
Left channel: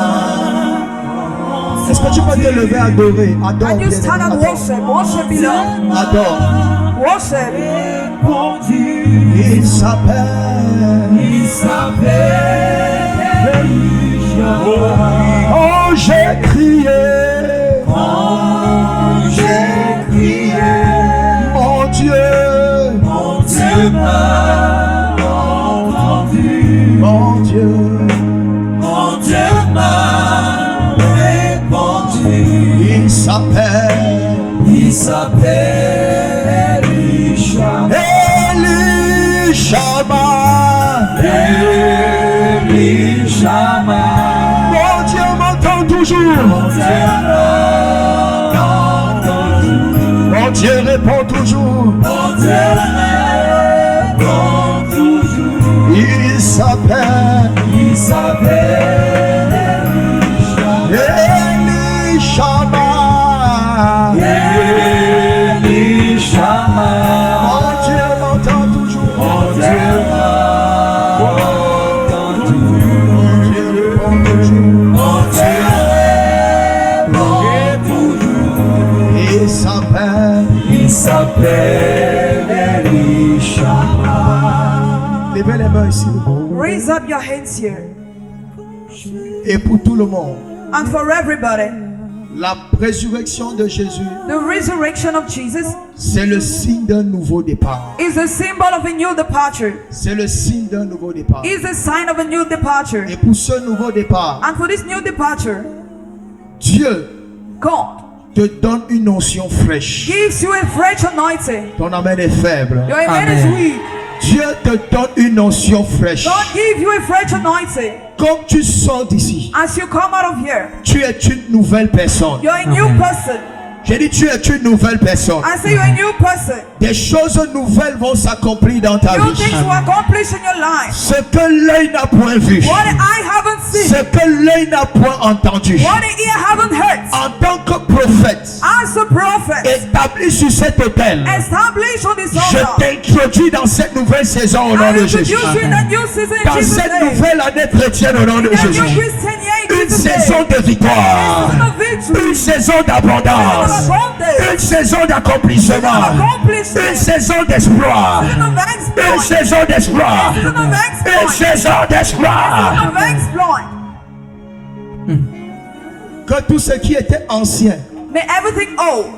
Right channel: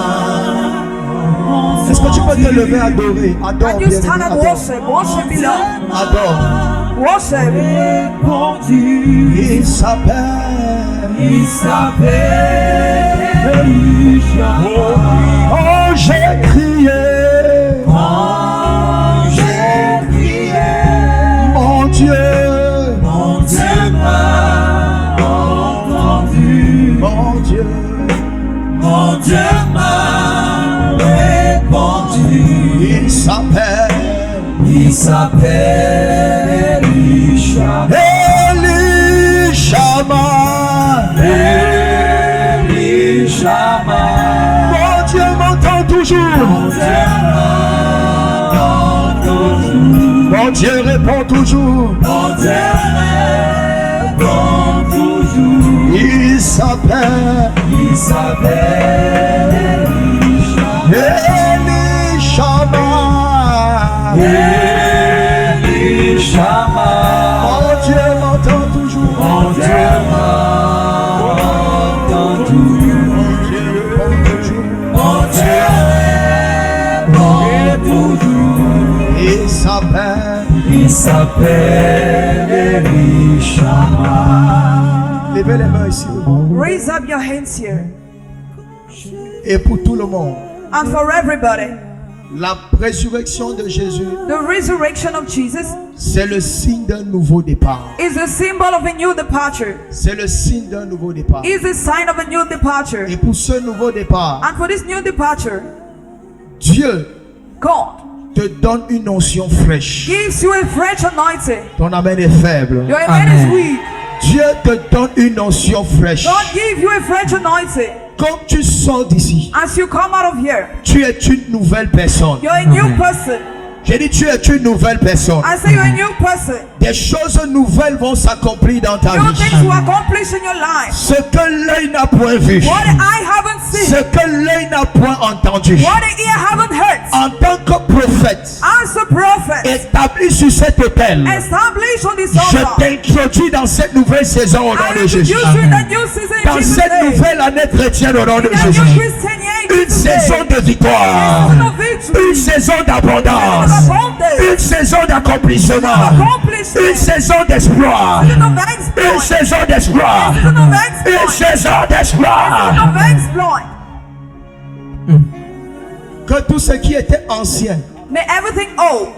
Est-ce que tu peux te lever, adorer? Adore. And you stand and worship. Worship, beloved. Adore. Worship. Il s'appelle. Oh, j'ai crié. Mon Dieu m'a entendu. Mon Dieu m'a répondu. Il s'appelle Elishama. Mon Dieu m'entend toujours. Mon Dieu répond toujours. Il s'appelle Elishama. Mon Dieu m'entend toujours. Mon Dieu répond toujours. Il s'appelle Elishama. Levez les mains ici. Raise up your hands here. Et pour tout le monde, And for everybody, la résurrection de Jésus, the resurrection of Jesus c'est le signe d'un nouveau départ. is a symbol of a new departure. C'est le signe d'un nouveau départ. Is a sign of a new departure. Et pour ce nouveau départ, And for this new departure, Dieu God te donne une onction fraîche. gives you a fresh anointing. Ton amen est faible. Your amen is weak. Dieu te donne une onction fraîche. God gives you a fresh anointing. Quand tu sors d'ici, As you come out of here, tu es une nouvelle personne. you're a new person. J'ai dit tu es une nouvelle personne. I say you're a new person. Des choses nouvelles vont s'accomplir dans ta New vie. things will accomplish in your life. Ce que l'œil n'a point vu, What I haven't seen, ce que l'œil n'a point entendu. what the ear haven't heard. En tant que prophète, As a prophet, établi sur cet autel, established on this je altar, t'introduis dans cette nouvelle saison au nom I de introduce Jésus. you in a new season in Dans Jesus' cette name. nouvelle année chrétienne au nom de In a Jésus. new Christian year in Une Jesus' saison de victoire, Season of victory. une saison Season d'abondance, of abundance. une saison d'accomplissement, Accomplishment. une saison d'espoir, Season of une exploit. saison d'espoir, Season of une exploit. saison d'espoir. Season of exploit. Que tout ce qui était ancien, May everything old,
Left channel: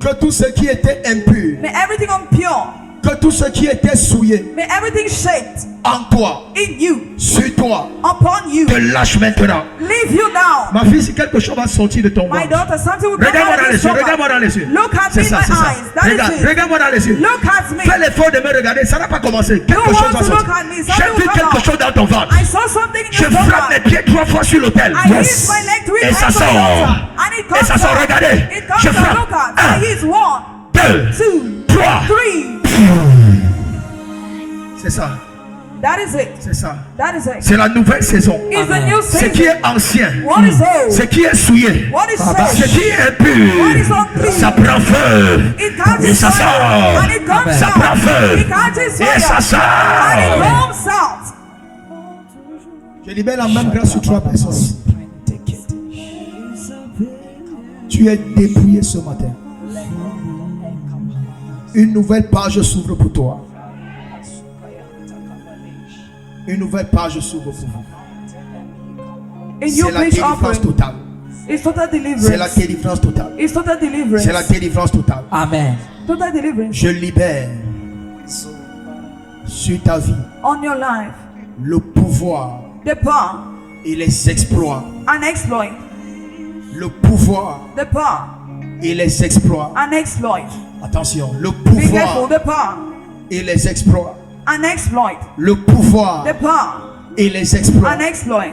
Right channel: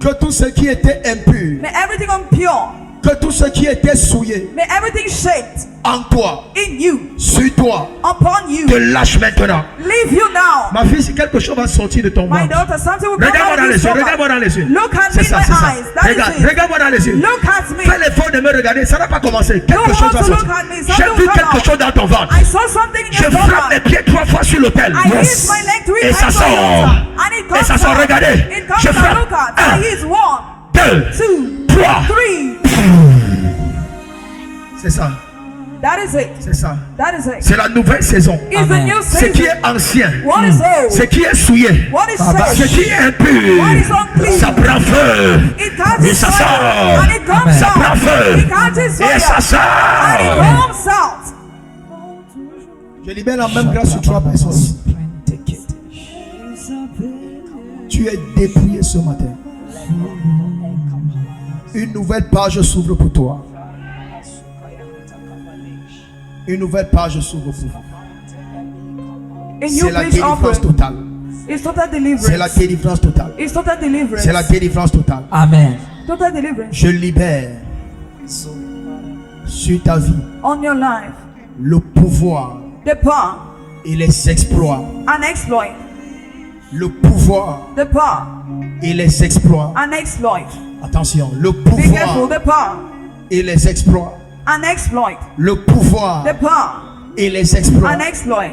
que tout ce qui était impur, may everything impure, que tout ce qui était souillé may everything shaped en toi, in you, sur toi, upon you. Te lâche maintenant. Leave you now. ma fille, si quelque chose va sortir de ton My ventre, daughter, something will come Regarde-moi out dans of les this yeux, stomach. regarde-moi dans les yeux. Look at me C'est in ça, my c'est ça. eyes. That Regarde, is it. regarde-moi dans les yeux. Look at me. Fais l'effort de me regarder, ça n'a pas commencé. Quelque You chose want va to sortir. look at me. J'ai Something vu will come quelque out. chose dans ton ventre. I saw something in Je your frappe mes stomach. pieds 3 fois sur l'autel. I hit my leg 3 Et ça times on the sort. altar. And it Et comes ça sort, out. regardez. It comes Je out. frappe. Look at. Un. I hit 1, 2, 2, 3. 3. c'est ça, That is it. c'est ça. That is it. C'est la nouvelle saison. It's the new Ce qui season. est ancien, What is old? ce qui est souillé, What is ce saved? qui est impur, What is unclean? ça prend feu. It catches Et ça fire. sort. And it comes Ça prend out. feu. It catches Et ça fire. And it sort. comes out. Je libère la même grâce sur 3 personnes. Tu es dépouillé ce matin. Une nouvelle page s'ouvre pour toi. Une nouvelle page s'ouvre pour vous. A new C'est la page délivrance open. totale. It's total C'est la deliverance. délivrance totale. It's total deliverance. C'est la délivrance totale. Amen. Total deliverance. Je libère sur ta vie On your life. le pouvoir The power et les exploits. and exploit. Le pouvoir The power et les exploits. and exploit. Attention, le Be careful. pouvoir The power et les exploits. and exploit. Le pouvoir The power et les exploits. and exploit.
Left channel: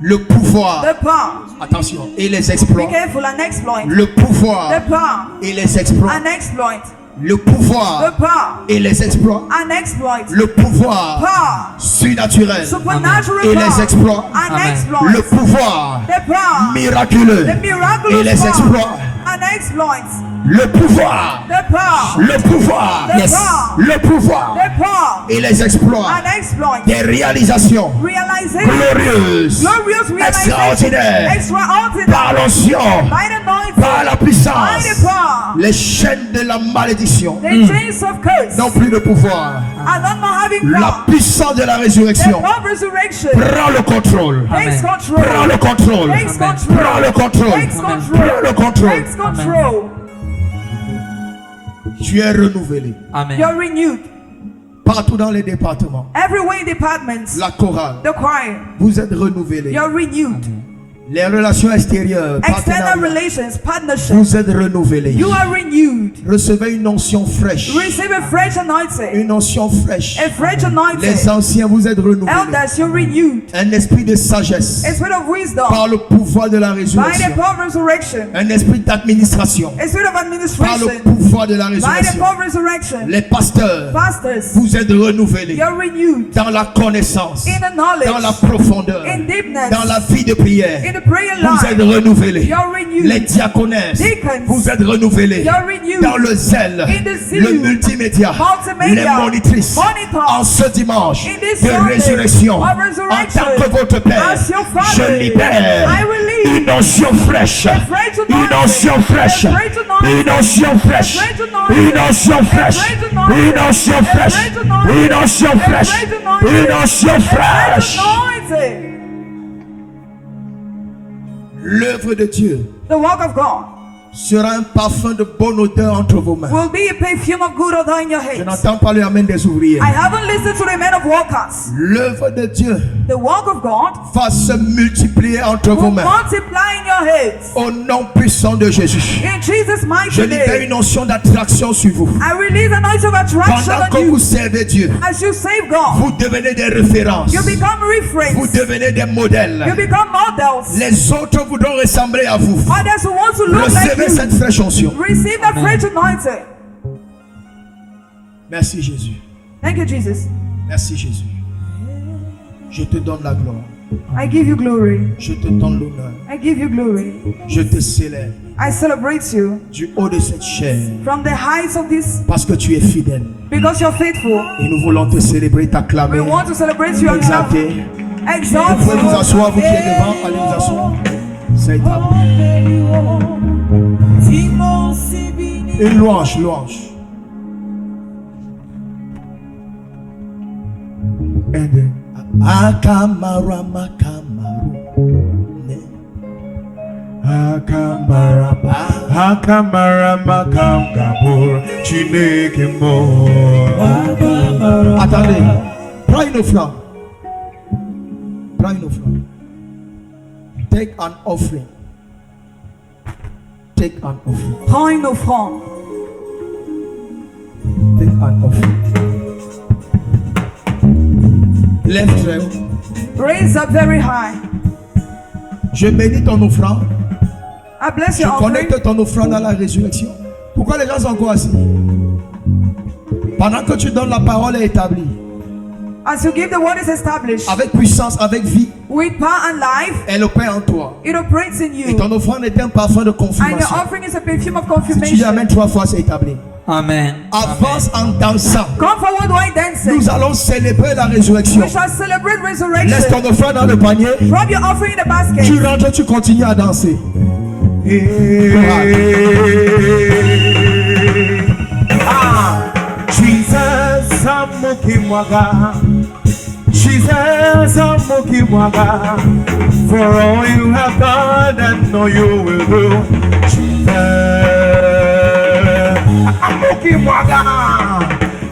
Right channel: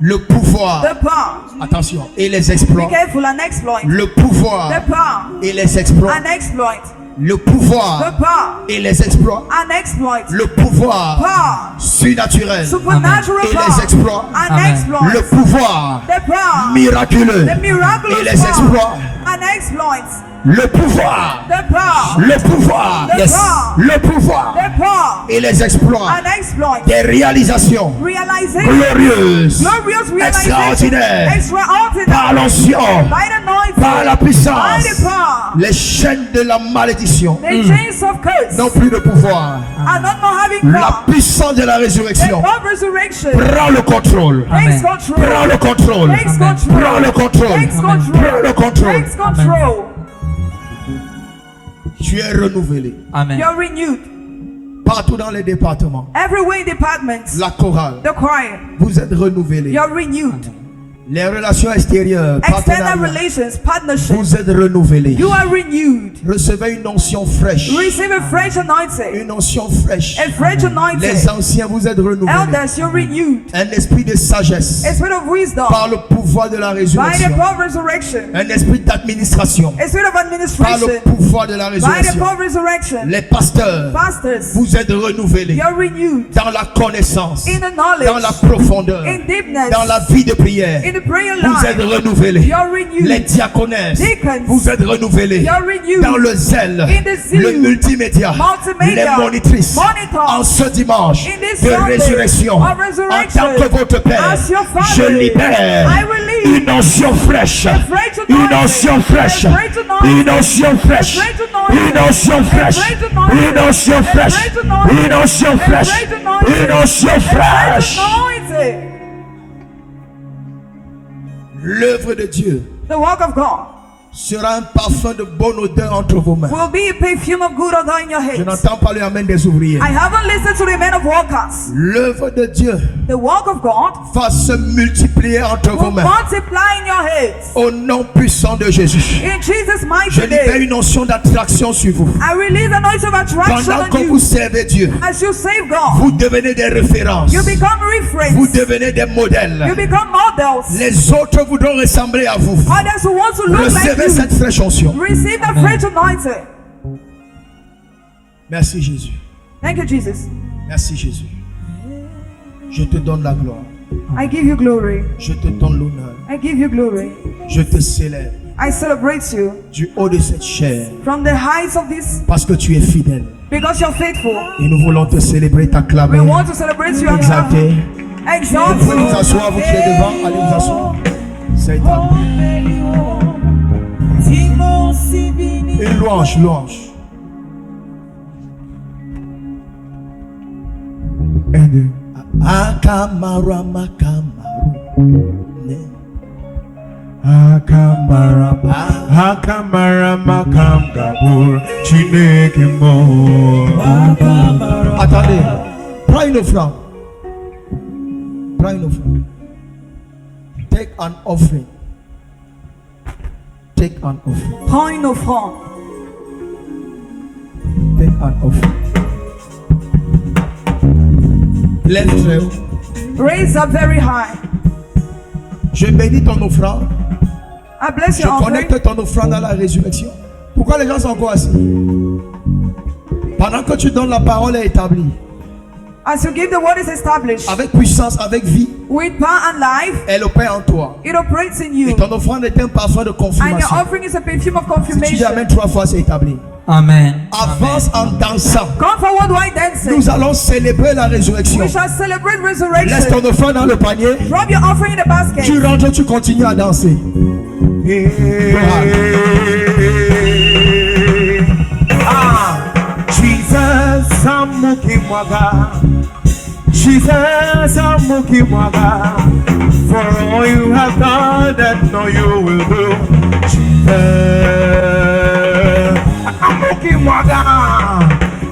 Le pouvoir, The power. attention, et les Be exploits. careful and exploit. Le pouvoir The power et les exploits. and exploit. Le The pouvoir power et les exploits. and exploit. Le pouvoir Power. surnaturel Supernatural et les power exploits. and Amen. exploit. Le pouvoir The power. miraculeux The miraculous et les power exploits. and exploits. Le pouvoir, The power. le pouvoir, The Yes. power. le pouvoir The power Et les exploits and exploit. des réalisations Realization. glorieuse, Glorious realization. extraordinaire, Extraordinary. par l'onction, By the anointing. par la By puissance. the power. les chaînes de la malédiction The chains of curse n'ont plus de pouvoir. are not more having La power. puissance de la The résurrection power of resurrection Prends le contrôle, takes Amen. control. prends le contrôle, Takes Amen. control. prends le contrôle, Takes Amen. control. prends le contrôle. Takes control. Tu es renouvelé Amen. You're renewed. partout dans les départements. Everywhere in departments. La chorale, The choir. vous êtes renouvelé. You're renewed. Les relations extérieures, External partenariats, relations, partnership. vous êtes renouvelés. You are renewed. Recevez une onction fraîche. Receive a fresh anointing. Une onction fraîche. A fresh Les anointing. anciens, vous êtes renouvelés. Elders, you're renewed. Un esprit de sagesse A spirit of wisdom. par le pouvoir de la By the résurrection. power of resurrection. Un esprit d'administration A spirit of par le administration. pouvoir de la By the résurrection. power of resurrection. Les pasteurs, Pastors, vous êtes renouvelés you're renewed. dans la connaissance, In the dans la knowledge. profondeur, In deepness. dans la vie de prière. In the prayer Vous êtes life. renouvelés. You're renewed. Les diaconesses, Deacons, vous êtes renouvelés you're renewed. dans le zèle, In the zeal, le multimédia, multimedia, les monitrices. monitors. En ce dimanche In this de Sunday résurrection, of en resurrection, tant que votre Père, as your Father, Je libère I release une onction fraîche, a fresh une anointing, onction fraîche, a fresh anointing, une onction fraîche, a fresh anointing, une onction a fraîche, fresh anointing, une onction a fraîche, fresh anointing, une onction a fraîche, fresh anointing, une onction a fresh fraîche. anointing. l'œuvre de Dieu The work of God sera un parfum de bonne odeur entre vos mains. will be a perfume of good odor in your Je head. n'entends pas le amen des ouvriers. I haven't listened to the men of workers. L'œuvre de Dieu The work of God va se multiplier entre vos will mains. multiply in your heads. Au nom puissant de Jésus. In Jesus' Je mighty libère name, une onction d'attraction sur vous. I release an anointing of attraction Pendant on que you. vous servez Dieu, As you save God, vous devenez des références. you become Vous reference. devenez des modèles. You become models. Les autres voudront ressembler à vous. Others who want to look like Recevez you, cette fraîche onction. receive the fresh anointing. Merci Jésus. Thank you, Jesus. Merci Jésus. Je te donne la gloire. I give you glory. Je te donne l'honneur. I give you glory. Je te célèbre I celebrate you du haut de cette chair from the heights of this parce que tu es fidèle. because you're faithful. Et nous voulons te célébrer, We t'acclamer, want to celebrate you and t'exalter Exalt Vous pouvez vous you. asseoir, vous qui êtes devant, allez vous asseoir. C'est établi. Et louange, louange. Akamara makamaru. Akamara makam gabur chineke mo. Attendez, prends une offrande. Prends une offrande. Take an offering. Take an offering. Prends une offrande. Take an offering. Lève très haut. Raise up very high. Je bénis ton offrande. I bless Je your offering. connecte ton offrande à la résurrection. Pourquoi les gens sont encore assis? Pendant que tu donnes, la parole est établie. As you give, the word is established. Avec puissance, avec vie, With power and life, elle opère en toi. it operates in Et you. ton offrande est un parfum de And your confirmation. offering is a perfume of Si tu y confirmation. amènes 3 fois, c'est établi. Amen. Avance en dansant. Come forward while dancing. Nous allons célébrer la résurrection. We shall celebrate Laisse resurrection. ton offrande dans le panier. Drop your offering in the basket. Tu rentres, tu continues à danser. Jesus amukimwaga. Jesus amukimwaga. For all you have done and all you will do. Jesus amukimwaga.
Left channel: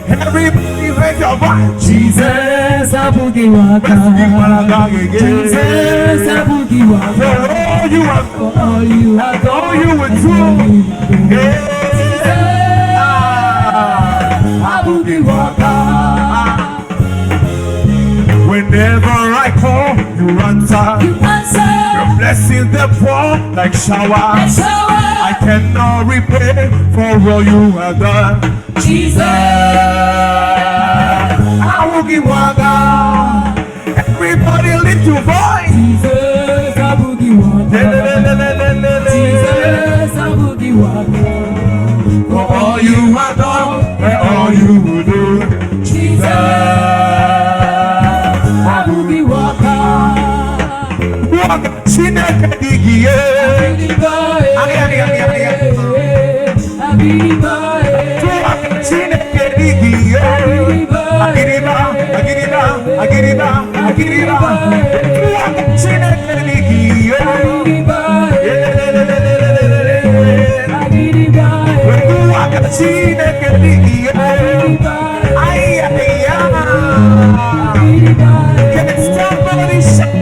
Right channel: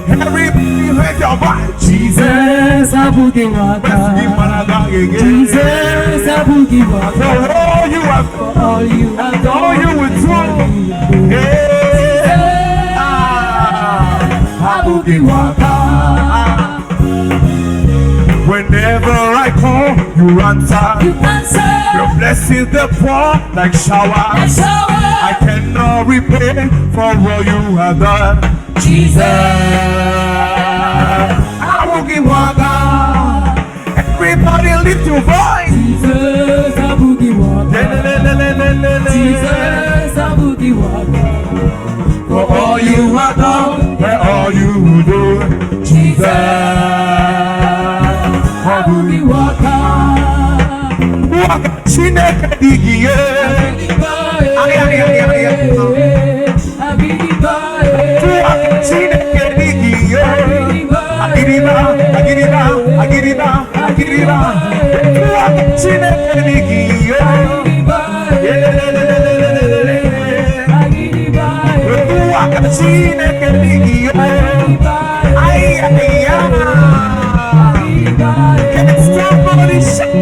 Everybody raise your voice. Jesus Abugiwaka. amukimwaga. Jesus Abugiwaka. For all you have done. All you have done. All you will do. Abugiwaka. Whenever I call, you answer. You answer. Your blessings they pour like shower. Shower. I cannot repay for all you have done. Jesus. I will give one God. Everybody lift your voice. Jesus Abugiwaka. Jesus Abugiwaka. For all you have done and all you will do. Jesus. Abugiwaka. Waka Chineke digiye. Waka Chineke digiye. Agiriba, agiriba, agiriba, agiriba. Waka Chineke digiye. Waka Chineke digiye. Ay, ay, ay. Can somebody shout?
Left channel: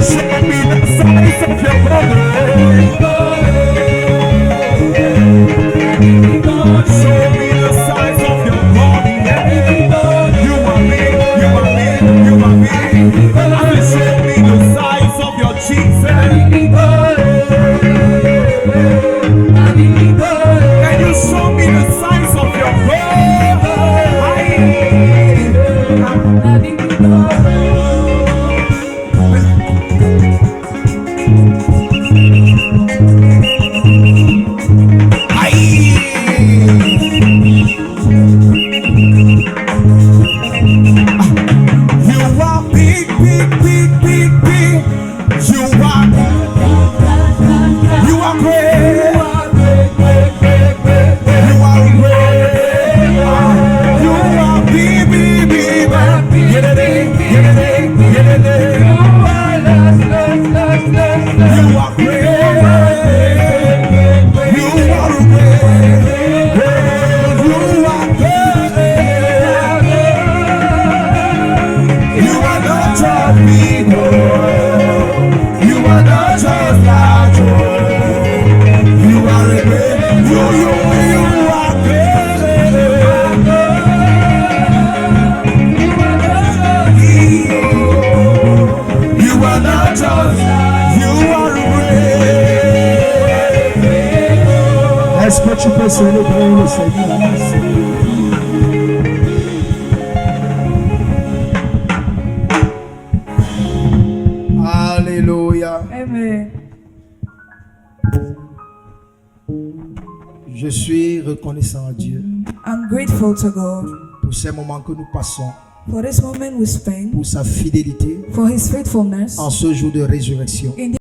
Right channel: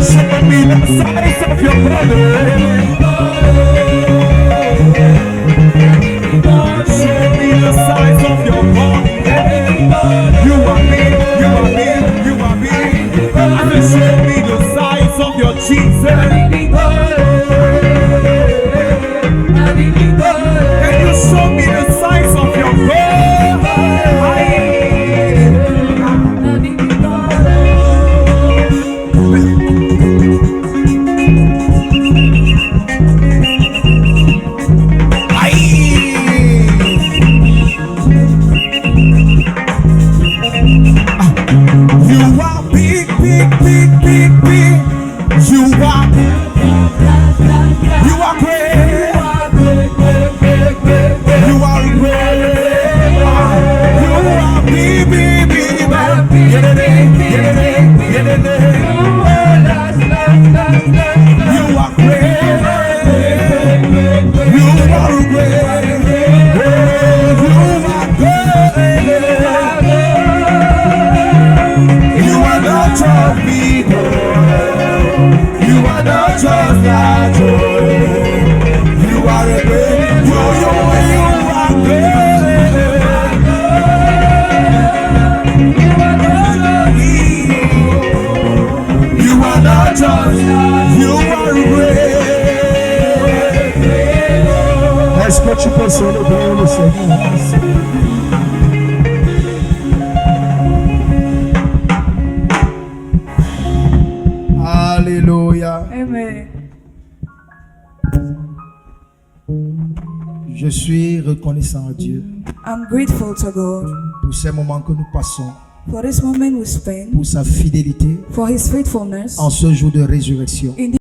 Show me the size of your brother. Show me the size of your body. You are me, you are me, you are me. And show me the size of your cheeks. Can you show me the size of your body? You are big, big, big, big, big. You are great. You are great. You are big, big, big, big. You are great. You are great. You are great. You are not a big. You are not célébrer le Seigneur. Alléluia. Amen. Je suis reconnaissant à Dieu I'm grateful to God pour ces moments que nous passons, for this moment we spend, pour sa fidélité for His faithfulness en ce jour de résurrection. in